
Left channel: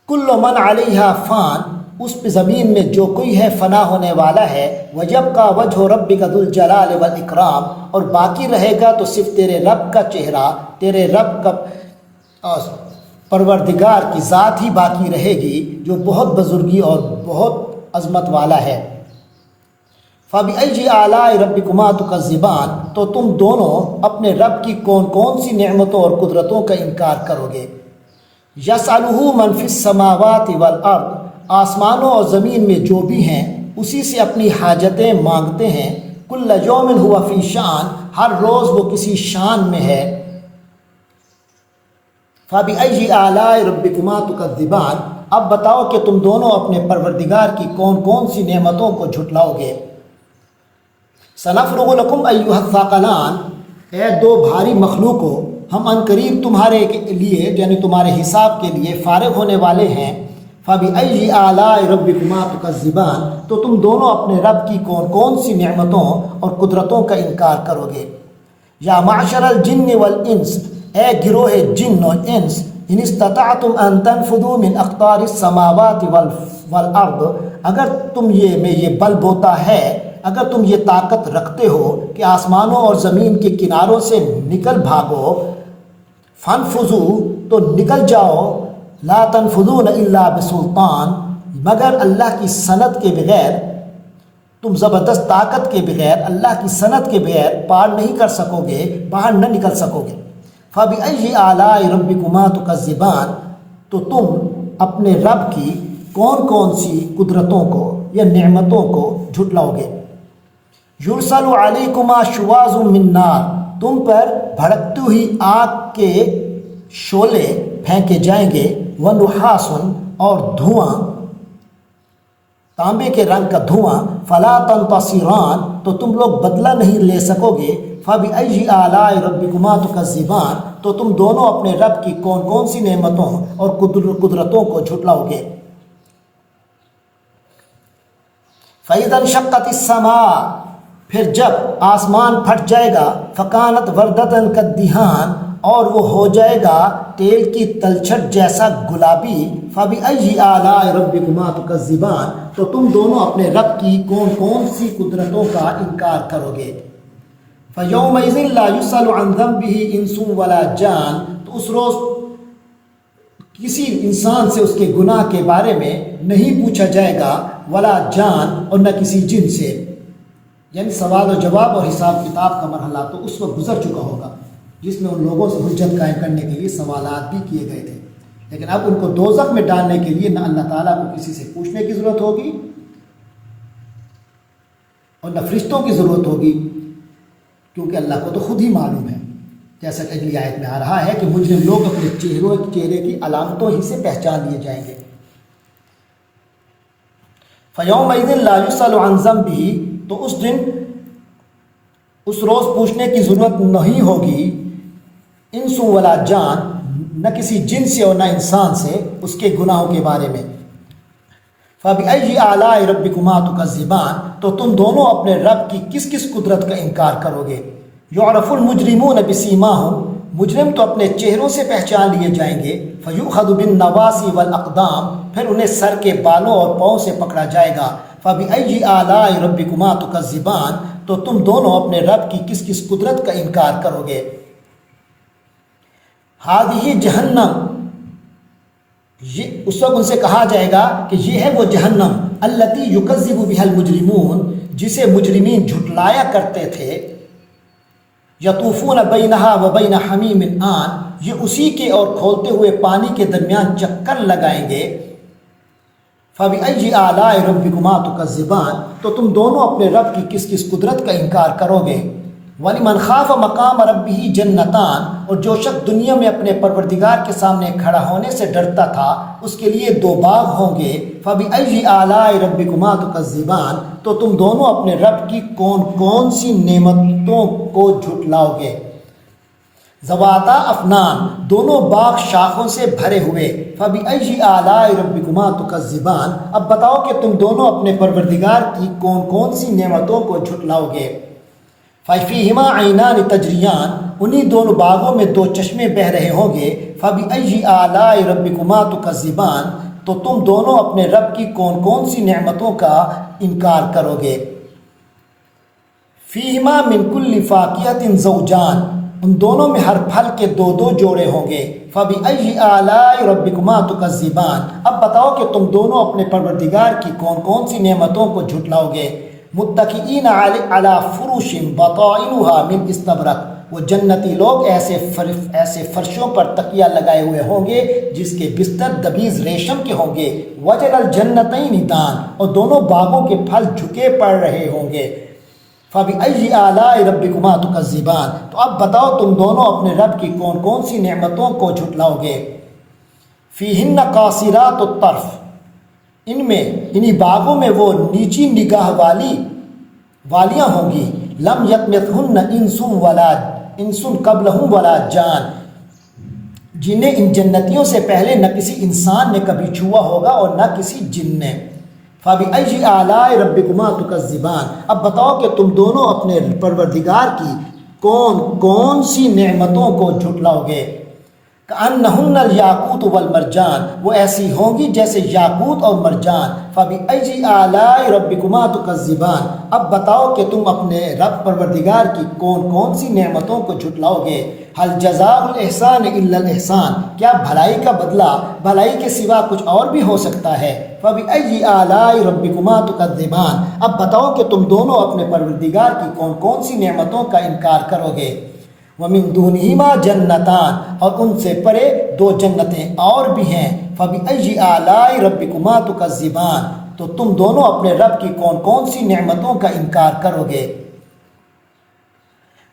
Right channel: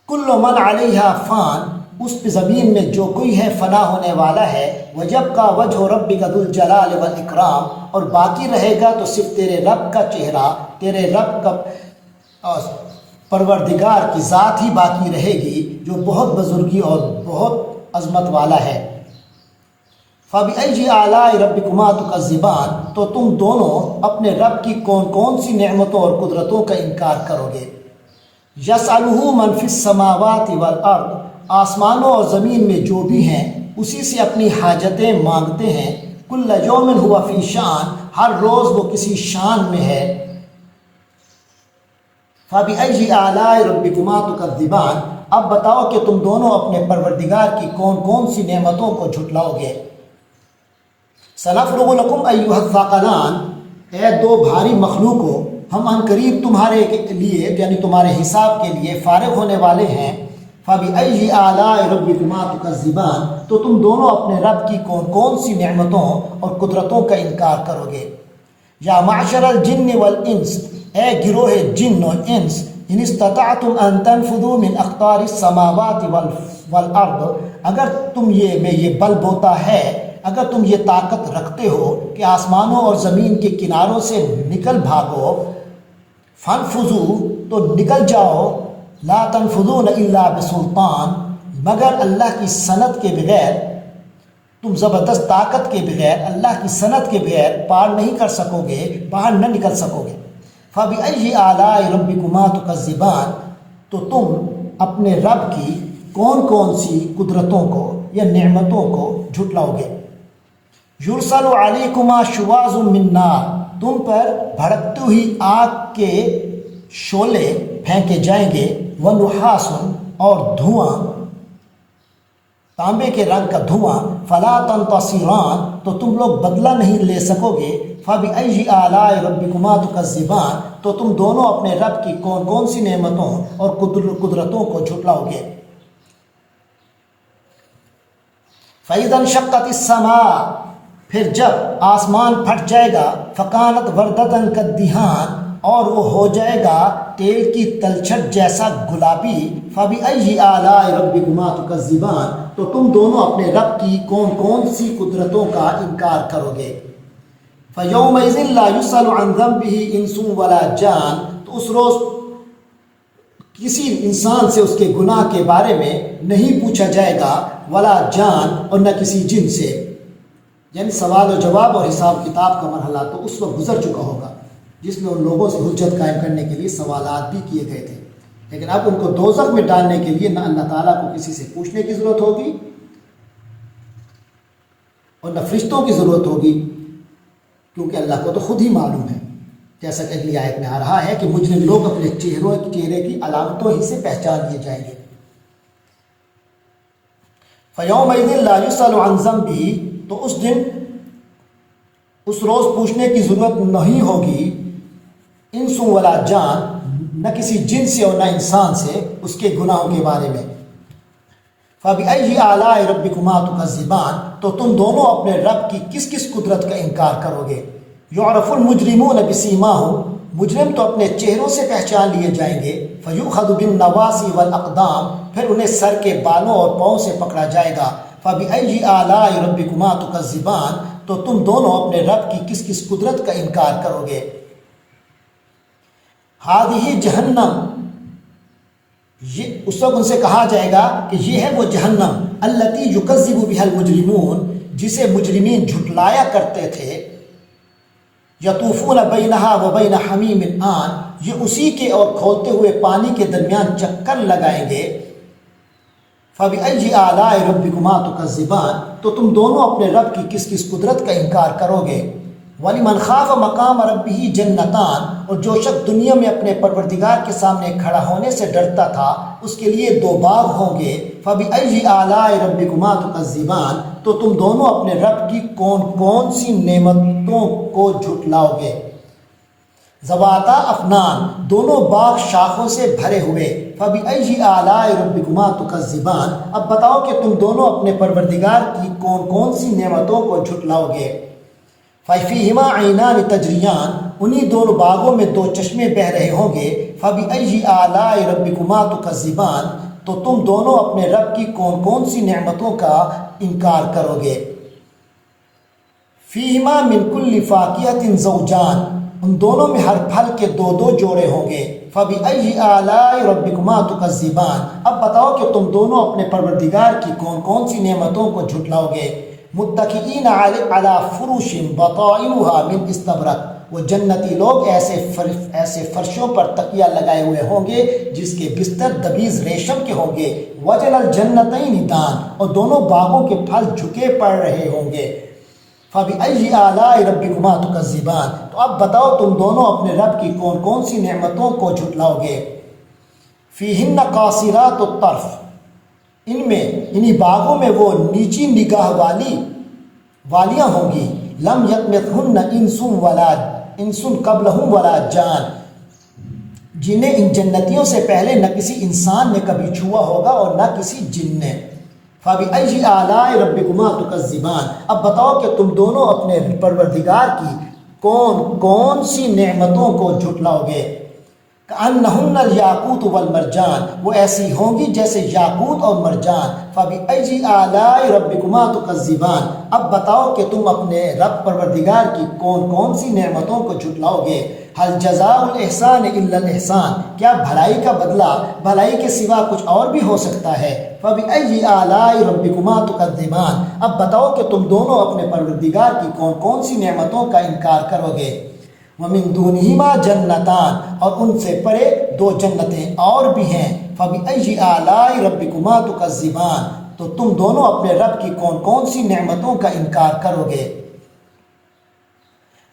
كُلُّ مَنْ عَلَيْهَا فَانٍ، اس پہ زمین میں جو کوئی ہے فنا ہونے والا ہے۔ وَيَبْقَى وَجْهُ رَبِّكَ ذُو الْجَلَالِ وَالْإِكْرَامِ، اور باقی رہے گا تو صرف تیرے رب کا چہرہ، تیرے رب کا پروردگار کی ذات ہی باقی رہے گی جو بہت بزرگی اور بہت عظمت والا ہے۔ فَبِأَيِّ آلَاءِ رَبِّكُمَا تُكَذِّبَانِ، تو تم دونوں اپنے رب کی کون کون سی نعمتوں اور قدرتوں کا انکار کرو گے۔ یسألہ من فی السماوات والارض، آسمانوں اور زمین میں جو بھی ہیں اسی سے اپنی حاجتیں مانگتے ہیں۔ کل یوم ہوا فی شان، ہر روز وہ کسی شان میں ہے۔ فَبِأَيِّ آلَاءِ رَبِّكُمَا تُكَذِّبَانِ، اب بتاؤ کہ تم دونوں اپنے پروردگار کی کون کون سی نعمتوں کو جھٹلاؤ گے۔ سَنَفْرُغُ لَكُمْ أَيُّهَا الثَّقَلَانِ، اے دو بھاری مخلوقوں، ہم عنقریب تمہارے لیے یعنی تمہارے حساب کے لیے فارغ ہونے والے ہیں۔ فَبِأَيِّ آلَاءِ رَبِّكُمَا تُكَذِّبَانِ، تو تم دونوں اپنے رب کی کون کون سی نعمتوں اور قدرتوں کا انکار کرو گے۔ یا معشر الجن والانس، اے گروہ جن و انس، ان استطعتم ان تنفذوا من اقطار السماوات والارض، اگر تم یہ بل بوتا ہے، اگر تم یہ طاقت رکھتے ہو کہ آسمانوں اور زمین کے کناروں سے نکل بھاگو، فانفذوا، تو نکل جاؤ، لا تنفذون الا بسلطان، مگر اللہ کی سند کے بغیر، تم زبردست طاقت کے بغیر، اللہ کی سند کے بغیر پار نہیں کر سکو گے، باہر نہ نکل سکو گے۔ فَبِأَيِّ آلَاءِ رَبِّكُمَا تُكَذِّبَانِ، تو تم اپنے رب کی کون کون سی قدرتوں کو یا نعمتوں کو جھٹلاؤ گے۔ یرسل علیکما شواظ من نار، تم پر بھڑکتی ہوئی آگ کے شعلے پھینکے جائیں گے، ونحاس، اور دھواں، تانبے کے رنگ کا دھواں، فلا تنتصران، تو تم لوگ بدلہ نہیں لے سکو گے، فبأی آلاء ربکما تکذبان، تو تم دونوں اپنے رب کی کون کون سی نعمتوں اور قدرتوں کو جھٹلاؤ گے۔ فإذا انشقت السماء، پھر جب آسمان پھٹ جائے گا، فکانت وردۃ کالدہان، اور وہ ہو جائے گا تیل کی تلچھٹ جیسا گلابی، فبأی آلاء ربکما تکذبان، تو تم دونوں اپنے رب کی کون کون سی قدرتوں کا انکار کرو گے۔ فیومئذ لا یسأل عن ذنبہ انس ولا جان، تو اس روز کسی انسان سے اس کے گناہ کے بارے میں نہیں پوچھا جائے گا، ولا جان، اور نہ کسی جن سے، یعنی سوال و جواب اور حساب کتاب کا مرحلہ تو اس وقت گزر چکا ہوگا، جس میں ان لوگوں سے حجت قائم کرنے کے لیے سوالات بھی کیے گئے تھے، لیکن اب ان کو دوزخ میں ڈالنے کے لیے نہ اللہ تعالیٰ کو کسی سے پوچھنے کی ضرورت ہوگی اور نہ فرشتوں کی ضرورت ہوگی، کیونکہ اللہ کو تو خود ہی معلوم ہے، جیسا کہ اگلی آیت میں آ رہا ہے کہ مجرم لوگ اپنے چہرے کی علامتوں ہی سے پہچان لیے جائیں گے۔ فَيَوْمَئِذٍ لَا يُسْأَلُ عَنْ ذَنبِهِ، تو اس دن اس روز پوچھنے کی ضرورت نہیں ہوگی، انس ولا جان، نہ کسی جن سے اور نہ انسان سے، اس کے گناہوں کے بارے میں۔ فَبِأَيِّ آلَاءِ رَبِّكُمَا تُكَذِّبَانِ، تو تم دونوں اپنے رب کی کس کس قدرت کا انکار کرو گے۔ یعرف المجرمون بسیماہم، مجرم تو اپنے چہروں سے پہچان لیے جائیں گے، فیؤخذ بالنواصی والاقدام، پھر انہیں سر کے بالوں اور پاؤں سے پکڑا جائے گا۔ فَبِأَيِّ آلَاءِ رَبِّكُمَا تُكَذِّبَانِ، تو تم دونوں اپنے رب کی کس کس قدرت کا انکار کرو گے۔ ہذہ جہنم، یہ اس وقت ان سے کہا جائے گا کہ یہ ہے وہ جہنم، التی یکذب بها المجرمون، جسے مجرمین جھٹلایا کرتے تھے، یطوفون بینہا وبین حمیم آن، یہ اسی کے اور کھولتے ہوئے پانی کے درمیان چکر لگائیں گے۔ فَبِأَيِّ آلَاءِ رَبِّكُمَا تُكَذِّبَانِ، تو تم دونوں اپنے رب کی کس کس قدرت کا انکار کرو گے۔ وَلِمَنْ خَافَ مَقَامَ رَبِّهِ جَنَّتَانِ، اور جو شخص دنیا میں اپنے پروردگار کے سامنے کھڑا ہونے سے ڈرتا تھا، اس کے لیے دو باغ ہوں گے۔ فَبِأَيِّ آلَاءِ رَبِّكُمَا تُكَذِّبَانِ، تو تم دونوں اپنے رب کی کون کون سی نعمتوں کو جھٹلاؤ گے۔ ذواتا افنان، دونوں باغ شاخوں سے بھرے ہوئے۔ فَبِأَيِّ آلَاءِ رَبِّكُمَا تُكَذِّبَانِ، اب بتاؤ کہ تم دونوں اپنے پروردگار کی کون کون سی نعمتوں کو جھٹلاؤ گے۔ فَفِيهِمَا عَيْنَانِ تَجْرِيَانِ، انہی دونوں باغوں میں دو چشمے بہہ رہے ہوں گے۔ فَبِأَيِّ آلَاءِ رَبِّكُمَا تُكَذِّبَانِ، تو تم دونوں اپنے رب کی کون کون سی نعمتوں کا انکار کرو گے۔ فِيهِمَا مِن كُلِّ فَاكِهَةٍ زَوْجَانِ، ان دونوں میں ہر پھل کے دو دو جوڑے ہوں گے۔ فَبِأَيِّ آلَاءِ رَبِّكُمَا تُكَذِّبَانِ، اب بتاؤ کہ تم دونوں اپنے پروردگار کی کون کون سی نعمتوں کو جھٹلاؤ گے۔ متکئین علی فروش بطائنها من استبرق، وہ جنتی لوگ ایسے فرشوں پر تکیہ لگائے ہوئے ہوں گے جس کے بستر دبیز ریشم کے ہوں گے۔ وجن الجنتین دان، اور دونوں باغوں کے پھل جھکے پڑ رہے ہوں گے۔ فَبِأَيِّ آلَاءِ رَبِّكُمَا تُكَذِّبَانِ، تو اب بتاؤ تم دونوں اپنے رب کی کون کون سی نعمتوں کو جھٹلاؤ گے۔ فِيهِنَّ قَاصِرَاتُ الطَّرْفِ، ان میں انہی باغوں میں وہ نیچی نگاہ والیاں ہوں گی۔ لم یطمثہن انس قبلہم ولا جان، جنہیں ان جنتیوں سے پہلے نہ کسی انسان نے کبھی چھوا ہوگا اور نہ کسی جن نے۔ فَبِأَيِّ آلَاءِ رَبِّكُمَا تُكَذِّبَانِ، اب بتاؤ کہ تم دونوں اپنے پروردگار کی کون کون سی نعمتوں کو جھٹلاؤ گے۔ کأنہن الیاقوت والمرجان، وہ ایسی ہوں گی جیسے یاقوت اور مرجان۔ فَبِأَيِّ آلَاءِ رَبِّكُمَا تُكَذِّبَانِ، اب بتاؤ کہ تم اپنے رب پروردگار کی کون کون سی نعمتوں کو جھٹلاؤ گے۔ هل جزاء الاحسان الا الاحسان، کیا بھلائی کا بدلہ بھلائی کے سوا کچھ اور بھی ہو سکتا ہے۔ فَبِأَيِّ آلَاءِ رَبِّكُمَا تُكَذِّبَانِ، اب بتاؤ کہ تم دونوں اپنے پروردگار کی کون کون سی نعمتوں کا انکار کرو گے۔ وَمِن دُونِهِمَا جَنَّتَانِ، اور ان سے پرے دو جنتیں اور بھی ہیں۔ فَبِأَيِّ آلَاءِ رَبِّكُمَا تُكَذِّبَانِ، تو تم دونوں اپنے رب کی کون کون سی نعمتوں کا انکار کرو گے۔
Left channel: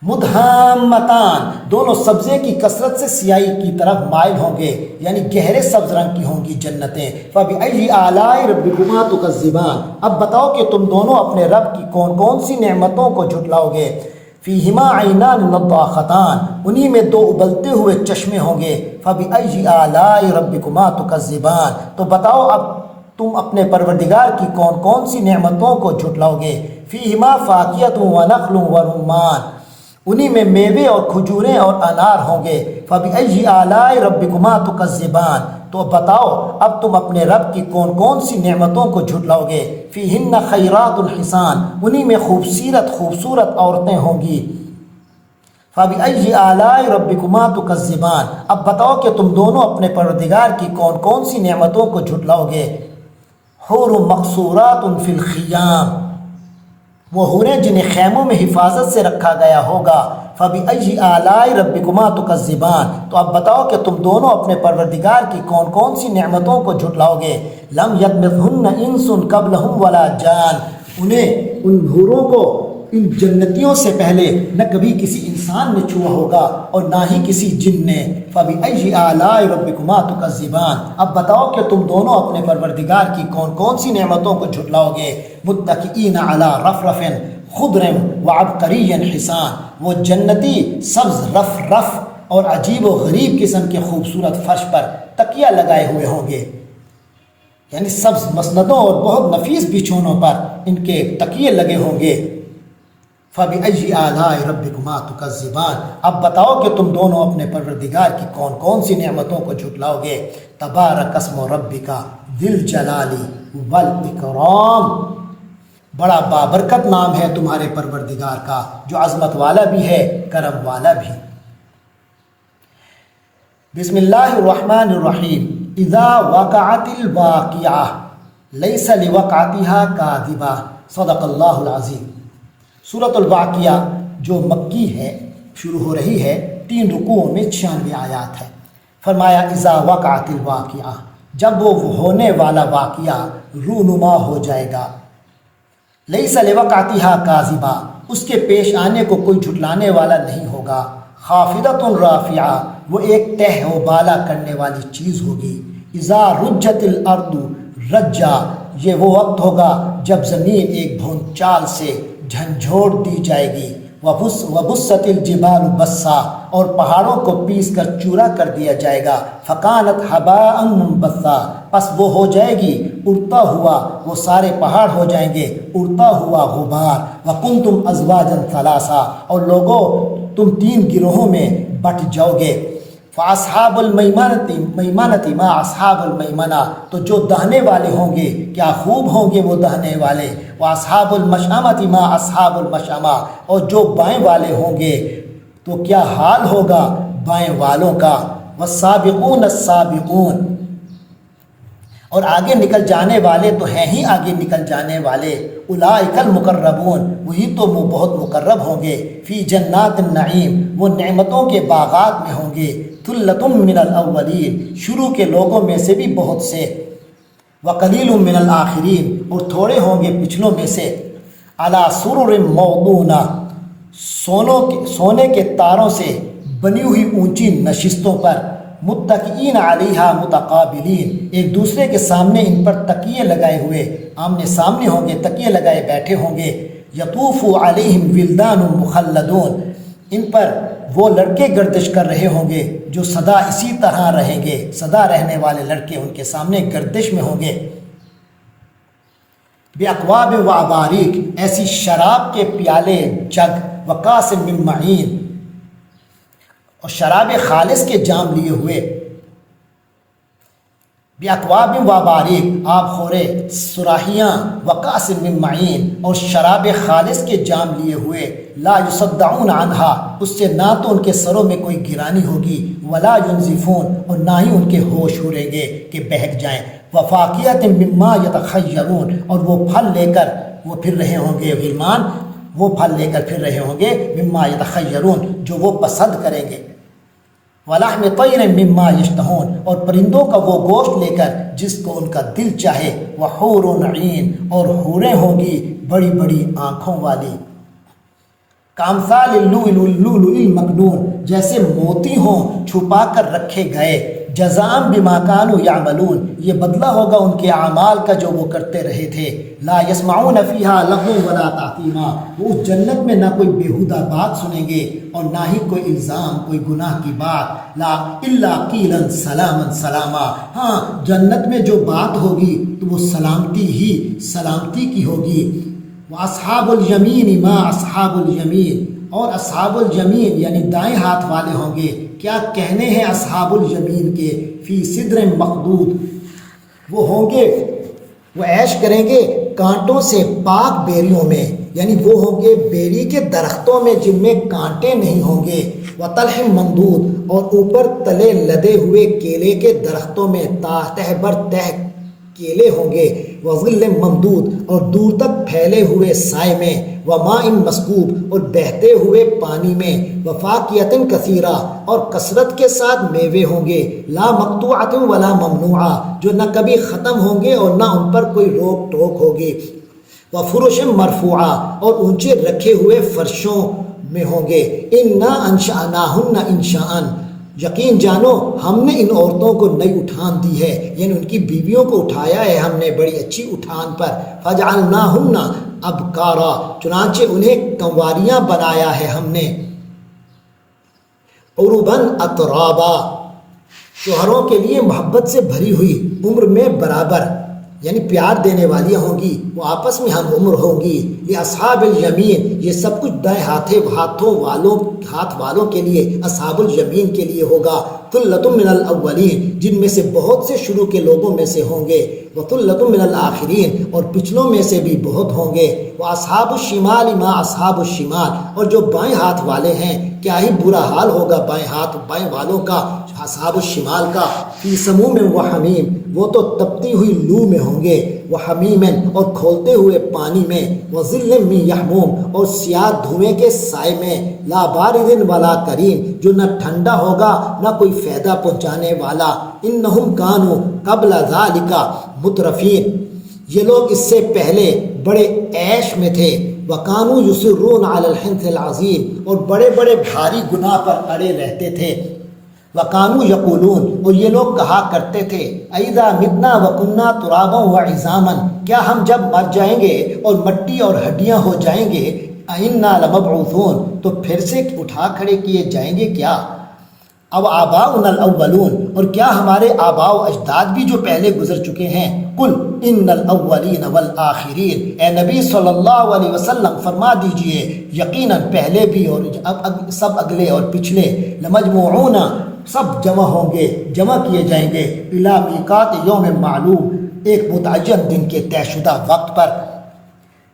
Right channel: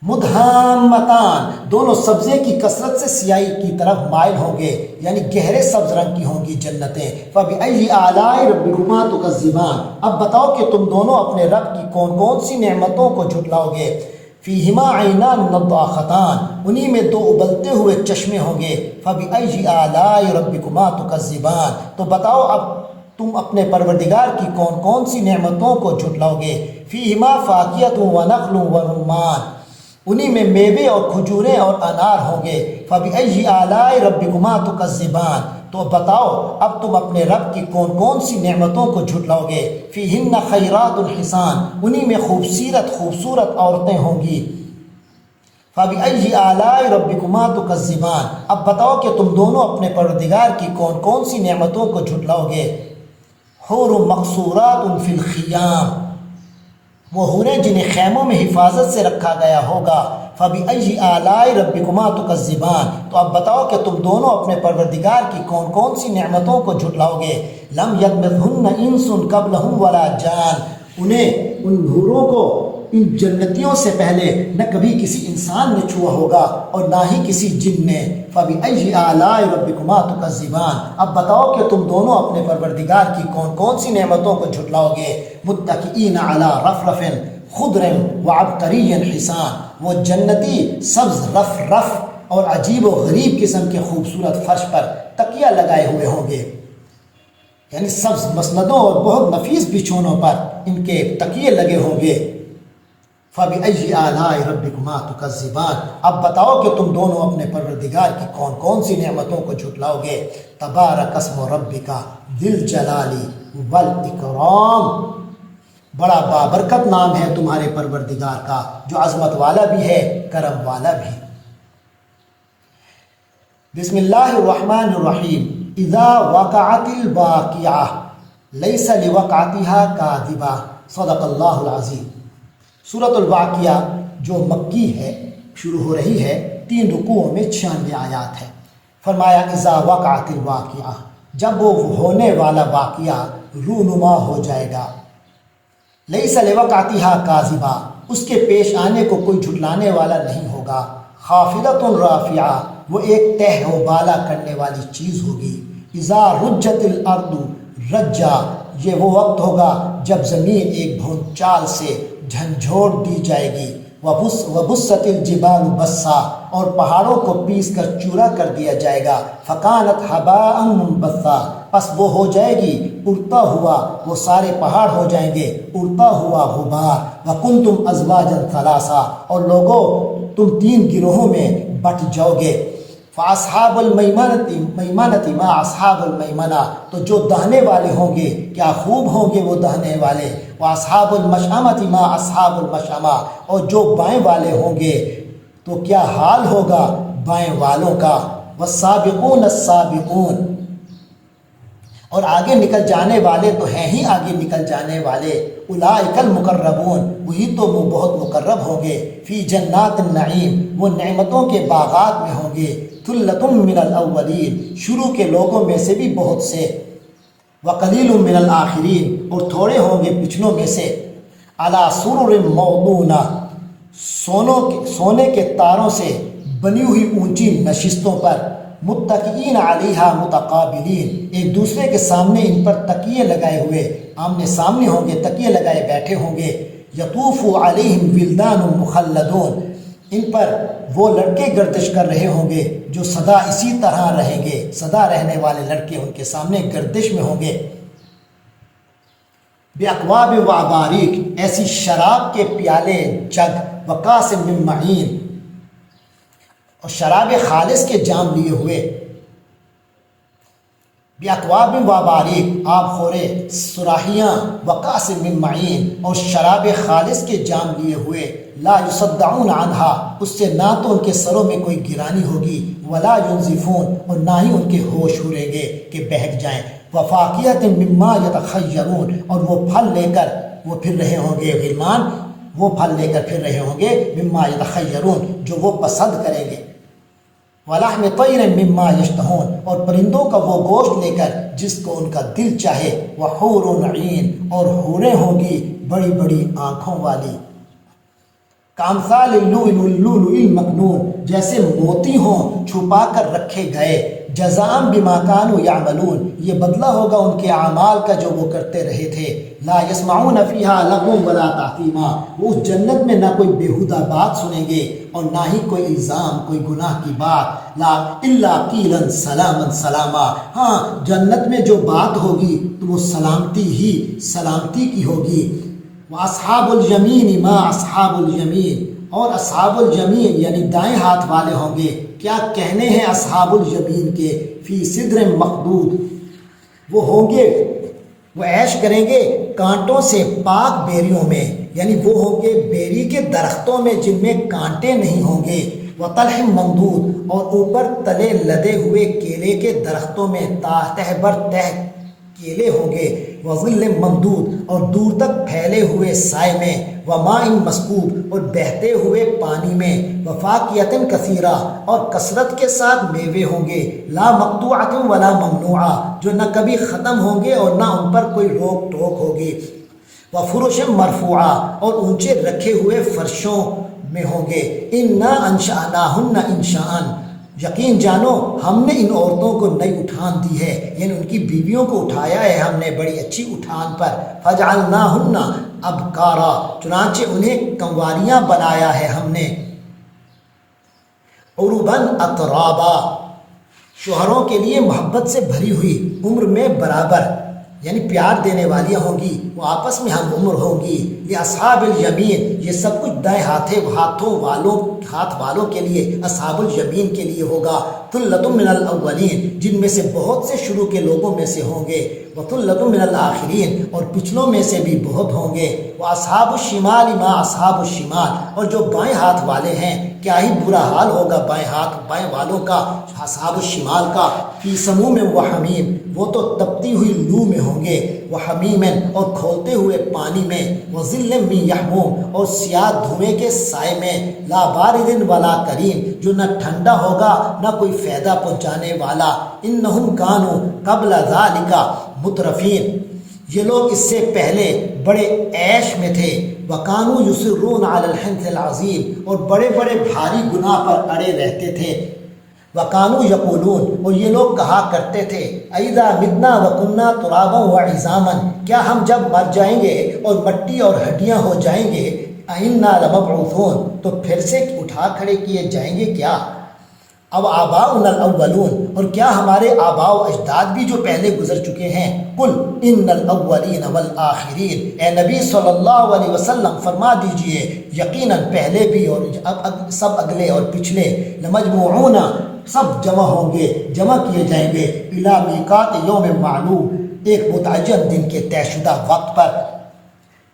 مدہامتان دونوں سبزے کی کثرت سے سیاہی کی طرف مائل ہوں گے، یعنی گہرے سبز رنگ کی ہوں گی جنتیں۔ فَبِأَيِّ آلَاءِ رَبِّكُمَا تُكَذِّبَانِ اب بتاؤ کہ تم دونوں اپنے رب کی کون کون سی نعمتوں کو جھٹلاؤ گے۔ فِيهِمَا عَيْنَانِ نَضَّاخَتَانِ انہی میں دو ابلتے ہوئے چشمے ہوں گے۔ فَبِأَيِّ آلَاءِ رَبِّكُمَا تُكَذِّبَانِ تو بتاؤ اب تم اپنے پروردگار کی کون کون سی نعمتوں کو جھٹلاؤ گے۔ فِيهِمَا فَاكِهَةٌ وَنَخْلٌ وَرُمَّانٌ انہی میں میوے اور کھجوریں اور انار ہوں گے۔ فَبِأَيِّ آلَاءِ رَبِّكُمَا تُكَذِّبَانِ تو بتاؤ اب تم اپنے رب کی کون کون سی نعمتوں کو جھٹلاؤ گے۔ فِيهِنَّ خَيْرَاتٌ حِسَانٌ انہی میں خوبصورت عورتیں ہوں گی۔ فَبِأَيِّ آلَاءِ رَبِّكُمَا تُكَذِّبَانِ اب بتاؤ کہ تم دونوں اپنے پروردگار کی کون کون سی نعمتوں کو جھٹلاؤ گے۔ حور مقصورات فی الخیام وہ حوریں جنہیں خیموں میں حفاظت سے رکھا گیا ہوگا۔ فَبِأَيِّ آلَاءِ رَبِّكُمَا تُكَذِّبَانِ تو اب بتاؤ کہ تم دونوں اپنے پروردگار کی کون کون سی نعمتوں کو جھٹلاؤ گے۔ لَمْ يَطْمِثْهُنَّ إِنسٌ قَبْلَهُمْ وَلَا جَانٌ انہیں ان حوروں کو ان جنتیوں سے پہلے نہ کبھی کسی انسان نے چھوا ہوگا اور نہ ہی کسی جن نے۔ فَبِأَيِّ آلَاءِ رَبِّكُمَا تُكَذِّبَانِ اب بتاؤ کہ تم دونوں اپنے پروردگار کی کون کون سی نعمتوں کو جھٹلاؤ گے۔ مُتَّكِئِينَ عَلَىٰ رَفْرَفٍ خُضْرٍ وَعَبْقَرِيٍّ حِسَانٍ وہ جنتی سبز رف اور عجیب و غریب قسم کے خوبصورت فرش پر تکیہ لگائے ہوئے ہوں گے، یعنی سبز مسندوں اور بہت نفیس بچھونوں پر ان کے تکیے لگے ہوں گے۔ فَبِأَيِّ آلَاءِ رَبِّكُمَا تُكَذِّبَانِ اب بتاؤ کہ تم دونوں اپنے پروردگار کی کون کون سی نعمتوں کو جھٹلاؤ گے۔ تبارک اسم ربک ذی الجلال والاکرام بڑا بابرکت نام ہے تمہارے پروردگار کا جو عظمت والا بھی ہے کرم والا بھی۔ بسم اللہ الرحمن الرحیم۔ اذا وقعت الواقعہ لیس لوقعتها کاذبہ صدق اللہ العظیم۔ سورۃ الواقعہ جو مکی ہے شروع ہو رہی ہے، 3 رکوعوں میں 96 آیات ہے۔ فرمایا اذا وقعت الواقعہ جب وہ ہونے والا واقعہ رونما ہو جائے گا۔ لیس لوقعتها کاذبہ اس کے پیش آنے کو کوئی جھٹلانے والا نہیں ہوگا۔ خافضۃ رافعہ وہ ایک تہ و بالا کرنے والی چیز ہوگی۔ اذا رجت الارض رجا یہ وہ وقت ہوگا جب زمین ایک بھونچال سے جھنجھوڑ دی جائے گی۔ وبست الجبال بسا اور پہاڑوں کو پیس کر چورا کر دیا جائے گا۔ فکانت ہباء منبثا پس وہ ہو جائے گی اڑتا ہوا، وہ سارے پہاڑ ہو جائیں گے اڑتا ہوا غبار۔ وکنتم ازواجا ثلاثا اور لوگوں تم 3 گروہوں میں بٹ جاؤ گے۔ فاصحاب المیمنۃ ما اصحاب المیمنہ تو جو دہنے والے ہوں گے کیا خوب ہوں گے وہ دہنے والے۔ واصحاب المشأمۃ ما اصحاب المشأمہ اور جو بائیں والے ہوں گے تو کیا حال ہوگا بائیں والوں کا۔ والسابقون السابقون اور آگے نکل جانے والے تو ہیں ہی آگے نکل جانے والے۔ اولئک المقربون وہی تو وہ بہت مقرب ہوں گے۔ فی جنات النعیم وہ نعمتوں کے باغات میں ہوں گے۔ ثلۃ من الاولین شروع کے لوگوں میں سے بھی بہت سے۔ وقلیل من الآخرین اور تھوڑے ہوں گے پچھلوں میں سے۔ علی سرر موضونہ سونے کے تاروں سے بنی ہوئی اونچی نشستوں پر۔ متکئین علیہا متقابلین ایک دوسرے کے سامنے ان پر تکیے لگائے ہوئے آمنے سامنے ہوں گے، تکیے لگائے بیٹھے ہوں گے۔ یطوف علیہم ولدان مخلدون ان پر وہ لڑکے گردش کر رہے ہوں گے جو سدا اسی طرح رہیں گے، سدا رہنے والے لڑکے ان کے سامنے گردش میں ہوں گے۔ باکواب و اباریک ایسی شراب کے پیالے جگ، وکاس من معین اور شراب خالص کے جام لیے ہوئے۔ باکواب و اباریک آب خورے سراہیاں، وکاس من معین اور شراب خالص کے جام لیے ہوئے۔ لا یصدعون عنہا اس سے نہ تو ان کے سروں میں کوئی گرانی ہوگی، ولا ینزفون اور نہ ہی ان کے ہوش اڑیں گے کہ بہک جائیں۔ وفاکہۃ مما یتخیرون اور وہ پھل لے کر وہ پھر رہے ہوں گے، غلمان وہ پھل لے کر پھر رہے ہوں گے، مما یتخیرون جو وہ پسند کریں گے۔ وَلَحْمِ طَيْرٍ مِّمَّا يَشْتَهُونَ اور پرندوں کا وہ گوشت لے کر جس کو ان کا دل چاہے۔ وَحُورٌ عِین اور حوریں ہوں گی بڑی بڑی آنکھوں والی۔ کامثال اللؤلؤ المکنون، جیسے موتی ہوں چھپا کر رکھے گئے، جزاء بما كانوا يعملون، یہ بدلہ ہوگا ان کے اعمال کا جو وہ کرتے رہے تھے۔ لا يسمعون فيها لغوا ولا تأثیما، وہ اس جنت میں نہ کوئی بیہودہ بات سنیں گے اور نہ ہی کوئی الزام، کوئی گناہ کی بات۔ لا الا قیلا سلاما سلاما، ہاں جنت میں جو بات ہوگی تو وہ سلامتی ہی سلامتی کی ہوگی۔ وَأَصْحَابُ الْيَمِينِ مَا أَصْحَابُ الْيَمِينِ، اور اصحاب الیمین یعنی دائیں ہاتھ والے ہوں گے، کیا کہنے ہیں اصحاب الیمین کے، فی صدر مخدود، وہ ہوں گے، وہ عیش کریں گے کانٹوں سے پاک بیریوں میں، یعنی وہ ہوں گے بیری کے درختوں میں جن میں کانٹے نہیں ہوں گے، وطلح ممدود، اور اوپر تلے لدے ہوئے کیلے کے درختوں میں تہ بر تہ کیلے ہوں گے، وظل ممدود، اور دور تک پھیلے ہوئے سائے میں، وماء مسکوب، اور بہتے ہوئے پانی میں، وفاکہۃ کثیرہ، اور کثرت کے ساتھ میوے ہوں گے، لا مقطوعۃ ولا ممنوعہ، جو نہ کبھی ختم ہوں گے اور نہ ان پر کوئی روک ٹوک ہوگی، وفرش مرفوعہ، اور اونچے رکھے ہوئے فرشوں میں ہوں گے، انا انشأناہن انشاء، یقین جانو ہم نے ان عورتوں کو نئی اٹھان دی ہے، یعنی ان کی بیویوں کو اٹھایا ہے ہم نے بڑی اچھی اٹھان پر، فجعلناہن ابکارا، چنانچہ انہیں کنواریاں بنایا ہے ہم نے، عرباً اترابا، شوہروں کے لیے محبت سے بھری ہوئی، عمر میں برابر، یعنی پیار دینے والیاں ہوں گی، وہ آپس میں ہم عمر ہوں گی۔ یہ اصحاب الیمین، یہ سب کچھ دائیں ہاتھ والوں کے لیے، اصحاب الیمین کے لیے ہوگا۔ ثلۃ من الاولین، جن میں سے بہت سے شروع کے لوگوں میں سے ہوں گے، وثلۃ من الآخرین، اور پچھلوں میں سے بھی بہت ہوں گے، واصحاب الشمال ما اصحاب الشمال، اور جو بائیں ہاتھ والے ہیں کیا ہی برا حال ہوگا بائیں والوں کا، اصحاب الشمال کا، فی سموم و حمیم، وہ تو تپتی ہوئی لو میں ہوں گے، وحمیم، اور کھولتے ہوئے پانی میں، وظل من یحموم، اور سیاہ دھوئیں کے سائے میں، لا بارد ولا کریم، جو نہ ٹھنڈا ہوگا نہ کوئی فائدہ پہنچانے والا، انہم کانوا قبل ذالک مترفین، یہ لوگ اس سے پہلے بڑے عیش میں تھے، وکانوا یصرون علی الحنث العظیم، اور بڑے بڑے بھاری گناہ پر اڑے رہتے تھے، وَقَانُوا يَقُولُونَ، اور یہ لوگ کہا کرتے تھے، اَإِذَا مِتْنَا وَكُنَّا تُرَابًا وَعِظَامًا، کیا ہم جب مر جائیں گے اور مٹی اور ہڈیاں ہو جائیں گے، أَإِنَّا لَمَبْعُوثُونَ، تو پھر سے اٹھا کھڑے کیے جائیں گے کیا، اب آباؤنا الاولون، اور کیا ہمارے آباء و اجداد بھی جو پہلے گزر چکے ہیں، قل ان الاولین والآخرین، اے نبی صلی اللہ علیہ وسلم فرما دیجئے یقیناً پہلے بھی اور اب سب اگلے اور پچھلے، لمجموعون، سب جمع ہوں گے، جمع کیے جائیں گے، الی میقات یوم معلوم، ایک متعین دن کے طے شدہ وقت پر،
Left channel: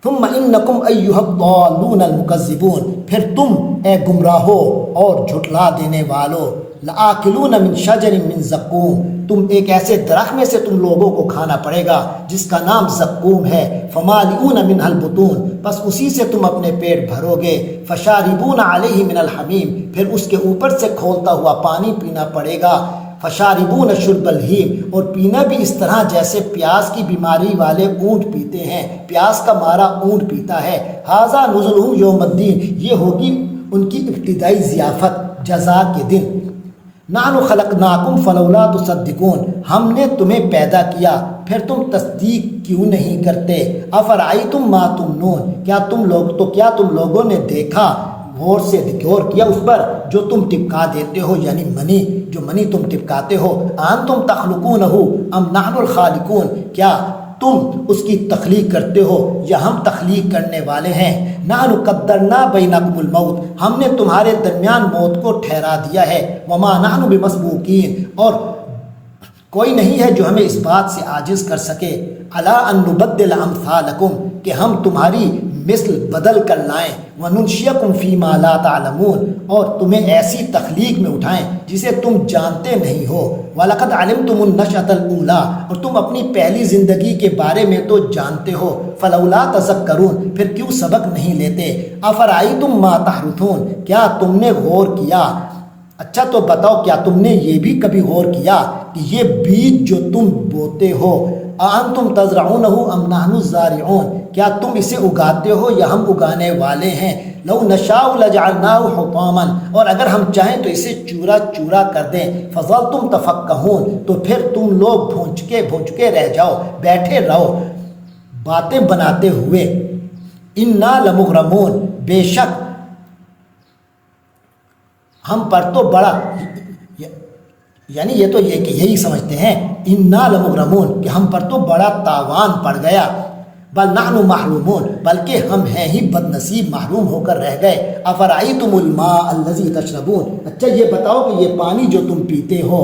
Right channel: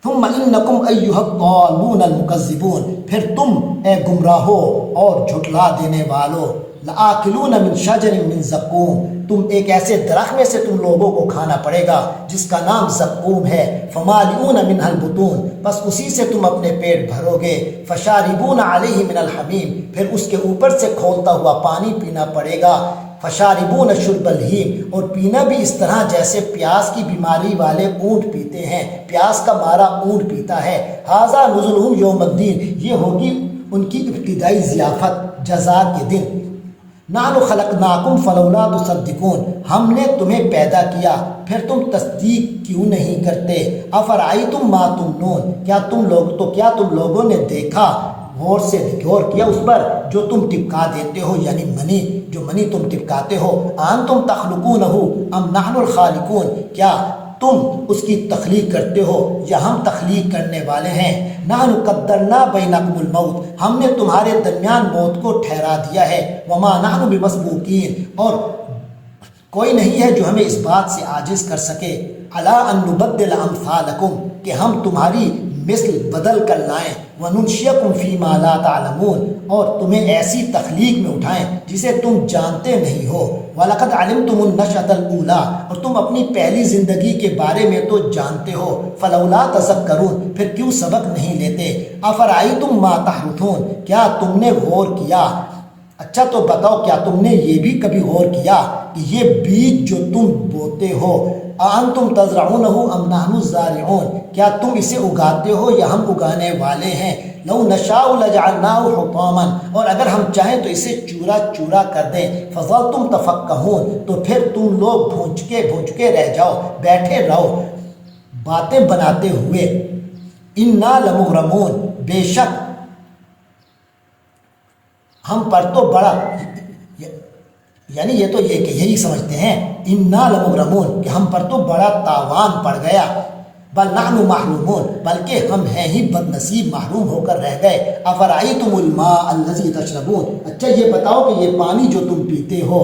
ثم انکم ایھا الضالون المکذبون، پھر تم اے گمراہو اور جھٹلا دینے والو، لآکلون من شجر من زقوم، تم ایک ایسے درخت میں سے تم لوگوں کو کھانا پڑے گا جس کا نام زقوم ہے، فمالئون منها البطون، بس اسی سے تم اپنے پیٹ بھرو گے، فشاربون علیہ من الحمیم، پھر اس کے اوپر سے کھولتا ہوا پانی پینا پڑے گا، فشاربون شرب الہیم، اور پینا بھی اس طرح جیسے پیاس کی بیماری والے اونٹ پیتے ہیں، پیاس کا مارا اونٹ پیتا ہے، ھذا نزلہم یوم الدین، یہ ہوگی ان کی ابتدائی ضیافت جزا کے دن، نحن خلقناکم فلولا تصدقون، ہم نے تمہیں پیدا کیا پھر تم تصدیق کیوں نہیں کرتے، افرأیتم ما تمنون، کیا تم لوگوں نے دیکھا، غور کیا اس پر جو تم ٹپکا دیتے ہو، یعنی منی تم ٹپکاتے ہو، انتم تخلقونہ ام نحن الخالقون، کیا تم اس کی تخلیق کرتے ہو یا ہم تخلیق کرنے والے ہیں، نحن قدرنا بینکم الموت، ہم نے تمہارے درمیان موت کو ٹھہرا دیا ہے، وما نحن بمسبوقین، اور کوئی نہیں ہے جو ہمیں اس بات سے عاجز کر سکے، الا ان نبدل امثالکم، کہ ہم تمہاری مثل بدل کر لائیں، وننشئکم فیما لا تعلمون، اور تمہیں ایسی تخلیق میں اٹھائیں جسے تم جانتے نہیں ہو، وَلَقَدْ عَلِمْتُمُ النَّشْأَةَ الْأُولَىٰ، اور تم اپنی پہلی زندگی کے بارے میں تو جانتے ہو، فَلَوْلَا تَذَكَّرُونَ، پھر کیوں سبق نہیں لیتے، أَفَرَأَيْتُم مَّا تَحْرُثُونَ، کیا تم نے غور کیا، اچھا تو بتاؤ کیا تم نے یہ بھی کبھی غور کیا کہ یہ بیج جو تم بوتے ہو، اَأَنْتُمْ تَزْرَعُونَهُ أَمْ نَحْنُ الزَّارِعُونَ، کیا تم اسے اگاتے ہو یا ہم اگانے والے ہیں؟ لَوْ نَشَاءُ لَجَعَلْنَاهُ حُطَامًا، اور اگر ہم چاہیں تو اسے چورا چورا کر دیں، فَظَلْتُمْ تَفَكَّهُونَ، تو پھر تم لوگ بھونچ کے رہ جاؤ، بیٹھے رہو باتیں بناتے ہوئے۔ اِنَّا لَمُغْرَمُونَ، بے شک ہم پر تو بڑا، یعنی یہ تو یہ کہ یہی سمجھتے ہیں اِنَّا لَمُغْرَمُونَ کہ ہم پر تو بڑا تاوان پڑ گیا، بل نحن محرومون، بلکہ ہم ہیں ہی بد نصیب، محروم ہو کر رہ گئے۔ افرأیتم الماء الذی تشربون، اچھا یہ بتاؤ کہ یہ پانی جو تم پیتے ہو،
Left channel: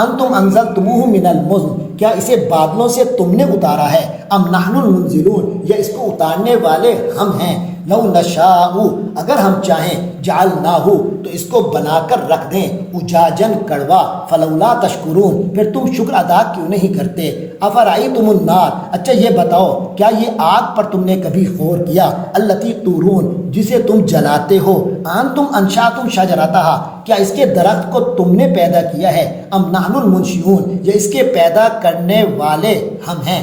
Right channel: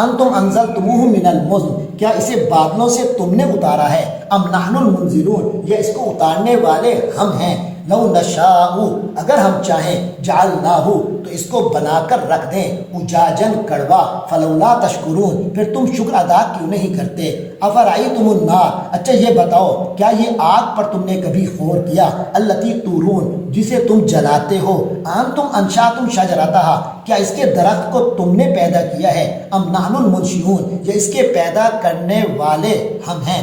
انتم انزلتموہ من المزن، کیا اسے بادلوں سے تم نے اتارا ہے؟ ام نحن المنزلون، یا اس کو اتارنے والے ہم ہیں؟ لو نشاء، اگر ہم چاہیں، جعلناہ، تو اس کو بنا کر رکھ دیں، اجاجن، کڑوا، فلولا تشکرون، پھر تم شکر ادا کیوں نہیں کرتے؟ افرأیتم النار، اچھا یہ بتاؤ کیا یہ آگ پر تم نے کبھی غور کیا؟ التی تورون، جسے تم جلاتے ہو، انتم انشأتم شجرتہا، کیا اس کے درخت کو تم نے پیدا کیا ہے؟ ام نحن المنشئون، یا اس کے پیدا کرنے والے ہم ہیں؟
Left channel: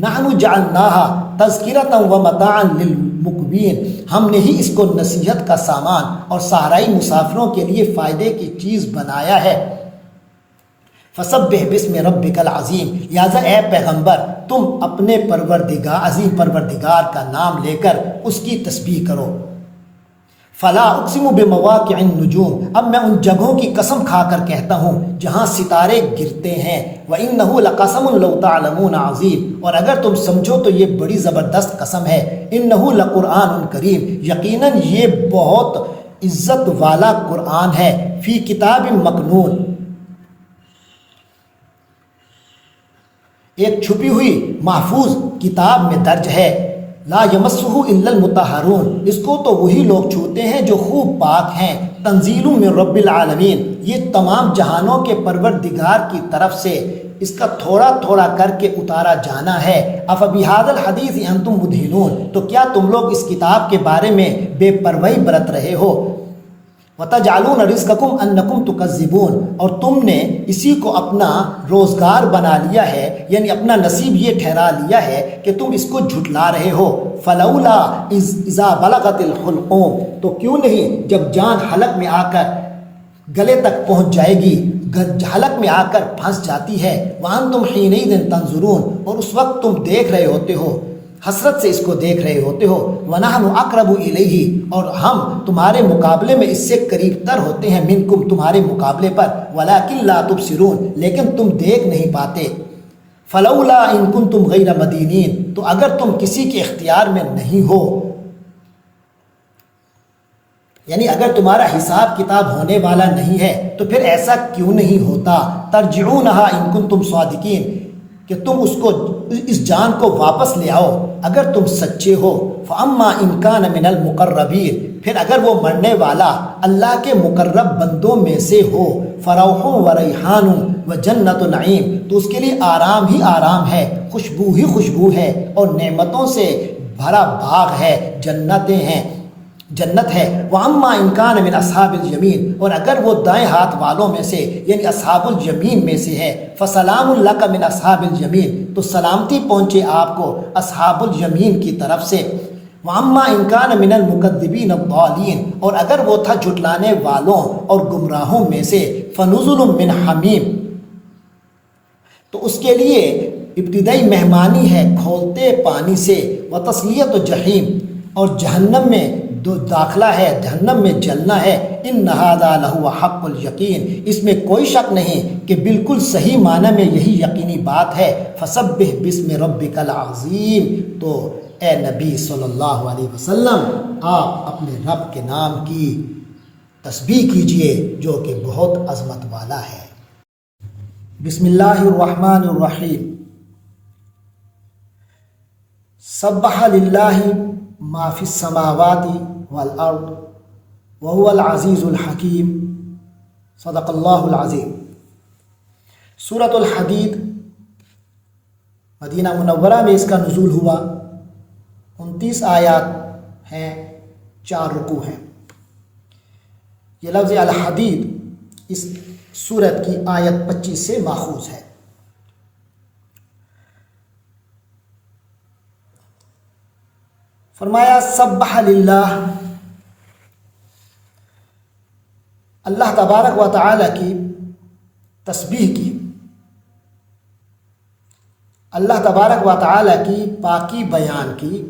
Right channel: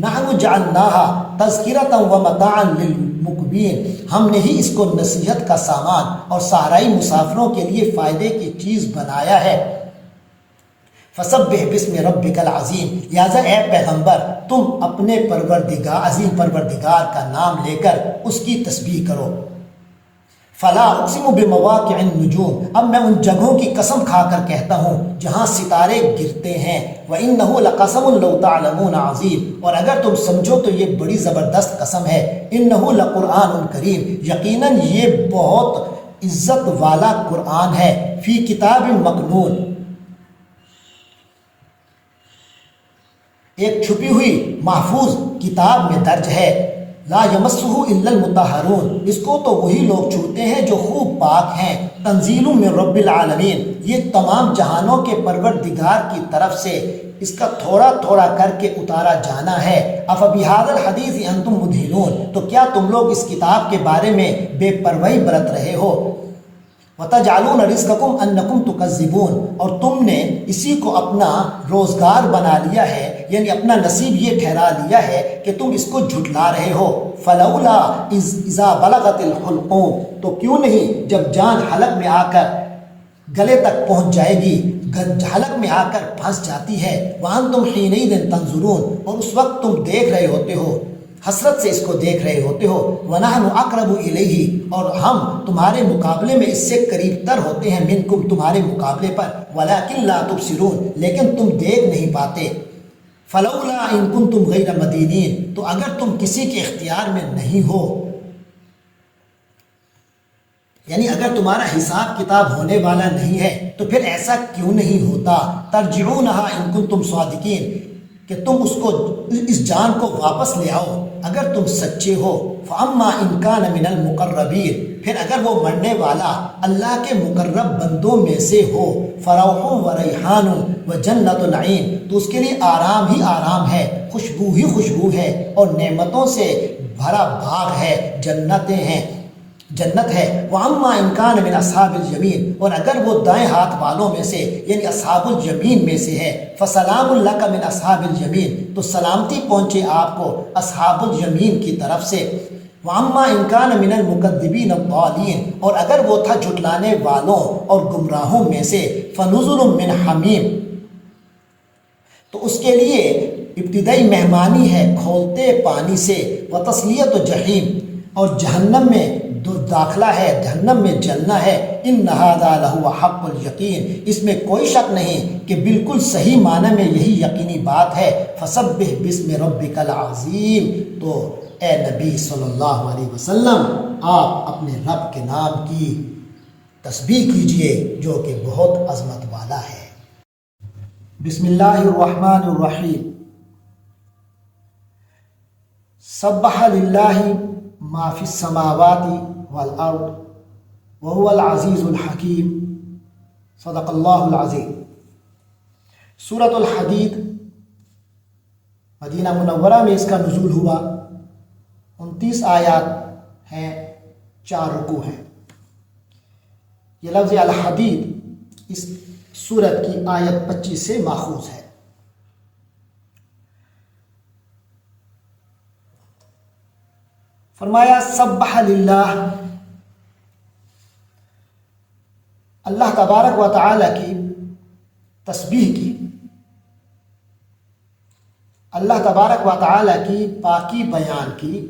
نحن جعلناہا تذکرۃ ومتاعا للمقوین، ہم نے ہی اس کو نصیحت کا سامان اور صحرائی مسافروں کے لیے فائدے کی چیز بنایا ہے۔ فسبح باسم ربک العظیم، لہٰذا اے پیغمبر تم اپنے پروردگار، عظیم پروردگار کا نام لے کر اس کی تسبیح کرو۔ فلا اقسم بمواقع النجوم، اب میں ان جگہوں کی قسم کھا کر کہتا ہوں جہاں ستارے گرتے ہیں۔ وَإِنَّهُ لَقَسَمٌ لَوْ تَعْلَمُونَ عَظِيمٌ، اور اگر تم سمجھو تو یہ بڑی زبردست قسم ہے۔ إِنَّهُ لَقُرْآنٌ کریم، یقیناً یہ بہت عزت والا قرآن ہے۔ فی کتاب مکنون، ایک چھپی ہوئی محفوظ کتاب میں درج ہے۔ لا یمسہ الا المطہرون، اس کو تو وہی لوگ چھوتے ہیں جو خوب پاک ہیں۔ تنزیل من رب العالمین، یہ تمام جہانوں کے پروردگار کی طرف سے اس کا تھوڑا تھوڑا کر کے اتارا جانا ہے۔ افبہذا الحدیث انتم مدہنون، تو کیا تم لوگ اس کتاب کے بارے میں بے پرواہی برت رہے ہو؟ وَتَجْعَلُونَ رِزْقَكُمْ أَنَّكُمْ تُكَذِّبُونَ، اور تم نے اسی کو اپنا روزگار بنا لیا ہے، یعنی اپنا نصیب یہ ٹھہرا لیا ہے کہ تم اس کو جھٹلا رہے ہو۔ فَلَوْلَا إِذَا بَلَغَتِ الْحُلْقُومَ، تو کیوں نہیں جب جان حلق میں آ کر گلے تک پہنچ جائے گی، حلق میں آ کر پھنس جاتی ہے۔ وَأَنْتُمْ حِينَئِذٍ تَنظُرُونَ، اور اس وقت تم دیکھ رہے ہوتے ہو، حسرت سے اس کو دیکھ رہے ہوتے ہو۔ وَنَحْنُ أَقْرَبُ إِلَيْهِ، اور ہم تمہارے مقابلے میں اس سے قریب تر ہوتے ہیں، مِنْكُمْ، تمہارے مقابلے پر، وَلَكِنْ لَا تُبْصِرُونَ، لیکن تم دیکھ نہیں پاتے۔ فَلَوْلَا إِن كُنْتُمْ غَيْرَ مَدِينِينَ، تو اگر تم کسی کے اختیار میں نہیں ہو، یعنی اگر تمہارا حساب کتاب ہونے والا نہیں ہے تو پھر ایسا کیوں نہیں ہوتا؟ ترجعونها ان کنتم صادقین، کہ تم اس جان کو واپس لے آؤ اگر تم سچے ہو۔ فاما ان کان من المقربین، پھر اگر وہ مرنے والا اللہ کے مقرب بندوں میں سے ہو، فروح و ریحان و جنت نعیم، تو اس کے لیے آرام ہی آرام ہے، خوشبو ہی خوشبو ہے، اور نعمتوں سے بھرا باغ ہے، جنتیں ہیں، جنت ہے۔ وَأَمَّا إِن كَانَ مِنْ أَصْحَابِ الْيَمِينِ، اور اگر وہ دائیں ہاتھ والوں میں سے یعنی اصحاب الیمین میں سے ہے، فَسَلَامٌ لَكَ مِنْ أَصْحَابِ الْيَمِينِ، تو سلامتی پہنچے آپ کو اصحاب الیمین کی طرف سے۔ وَأَمَّا إِن كَانَ مِنَ الْمُكَذِّبِينَ الضَّالِينَ، اور اگر وہ تھا جھٹلانے والوں اور گمراہوں میں سے، فَنُزُلٌ مِّنْ حَمِيمٍ، تو اس کے لیے ابتدائی مہمانی ہے کھولتے پانی سے، وَتَصْلِيَةُ جَحِيمٍ، اور جہنم میں داخلہ ہے، جہنم میں جلنا ہے۔ ان ھذا لہو حق الیقین، اس میں کوئی شک نہیں کہ بالکل صحیح معنی میں یہی یقینی بات ہے۔ فسبح باسم ربک العظیم، تو اے نبی صلی اللہ علیہ وسلم آپ اپنے رب کے نام کی تسبیح کیجئے جو کہ بہت عظمت والا ہے۔ بسم اللہ الرحمن الرحیم۔ سبح للہ ما فی السماوات والارض وهو العزیز الحکیم، صدق اللہ العظیم۔ سورۃ الحدید مدینہ منورہ میں اس کا نزول ہوا، 29 آیات ہیں، 4 رکوع ہیں۔ یہ لفظ الحدید اس سورت کی آیت 25 سے ماخوذ ہے۔ فرمایا سبح للہ، اللہ تبارک و تعالی کی تسبیح کی، اللہ تبارک و تعالی کی پاکی بیان کی،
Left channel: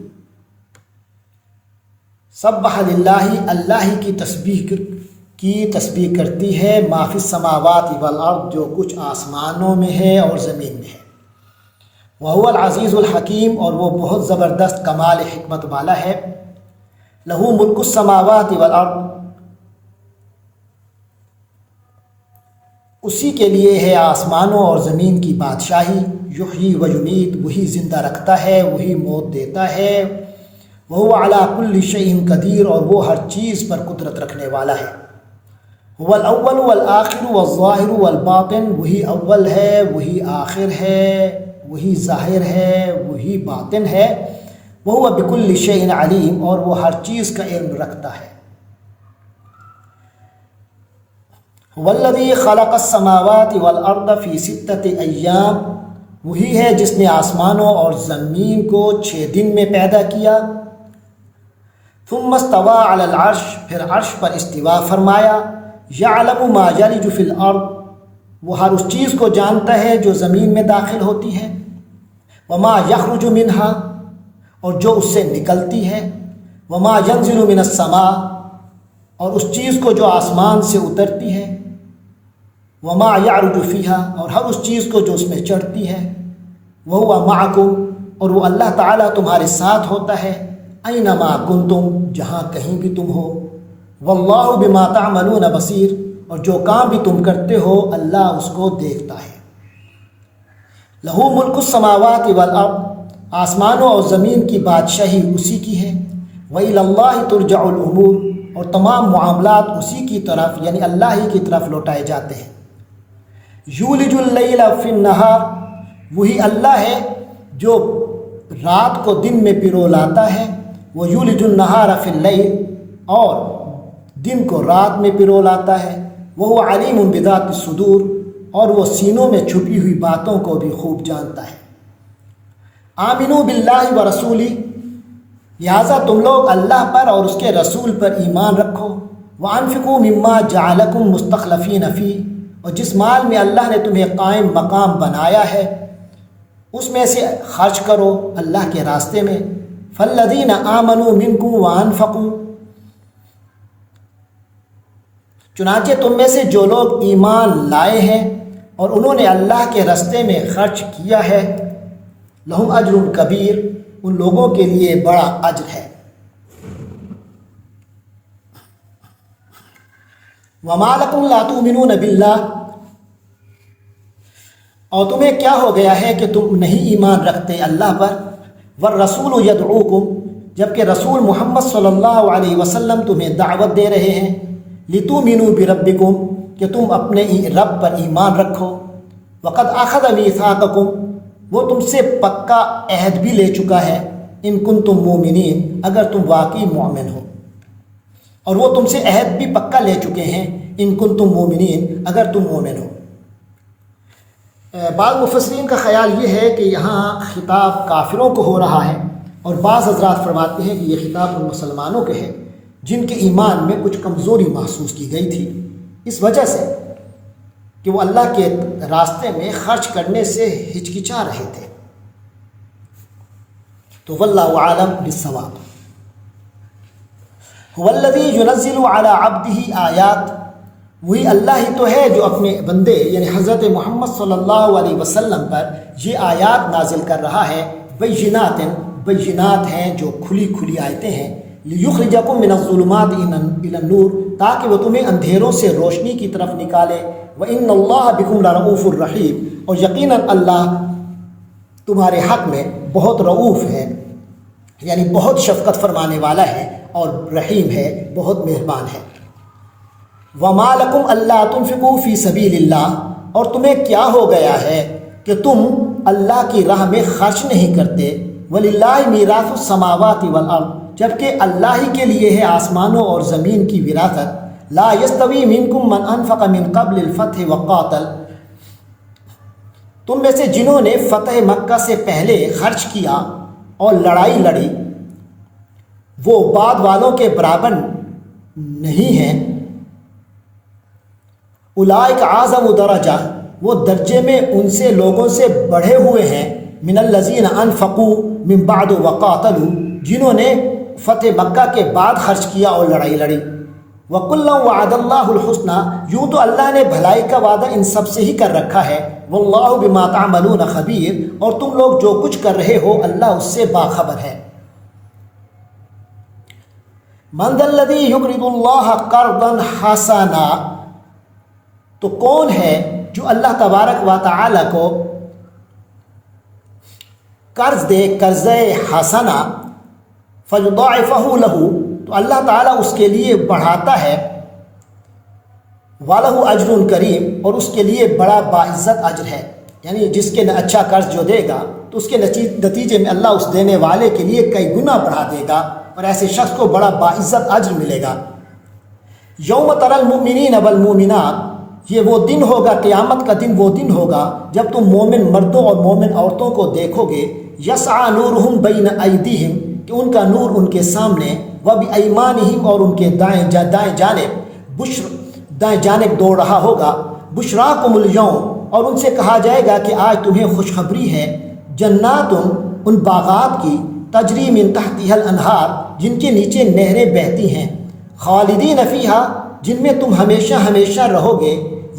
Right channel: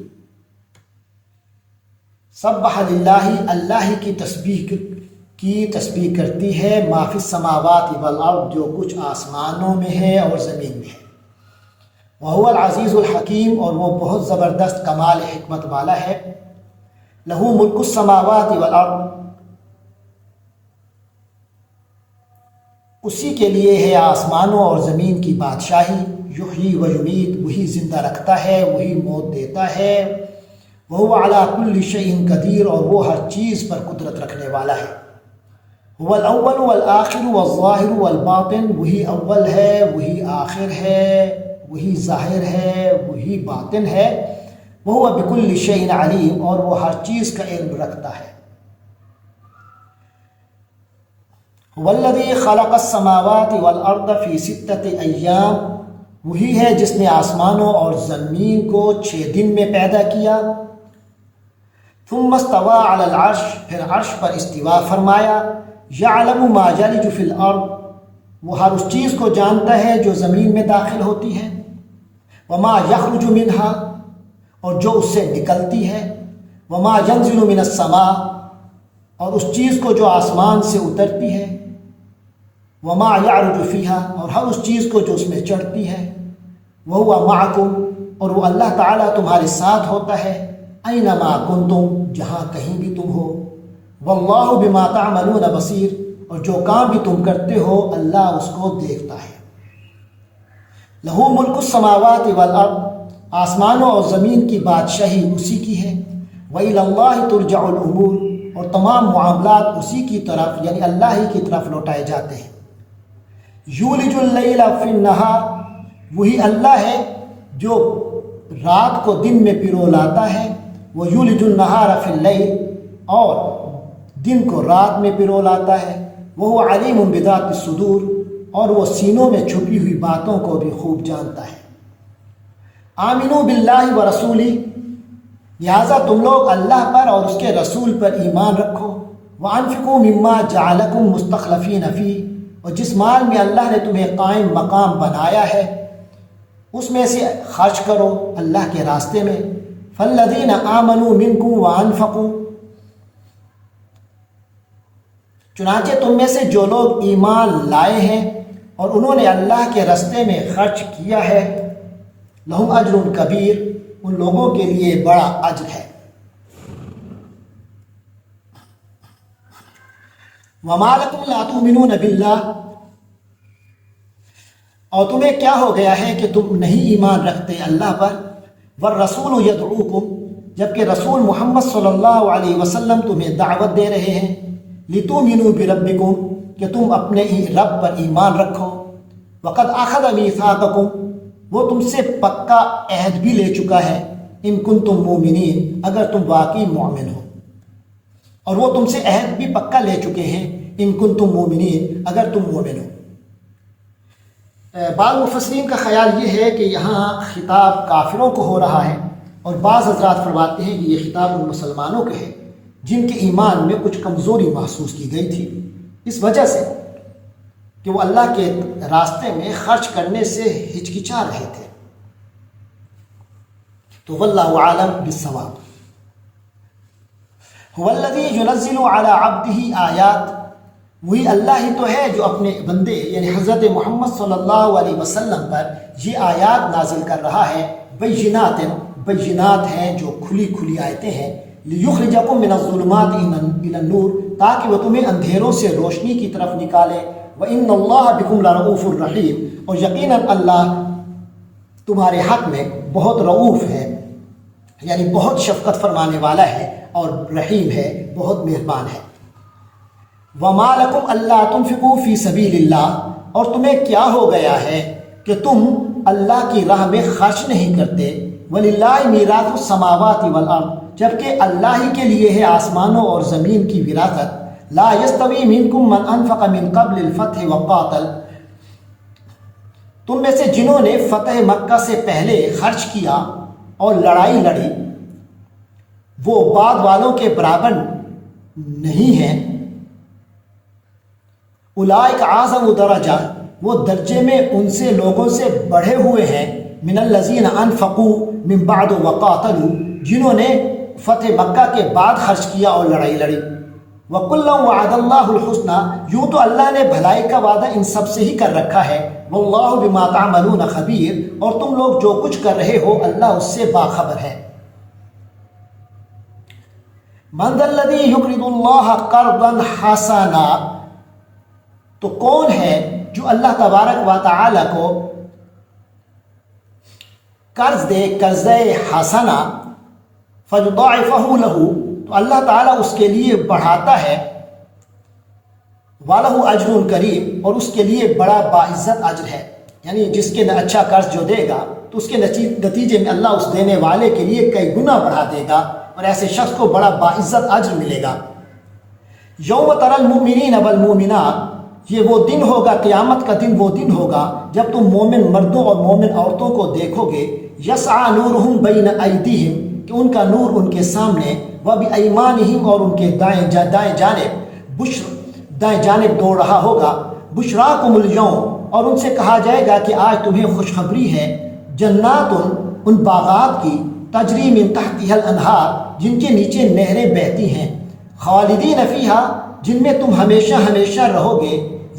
سبح للہ، اللہ کی تسبیح کرتی ہے، ما فی السماوات والارض، جو کچھ آسمانوں میں ہے اور زمین میں ہے، وہو العزیز الحکیم، اور وہ بہت زبردست کمال حکمت والا ہے، لہو ملک السماوات والارض، اسی کے لیے ہے آسمانوں اور زمین کی بادشاہی، یحیی و یمیت، وہی زندہ رکھتا ہے، وہی موت دیتا ہے، وہو علی کل شیء قدیر، اور وہ ہر چیز پر قدرت رکھنے والا ہے، هو الاول والآخر والظاہر والباطن، وہی اول ہے، وہی آخر ہے، وہی ظاہر ہے، وہی باطن ہے، وہو بکل شیء علیم، اور وہ ہر چیز کا علم رکھتا ہے، والذی خلق السماوات والارض فی ستۃ ایام، وہی ہے جس نے آسمانوں اور زمین کو 6 دن میں پیدا کیا، ثم استوى علی العرش، پھر عرش پر استوا فرمایا، یعلم ما یلج فی الارض، وہ ہر اس چیز کو جانتا ہے جو زمین میں داخل ہوتی ہے، وما یخرج منہا، اور جو اس سے نکلتی ہے، وما ینزل من السماء، اور اس چیز کو جو آسمان سے اترتی ہے، وما یعرج فیہا، اور ہر اس چیز کو جو اس میں چڑھتی ہے، وہو معکم، اور وہ اللہ تعالیٰ تمہارے ساتھ ہوتا ہے، اینما کنتم، جہاں کہیں بھی تم ہو، واللہ بما تعملون بصیر، اور جو کام بھی تم کرتے ہو اللہ اس کو دیکھتا ہے، لہو ملک السماوات والارض، آسمانوں اور زمین کی بادشاہی اسی کی ہے، وإلی اللہ ترجع الامور، اور تمام معاملات اسی کی طرف یعنی اللہ ہی کی طرف لوٹائے جاتے ہیں، یولج اللیل فی النہار، وہی اللہ ہے جو رات کو دن میں پرو لاتا ہے، وہ یولج النہار فی اللیل، اور دن کو رات میں پرو لاتا ہے، وہ علیم بذات الصدور، اور وہ سینوں میں چھپی ہوئی باتوں کو بھی خوب جانتا ہے، آمنو باللہ و رسولی، لہٰذا تم لوگ اللہ پر اور اس کے رسول پر ایمان رکھو، وانفقوا مما جعلکم مستخلفین فیہ، اور جس مال میں اللہ نے تمہیں قائم مقام بنایا ہے اس میں سے خرچ کرو اللہ کے راستے میں، فالذین آمنوا منکم وانفقوا، چنانچہ تم میں سے جو لوگ ایمان لائے ہیں اور انہوں نے اللہ کے راستے میں خرچ کیا ہے، لہم اجر کبیر، ان لوگوں کے لیے بڑا اجر ہے، وما لکم لا تؤمنون باللہ، اور تمہیں کیا ہو گیا ہے کہ تم نہیں ایمان رکھتے اللہ پر، والرسول یدعوکم، جبکہ رسول محمد صلی اللہ علیہ وسلم تمہیں دعوت دے رہے ہیں، لتؤمنوا بربکم، کہ تم اپنے رب پر ایمان رکھو، وقد اخذ میثاقکم، وہ تم سے پکا عہد بھی لے چکا ہے، ان کنتم مومنین، اگر تم واقعی مومن ہو، اور وہ تم سے عہد بھی پکا لے چکے ہیں، ان کنتم مومنین، اگر تم مومن ہو۔ بعض مفسرین کا خیال یہ ہے کہ یہاں خطاب کافروں کو ہو رہا ہے، اور بعض حضرات فرماتے ہیں کہ یہ خطاب ان مسلمانوں کے ہے جن کے ایمان میں کچھ کمزوری محسوس کی گئی تھی، اس وجہ سے کہ وہ اللہ کے راستے میں خرچ کرنے سے ہچکچا رہے تھے، تو واللہ عالم بالصواب۔ هو الذی ینزل علی عبدہ آیات، وہی اللہ ہی تو ہے جو اپنے بندے یعنی حضرت محمد صلی اللہ علیہ وسلم پر یہ آیات نازل کر رہا ہے، بینات ہیں جو کھلی کھلی آیتیں ہیں، لیخرجکم من الظلمات الی النور، تاکہ وہ تمہیں اندھیروں سے روشنی کی طرف نکالے، وان اللہ بکم لرؤوف الرحیم، اور یقیناً اللہ تمہارے حق میں بہت رؤوف ہے، یعنی بہت شفقت فرمانے والا ہے، اور رحیم ہے، بہت مہربان ہے۔ وَمَا لَكُمْ أَلَّا تُنْفِقُوا فِي سَبِيلِ اللَّهِ، اور تمہیں کیا ہو گیا ہے کہ تم اللہ کی راہ میں خرچ نہیں کرتے، وَلِلَّهِ مِيرَاثُ السَّمَاوَاتِ وَالْأَرْضِ، جبکہ اللہ ہی کے لیے ہے آسمانوں اور زمین کی وراثت، لَا يَسْتَوِي مِنْكُمْ مَنْ أَنْفَقَ مِنْ قَبْلِ الْفَتْحِ وَقَاتَلَ، تم میں سے جنہوں نے فتح مکہ سے پہلے خرچ کیا اور لڑائی لڑی، وہ بعد والوں کے برابر نہیں ہیں۔ اولئک اعظم درجہ، وہ درجے میں ان سے لوگوں سے بڑھے ہوئے ہیں، من الذین انفقوا من بعد وقاتلوا، جنہوں نے فتح مکہ کے بعد خرچ کیا اور لڑائی لڑی۔ وَكُلًّا وَعَدَ اللَّهُ الْحُسْنَى، یوں تو اللہ نے بھلائی کا وعدہ ان سب سے ہی کر رکھا ہے۔ وَاللَّهُ بِمَا تَعْمَلُونَ خَبِيرٌ، اور تم لوگ جو کچھ کر رہے ہو اللہ اس سے باخبر ہے۔ مَنْ ذَا الَّذِي يُقْرِضُ اللَّهَ قَرْضًا حَسَنًا، تو کون ہے جو اللہ تبارک و تعالی کو قرض دے، قرض حسنہ، فَيُضَاعِفَهُ لَهُ، تو اللہ تعالیٰ اس کے لیے بڑھاتا ہے، وَلَهُ أَجْرٌ كَرِيمٌ، اور اس کے لیے بڑا باعزت اجر ہے۔ یعنی جس کے اچھا قرض جو دے گا تو اس کے نتیجے میں اللہ اس دینے والے کے لیے کئی گنا بڑھا دے گا، اور ایسے شخص کو بڑا باعزت اجر ملے گا۔ یوم تری المؤمنین والمؤمنات، یہ وہ دن ہوگا، قیامت کا دن وہ دن ہوگا جب تم مومن مردوں اور مومن عورتوں کو دیکھو گے، یسعی نورہم بین ایدیہم، کہ ان کا نور ان کے سامنے، وبایمانہم، اور ان کے دائیں جانب دوڑ رہا ہوگا، بشراکم الیوم، اور ان سے کہا جائے گا کہ آج تمہیں خوشخبری ہے، جنات، ان باغات کی، تجری من تحتها الانہار، جن کے نیچے نہریں بہتی ہیں، خالدین فیہا، جن میں تم ہمیشہ ہمیشہ رہو گے،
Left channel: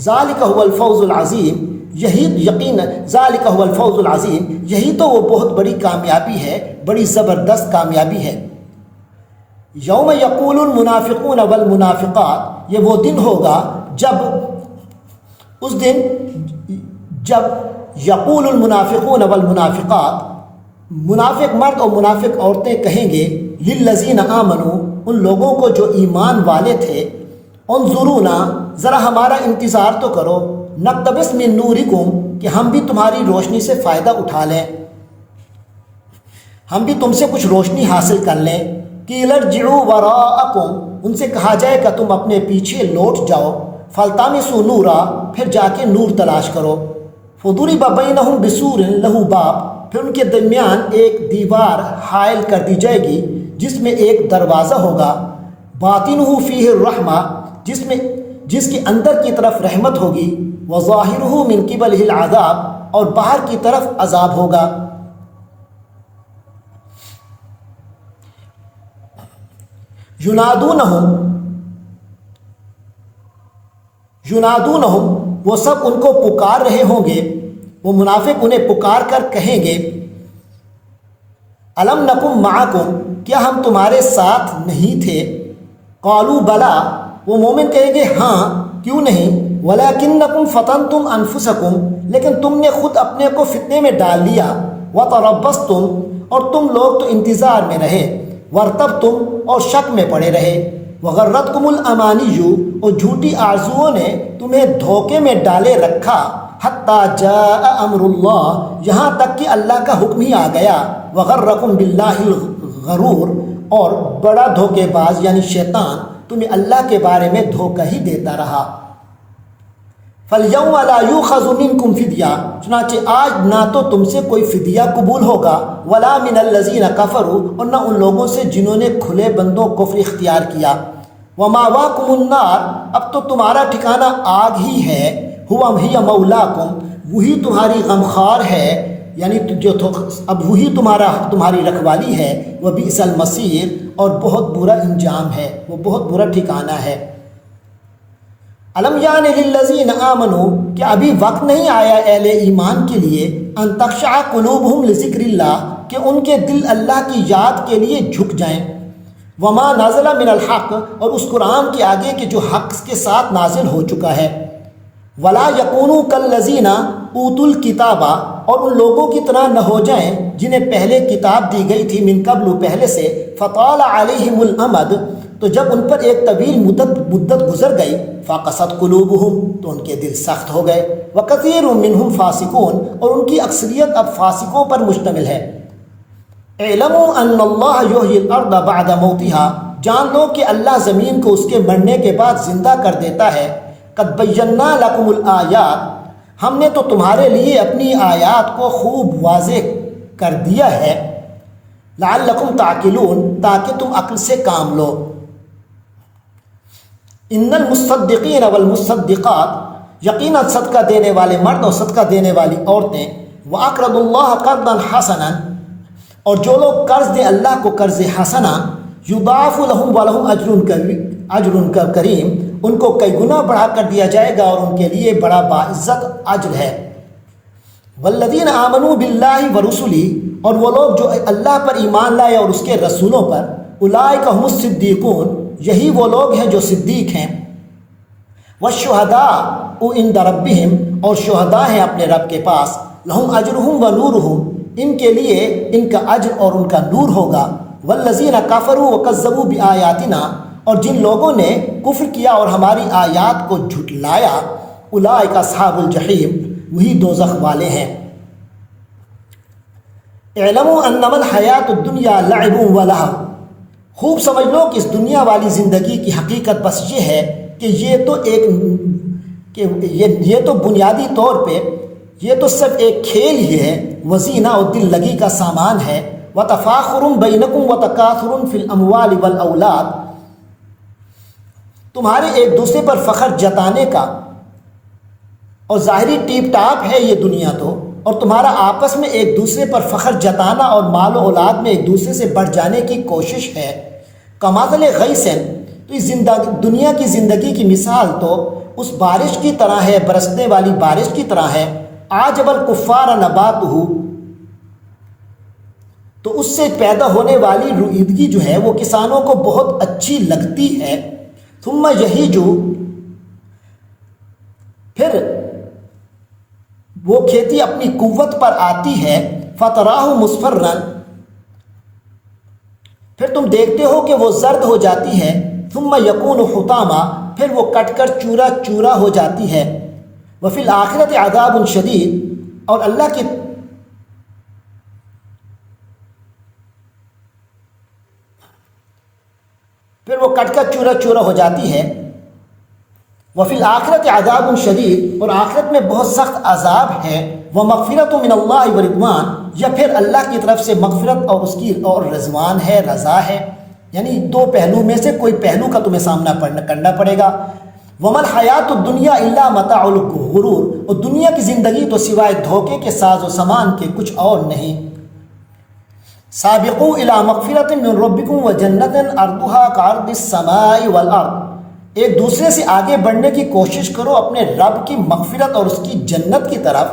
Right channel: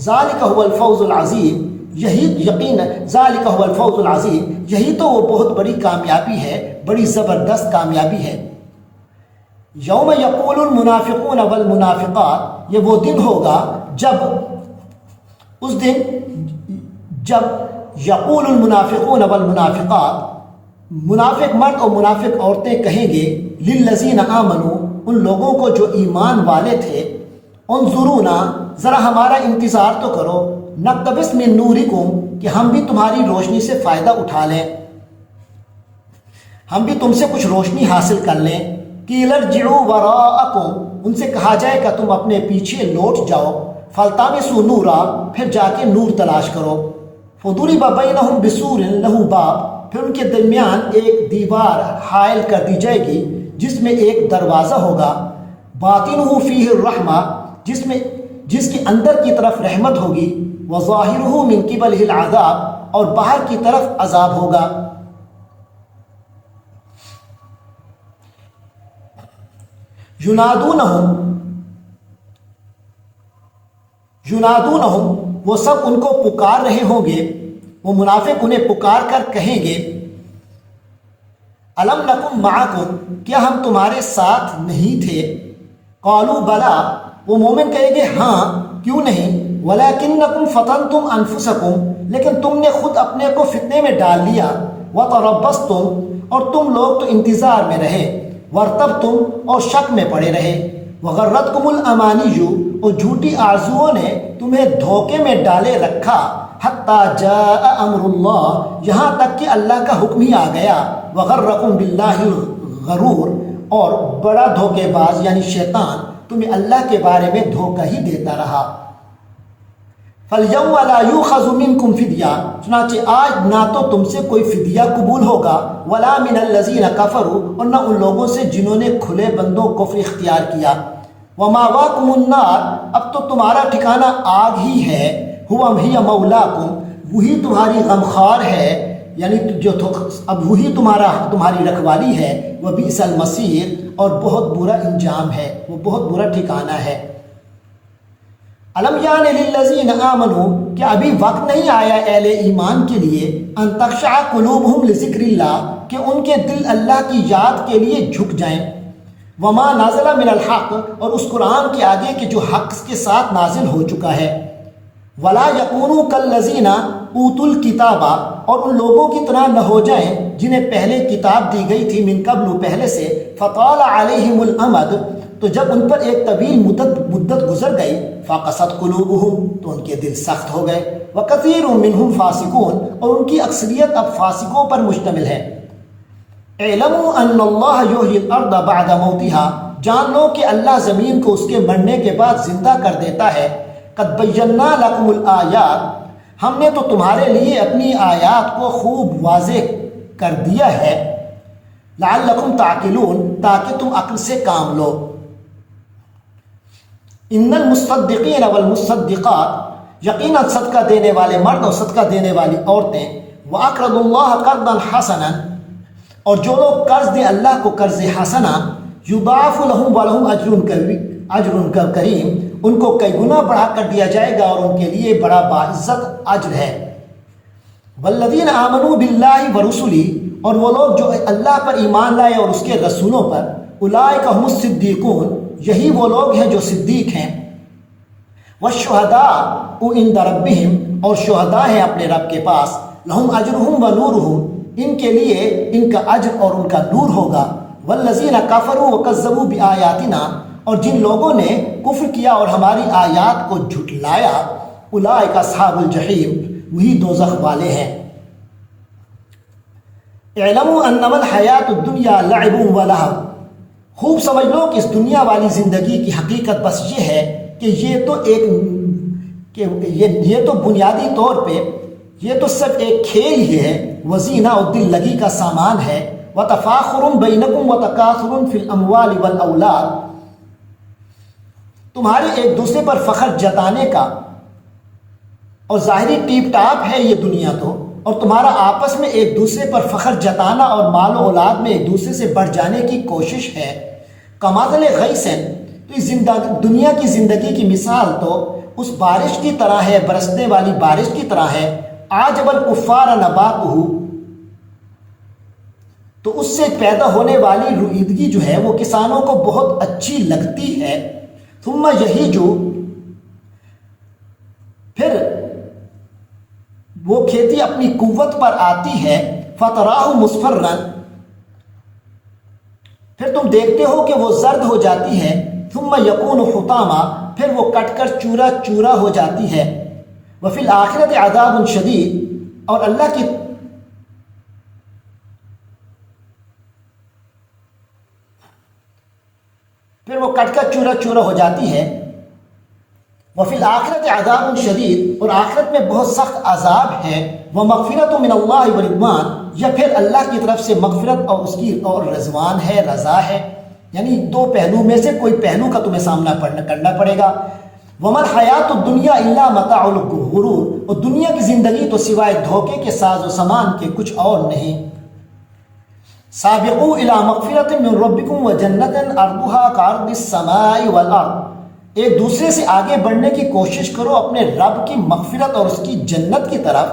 ذالک هو الفوز العظیم، یہی یقین، ذالک هو الفوز العظیم، یہی تو وہ بہت بڑی کامیابی ہے، بڑی زبردست کامیابی ہے۔ یوم یقول المنافقون والمنافقات، یہ وہ دن ہوگا جب، اس دن جب یقول المنافقون والمنافقات، منافق مرد اور منافق عورتیں کہیں گے، للذین آمنوا، ان لوگوں کو جو ایمان والے تھے، انظرونا، ذرا ہمارا انتظار تو کرو، نقتبس من نورکم، کہ ہم بھی تمہاری روشنی سے فائدہ اٹھا لیں، ہم بھی تم سے کچھ روشنی حاصل کر لیں۔ قیل ارجعوا وراءکم، ان سے کہا جائے گا تم اپنے پیچھے لوٹ جاؤ، فالتمسوا نورا، پھر جا کے نور تلاش کرو، فضرب بینہم بسور لہ باب، پھر ان کے درمیان ایک دیوار حائل کر دی جائے گی جس میں ایک دروازہ ہوگا، باطنہ فیہ الرحمہ، جس کے اندر کی طرف رحمت ہوگی، وظاہرہ من قبلہ العذاب، اور باہر کی طرف عذاب ہوگا۔ ینادونہم، وہ سب ان کو پکار رہے ہوں گے، وہ منافق انہیں پکار کر کہیں گے، الم نکن معکم، کیا ہم تمہارے ساتھ نہیں تھے؟ قالوا بلا، وہ مومن کہیں گے ہاں، کیوں نہیں، ولکنکم فتنتم انفسکم، لیکن تم نے خود اپنے کو فتنے میں ڈال لیا، وتربصتم، اور تم لوگ تو انتظار میں رہے، وارتبتم، اور شک میں پڑے رہے، وغرتکم الامانی، اور جھوٹی آرزوؤں نے تمہیں دھوکے میں ڈالے رکھا، حتی جاء امر اللہ، یہاں تک کہ اللہ کا حکم ہی آ گیا، وغرکم باللہ الغرور، اور بڑا دھوکے باز یعنی شیطان تمہیں اللہ کے بارے میں دھوکہ ہی دیتا رہا۔ فَالْيَوْمَ لَا يُؤْخَذُ مِنْكُمْ فِدْيَةٌ، چنانچہ آج نہ تو تم سے کوئی فدیہ قبول ہوگا، وَلَا مِنَ الَّذِينَ كَفَرُوا، اور نہ ان لوگوں سے جنہوں نے کھلے بندوں کفر اختیار کیا، وَمَأْوَاكُمُ النَّارُ، اب تو تمہارا ٹھکانہ آگ ہی ہے، هِيَ مَوْلَاكُمْ، وہی تمہاری غمخوار ہے، یعنی جو اب وہی تمہاری رکھوالی ہے، وَبِئْسَ الْمَصِيرُ، اور بہت برا انجام ہے، وہ بہت برا ٹھکانہ ہے۔ الم یعن للذین آمنوا، کہ ابھی وقت نہیں آیا اہل ایمان کے لیے، ان تخشع قلوبہم لذکر اللہ، کہ ان کے دل اللہ کی یاد کے لیے جھک جائیں، وما نازل من الحق، اور اس قرآن کے آگے کہ جو حق کے ساتھ نازل ہو چکا ہے، ولا یکونوا کالذین اوتوا الکتاب، اور ان لوگوں کی طرح نہ ہو جائیں جنہیں پہلے کتاب دی گئی تھی، من قبل، پہلے سے، فطال علیہم الامد، تو جب ان پر ایک طویل مدت گزر گئی، فقست قلوبہم، تو ان کے دل سخت ہو گئے، وکثیر منہم فاسقون، اور ان کی اکثریت اب فاسقوں پر مشتمل ہے۔ اعلموا ان اللہ یحیی الارض بعد موتها، جان لو کہ اللہ زمین کو اس کے مرنے کے بعد زندہ کر دیتا ہے، قد بینا لکم الآیات، ہم نے تو تمہارے لیے اپنی آیات کو خوب واضح کر دیا ہے، لعلکم تعقلون، تاکہ تم عقل سے کام لو۔ ان المصدقین والمصدقات، یقیناً صدقہ دینے والے مرد اور صدقہ دینے والی عورتیں، وَأَقْرَضُوا اللَّهَ قَرْضًا حَسَنًا، اور جو لوگ قرض دیں اللہ کو قرض حسنہ، یضاعف لہم ولہم اجر کریم، ان کو کئی گنا بڑھا کر دیا جائے گا اور ان کے لیے بڑا باعزت اجر ہے۔ والذین آمنوا باللہ ورسلہ، اور وہ لوگ جو اللہ پر ایمان لائے اور اس کے رسولوں پر، اولئک هم الصدیقون، یہی وہ لوگ ہیں جو صدیق ہیں۔ والشہداء عند ربہم، اور شہداء ہیں اپنے رب کے پاس، لہم اجرہم ونورہم، ان کے لیے ان کا اجر اور ان کا نور ہوگا۔ والذین کفروا وکذبوا بآیاتنا، اور جن لوگوں نے کفر کیا اور ہماری آیات کو جھٹلایا، اولئک اصحاب الجحیم، وہی دوزخ والے ہیں۔ اعلموا انما الحیات الدنیا لعب ولہو، خوب سمجھ لو کہ اس دنیا والی زندگی کی حقیقت بس یہ ہے کہ یہ تو بنیادی طور پہ یہ تو صرف ایک کھیل ہی ہے، وزینہ اور دل لگی کا سامان ہے، وتفاخر بینکم وتکاثر فی الاموال والاولاد، تمہارے ایک دوسرے پر فخر جتانے کا اور ظاہری ٹیپ ٹاپ ہے یہ دنیا تو، اور تمہارا آپس میں ایک دوسرے پر فخر جتانا اور مال و اولاد میں ایک دوسرے سے بڑھ جانے کی کوشش ہے۔ کماثل غیث، تو اس دنیا کی زندگی کی مثال تو اس بارش کی طرح ہے، برسنے والی بارش کی طرح ہے۔ اعجب الکفار نباتہ، تو اس سے پیدا ہونے والی رویدگی جو ہے وہ کسانوں کو بہت اچھی لگتی ہے۔ ثم یہیج، پھر وہ کھیتی اپنی قوت پر آتی ہے، فتراہ مصفرا، پھر تم دیکھتے ہو کہ وہ زرد ہو جاتی ہے، ثم یکون حطاما، پھر وہ کٹ کر چورا چورا ہو جاتی ہے۔ وفی الآخرۃ عذاب شدید، اور اللہ کی پھر وہ کٹ کر چورا چورا ہو جاتی ہے۔ وفی الآخرۃ عذاب شدید، اور آخرت میں بہت سخت عذاب ہے۔ ومغفرۃ من اللہ ورضوان، یا پھر اللہ کی طرف سے مغفرت اور اس کی اور رضوان ہے، رضا ہے، یعنی دو پہلو میں سے کوئی پہلو کا تمہیں سامنا کرنا پڑے گا۔ وما الحیات الدنیا الا متاع الغرور، اور دنیا کی زندگی تو سوائے دھوکے کے ساز و سامان کے کچھ اور نہیں۔ سابقوا الی مغفرۃ من ربکم وجنۃ عرضها کعرض السماء والارض، ایک دوسرے سے آگے بڑھنے کی کوشش کرو اپنے رب کی مغفرت اور اس کی جنت کی طرف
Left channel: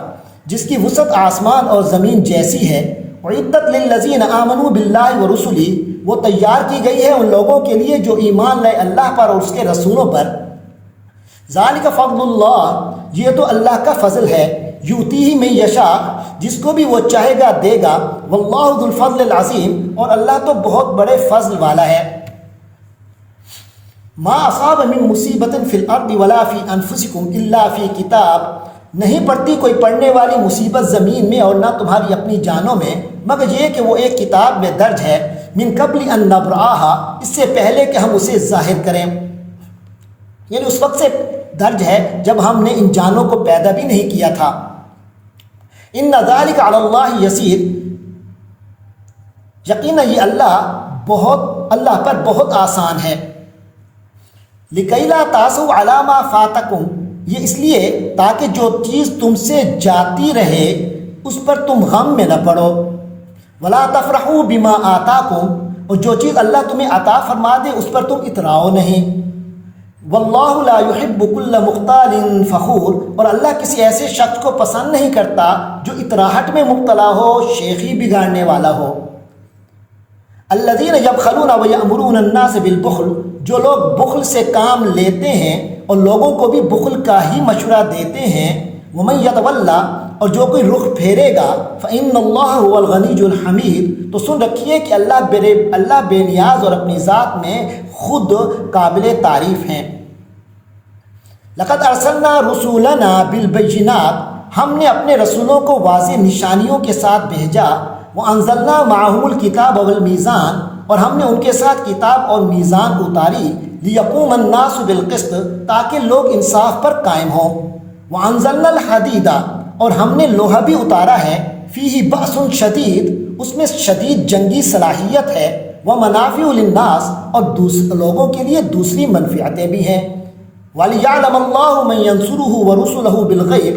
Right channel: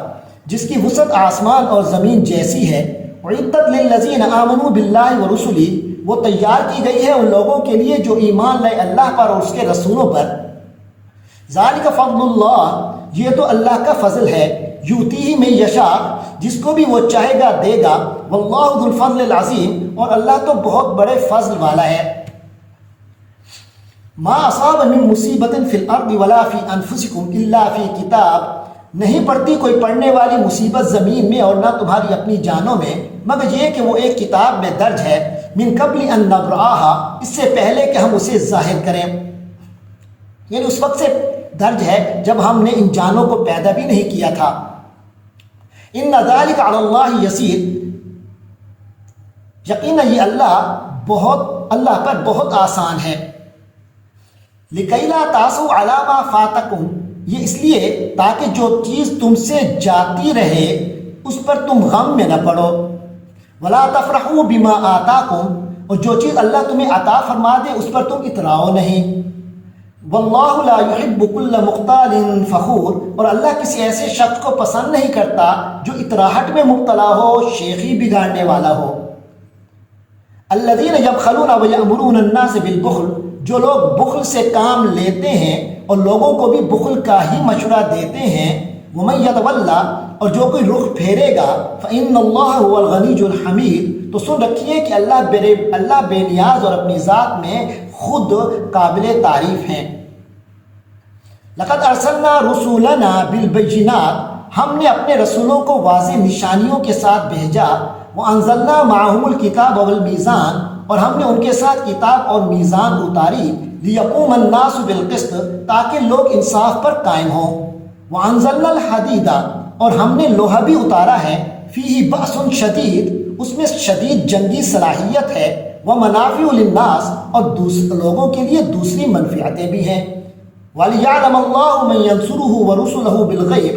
جس کی وسعت آسمان اور زمین جیسی ہے۔ اعدت للذین آمنوا باللہ ورسلہ، وہ تیار کی گئی ہے ان لوگوں کے لیے جو ایمان لائے اللہ پر اور اس کے رسولوں پر۔ ذالک فضل اللہ، یہ تو اللہ کا فضل ہے، یؤتیہ من یشاء، جس کو بھی وہ چاہے گا دے گا، واللہ ذو الفضل العظیم، اور اللہ تو بہت بڑے فضل والا ہے۔ ما اصاب من مصیبت فی الارض ولا فی انفسکم الا فی کتاب، نہیں پڑتی کوئی پڑنے والی مصیبت زمین میں اور نہ تمہاری اپنی جانوں میں، مگر یہ کہ وہ ایک کتاب میں درج ہے، من قبل ان نبرأها، اس سے پہلے کہ ہم اسے ظاہر کریں، یعنی اس وقت سے درج ہے جب ہم نے ان جانوں کو پیدا بھی نہیں کیا تھا۔ ان ذلک علی اللہ یسیر، یقیناً یہ اللہ پر بہت آسان ہے۔ لکی لا تاسوا علی ما فاتکم، یہ اس لیے تاکہ جو چیز تم سے جاتی رہے اس پر تم غم میں نہ پڑو۔ ولا تفرحوا بما آتاکم، اور جو چیز اللہ تمہیں عطا فرما دے اس پر تم اتراؤ نہیں۔ واللہ لا يحب كل مختال فخور، اور اللہ کسی ایسے شخص کو پسند نہیں کرتا جو اتراہٹ میں مبتلا ہو، شیخی بگاڑنے والا ہو۔ الذین یبخلون ویأمرون الناس بالبخل، جو لوگ بخل سے کام لیتے ہیں اور لوگوں کو بھی بخل کا ہی مشورہ دیتے ہیں۔ ومن یتولی، اور جو کوئی رخ پھیرے گا، فإن اللہ هو الغنی الحمید، تو سن رکھیے کہ اللہ بے نیاز اور اپنی ذات میں خود قابل تعریف ہیں۔ لقد ارسلنا رسولنا بالبینات، ہم نے اپنے رسولوں کو واضح نشانیوں کے ساتھ بھیجا۔ وانزلنا معهم الکتاب والمیزان، اور ہم نے ان کے ساتھ کتاب اور میزان اتاری۔ لیقوم الناس بالقسط، تاکہ لوگ انصاف پر قائم ہوں۔ وانزلنا الحدید، اور ہم نے لوہا بھی اتارا ہے۔ فیہ بأس شدید، اس میں شدید جنگی صلاحیت ہے، ومنافع للناس اور لوگوں کے لیے دوسری منفعتیں بھی ہیں، وَلِيَعْلَمَ اللَّهُ مَن يَنْصُرُهُ وَرُسُلَهُ بِالْغَيْبِ،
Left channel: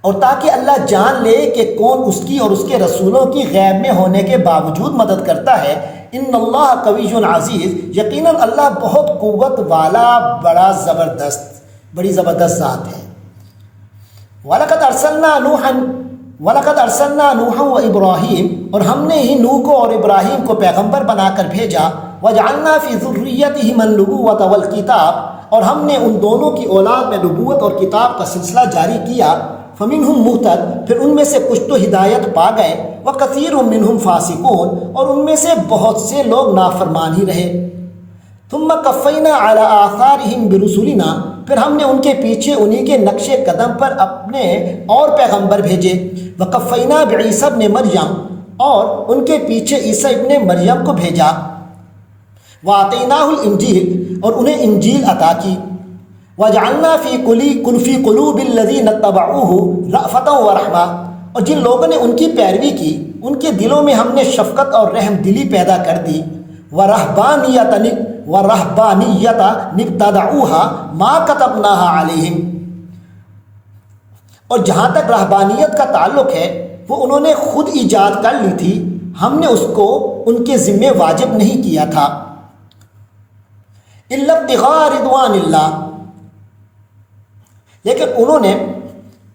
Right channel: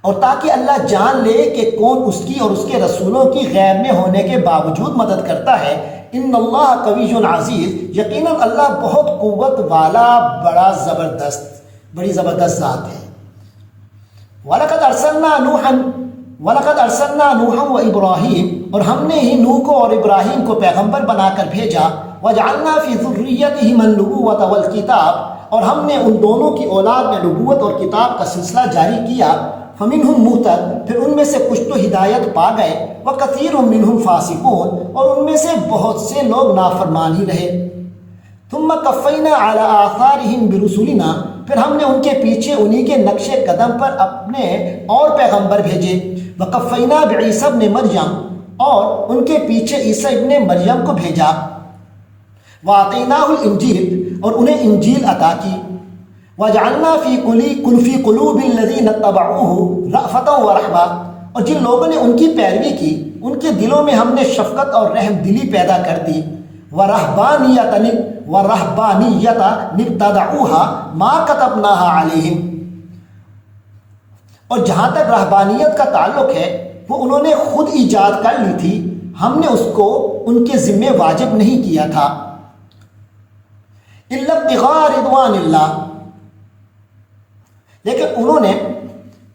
اور تاکہ اللہ جان لے کہ کون اس کی اور اس کے رسولوں کی غیب میں ہونے کے باوجود مدد کرتا ہے۔ ان اللہ قوی عزیز، یقیناً اللہ بہت قوت والا، بڑی زبردست ذات ہے۔ وَلَقَدْ أَرْسَلْنَا نُوحًا وَإِبْرَاهِيمَ، اور ہم نے ہی نوح کو اور ابراہیم کو پیغمبر بنا کر بھیجا، وَجَعَلْنَا فِي ذُرِّيَّتِهِمَا النُّبُوَّةَ وَالْكِتَابَ، اور ہم نے ان دونوں کی اولاد میں نبوت اور کتاب کا سلسلہ جاری کیا، فَمِنْهُمْ مُهْتَدٍ، پھر ان میں سے کچھ تو ہدایت پا گئے، وَكَثِيرٌ مِّنْهُمْ فَاسِقُونَ، اور ان میں سے بہت سے لوگ نافرمان ہی رہے۔ ثُمَّ قَفَّيْنَا عَلَىٰ آثَارِهِمْ بِرُسُلِنَا، پھر ہم نے ان کے پیچھے انہی کے نقش قدم پر اپنے اور پیغمبر بھیجے، وَقَفَّيْنَا بِعِيسَى ابْنِ مَرْيَم، اور ان کے پیچھے عیسیٰ ابن مریم کو بھیجا، وَآتَيْنَاهُ الْإِنْجِيلَ، اور انہیں انجیل عطا کی، وَجَعَلْنَا فِي قُلُوبِ الَّذِينَ اتَّبَعُوهُ رَأْفَةً وَرَحْمَةً، اور جن لوگوں نے ان کی پیروی کی ان کے دلوں میں ہم نے شفقت اور رحم دلی پیدا کر دی، وَرَهْبَانِيَّةً ابْتَدَعُوهَا مَا كَتَبْنَاهَا عَلَيْهِمْ، اور جہاں تک رہبانیت کا تعلق ہے وہ انہوں نے خود ایجاد کر لی تھی، ہم نے اس کو ان کے ذمے واجب نہیں کیا تھا، إِلَّا ابْتِغَاءَ رِضْوَانِ اللَّهِ، لیکن انہوں نے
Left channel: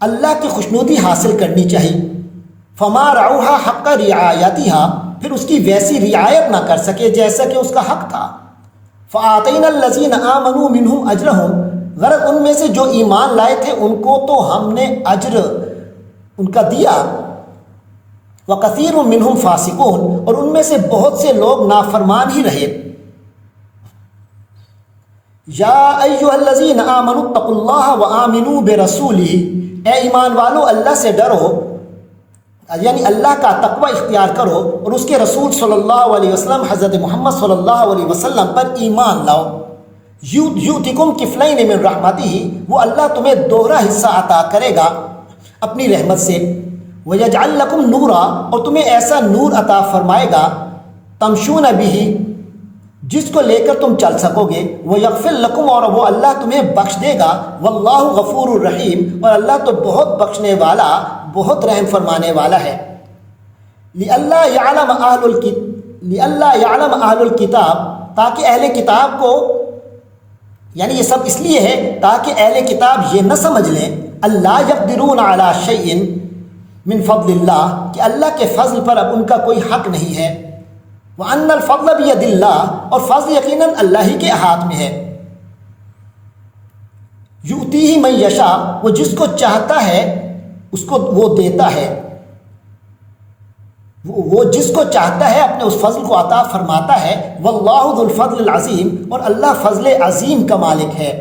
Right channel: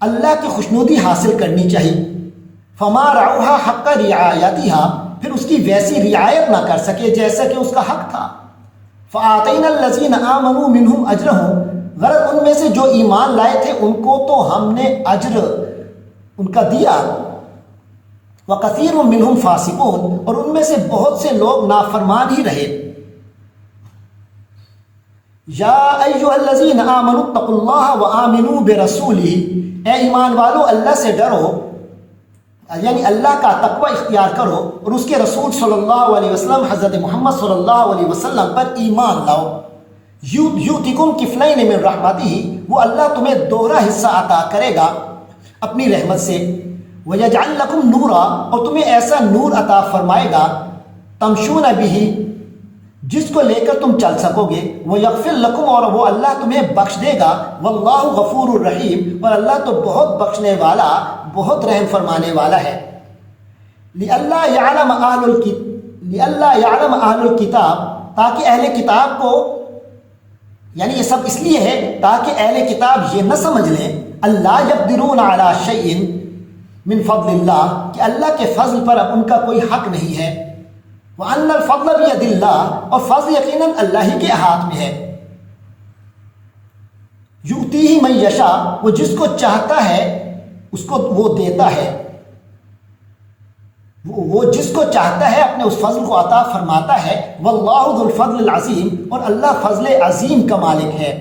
اللہ کی خوشنودی حاصل کرنی چاہیے، فَمَا رَعَوْهَا حَقَّ رِعَایَتِهَا، پھر اس کی ویسی رعایت نہ کر سکے جیسا کہ اس کا حق تھا، فَآتَيْنَا الَّذِينَ آمَنُوا مِنْهُمْ أَجْرَهُمْ، غرض ان میں سے جو ایمان لائے تھے ان کو تو ہم نے اجر ان کا دیا، وَكَثِيرٌ مِّنْهُمْ فَاسِقُونَ، اور ان میں سے بہت سے لوگ نافرمان ہی رہے۔ یا ایھا الذین آمنوا اتقوا اللہ وآمنوا برسولہ، اے ایمان والو اللہ سے ڈرو، یعنی اللہ کا تقوی اختیار کرو اور اس کے رسول صلی اللہ علیہ وسلم حضرت محمد صلی اللہ علیہ وسلم پر ایمان لاؤ۔ یؤتکم کفلین من رحمتہ، وہ اللہ تمہیں دوہرا حصہ عطا کرے گا اپنی رحمت سے، ویجعل لکم نورا، اور تمہیں ایسا نور عطا فرمائے گا، تمشون بہ، جس کو لے کر تم چل سکو گے، ویغفر لکم، اور وہ اللہ تمہیں بخش دے گا، واللہ غفور الرحیم، اور اللہ تو بہت بخشنے والا، بہت رحم فرمانے والا ہے۔ لئلا یعلم اہل الکتاب، تاکہ اہل کتاب کو، یعنی یہ سب اس لیے ہے تاکہ اہل کتاب یہ نہ سمجھ لیں اللہ یقدرون علی شیء من فضل اللہ، کہ اللہ کے فضل پر اب ان کا کوئی حق نہیں ہے، وَأَنَّ الْفَضْلَ بِيَدِ اللَّهِ، اور فضل یقیناً اللہ ہی کے ہاتھ میں ہے، یؤتیہ من یشاء، وہ جس کو چاہتا ہے اس کو وہ دیتا ہے، وہ جس کو چاہتا ہے اپنے اس فضل کو عطا فرماتا ہے، واللہ ذو الفضل العظیم، اور اللہ فضل عظیم کا مالک ہے۔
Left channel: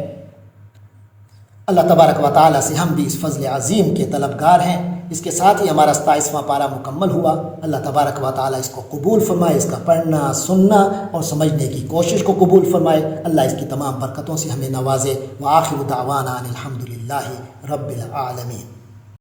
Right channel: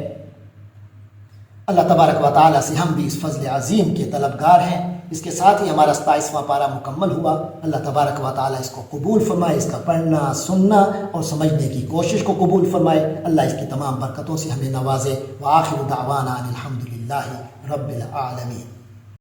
اللہ تبارک و تعالیٰ سے ہم بھی اس فضل عظیم کے طلبگار ہیں۔ اس کے ساتھ ہی ہمارا 27واں پارہ مکمل ہوا۔ اللہ تبارک و تعالیٰ اس کو قبول فرمائے، اس کا پڑھنا، سننا اور سمجھنے کی کوشش کو قبول فرمائے۔ اللہ اس کی تمام برکتوں سے ہمیں نوازے۔ وآخر دعوانا ان الحمد للہ رب العالمین۔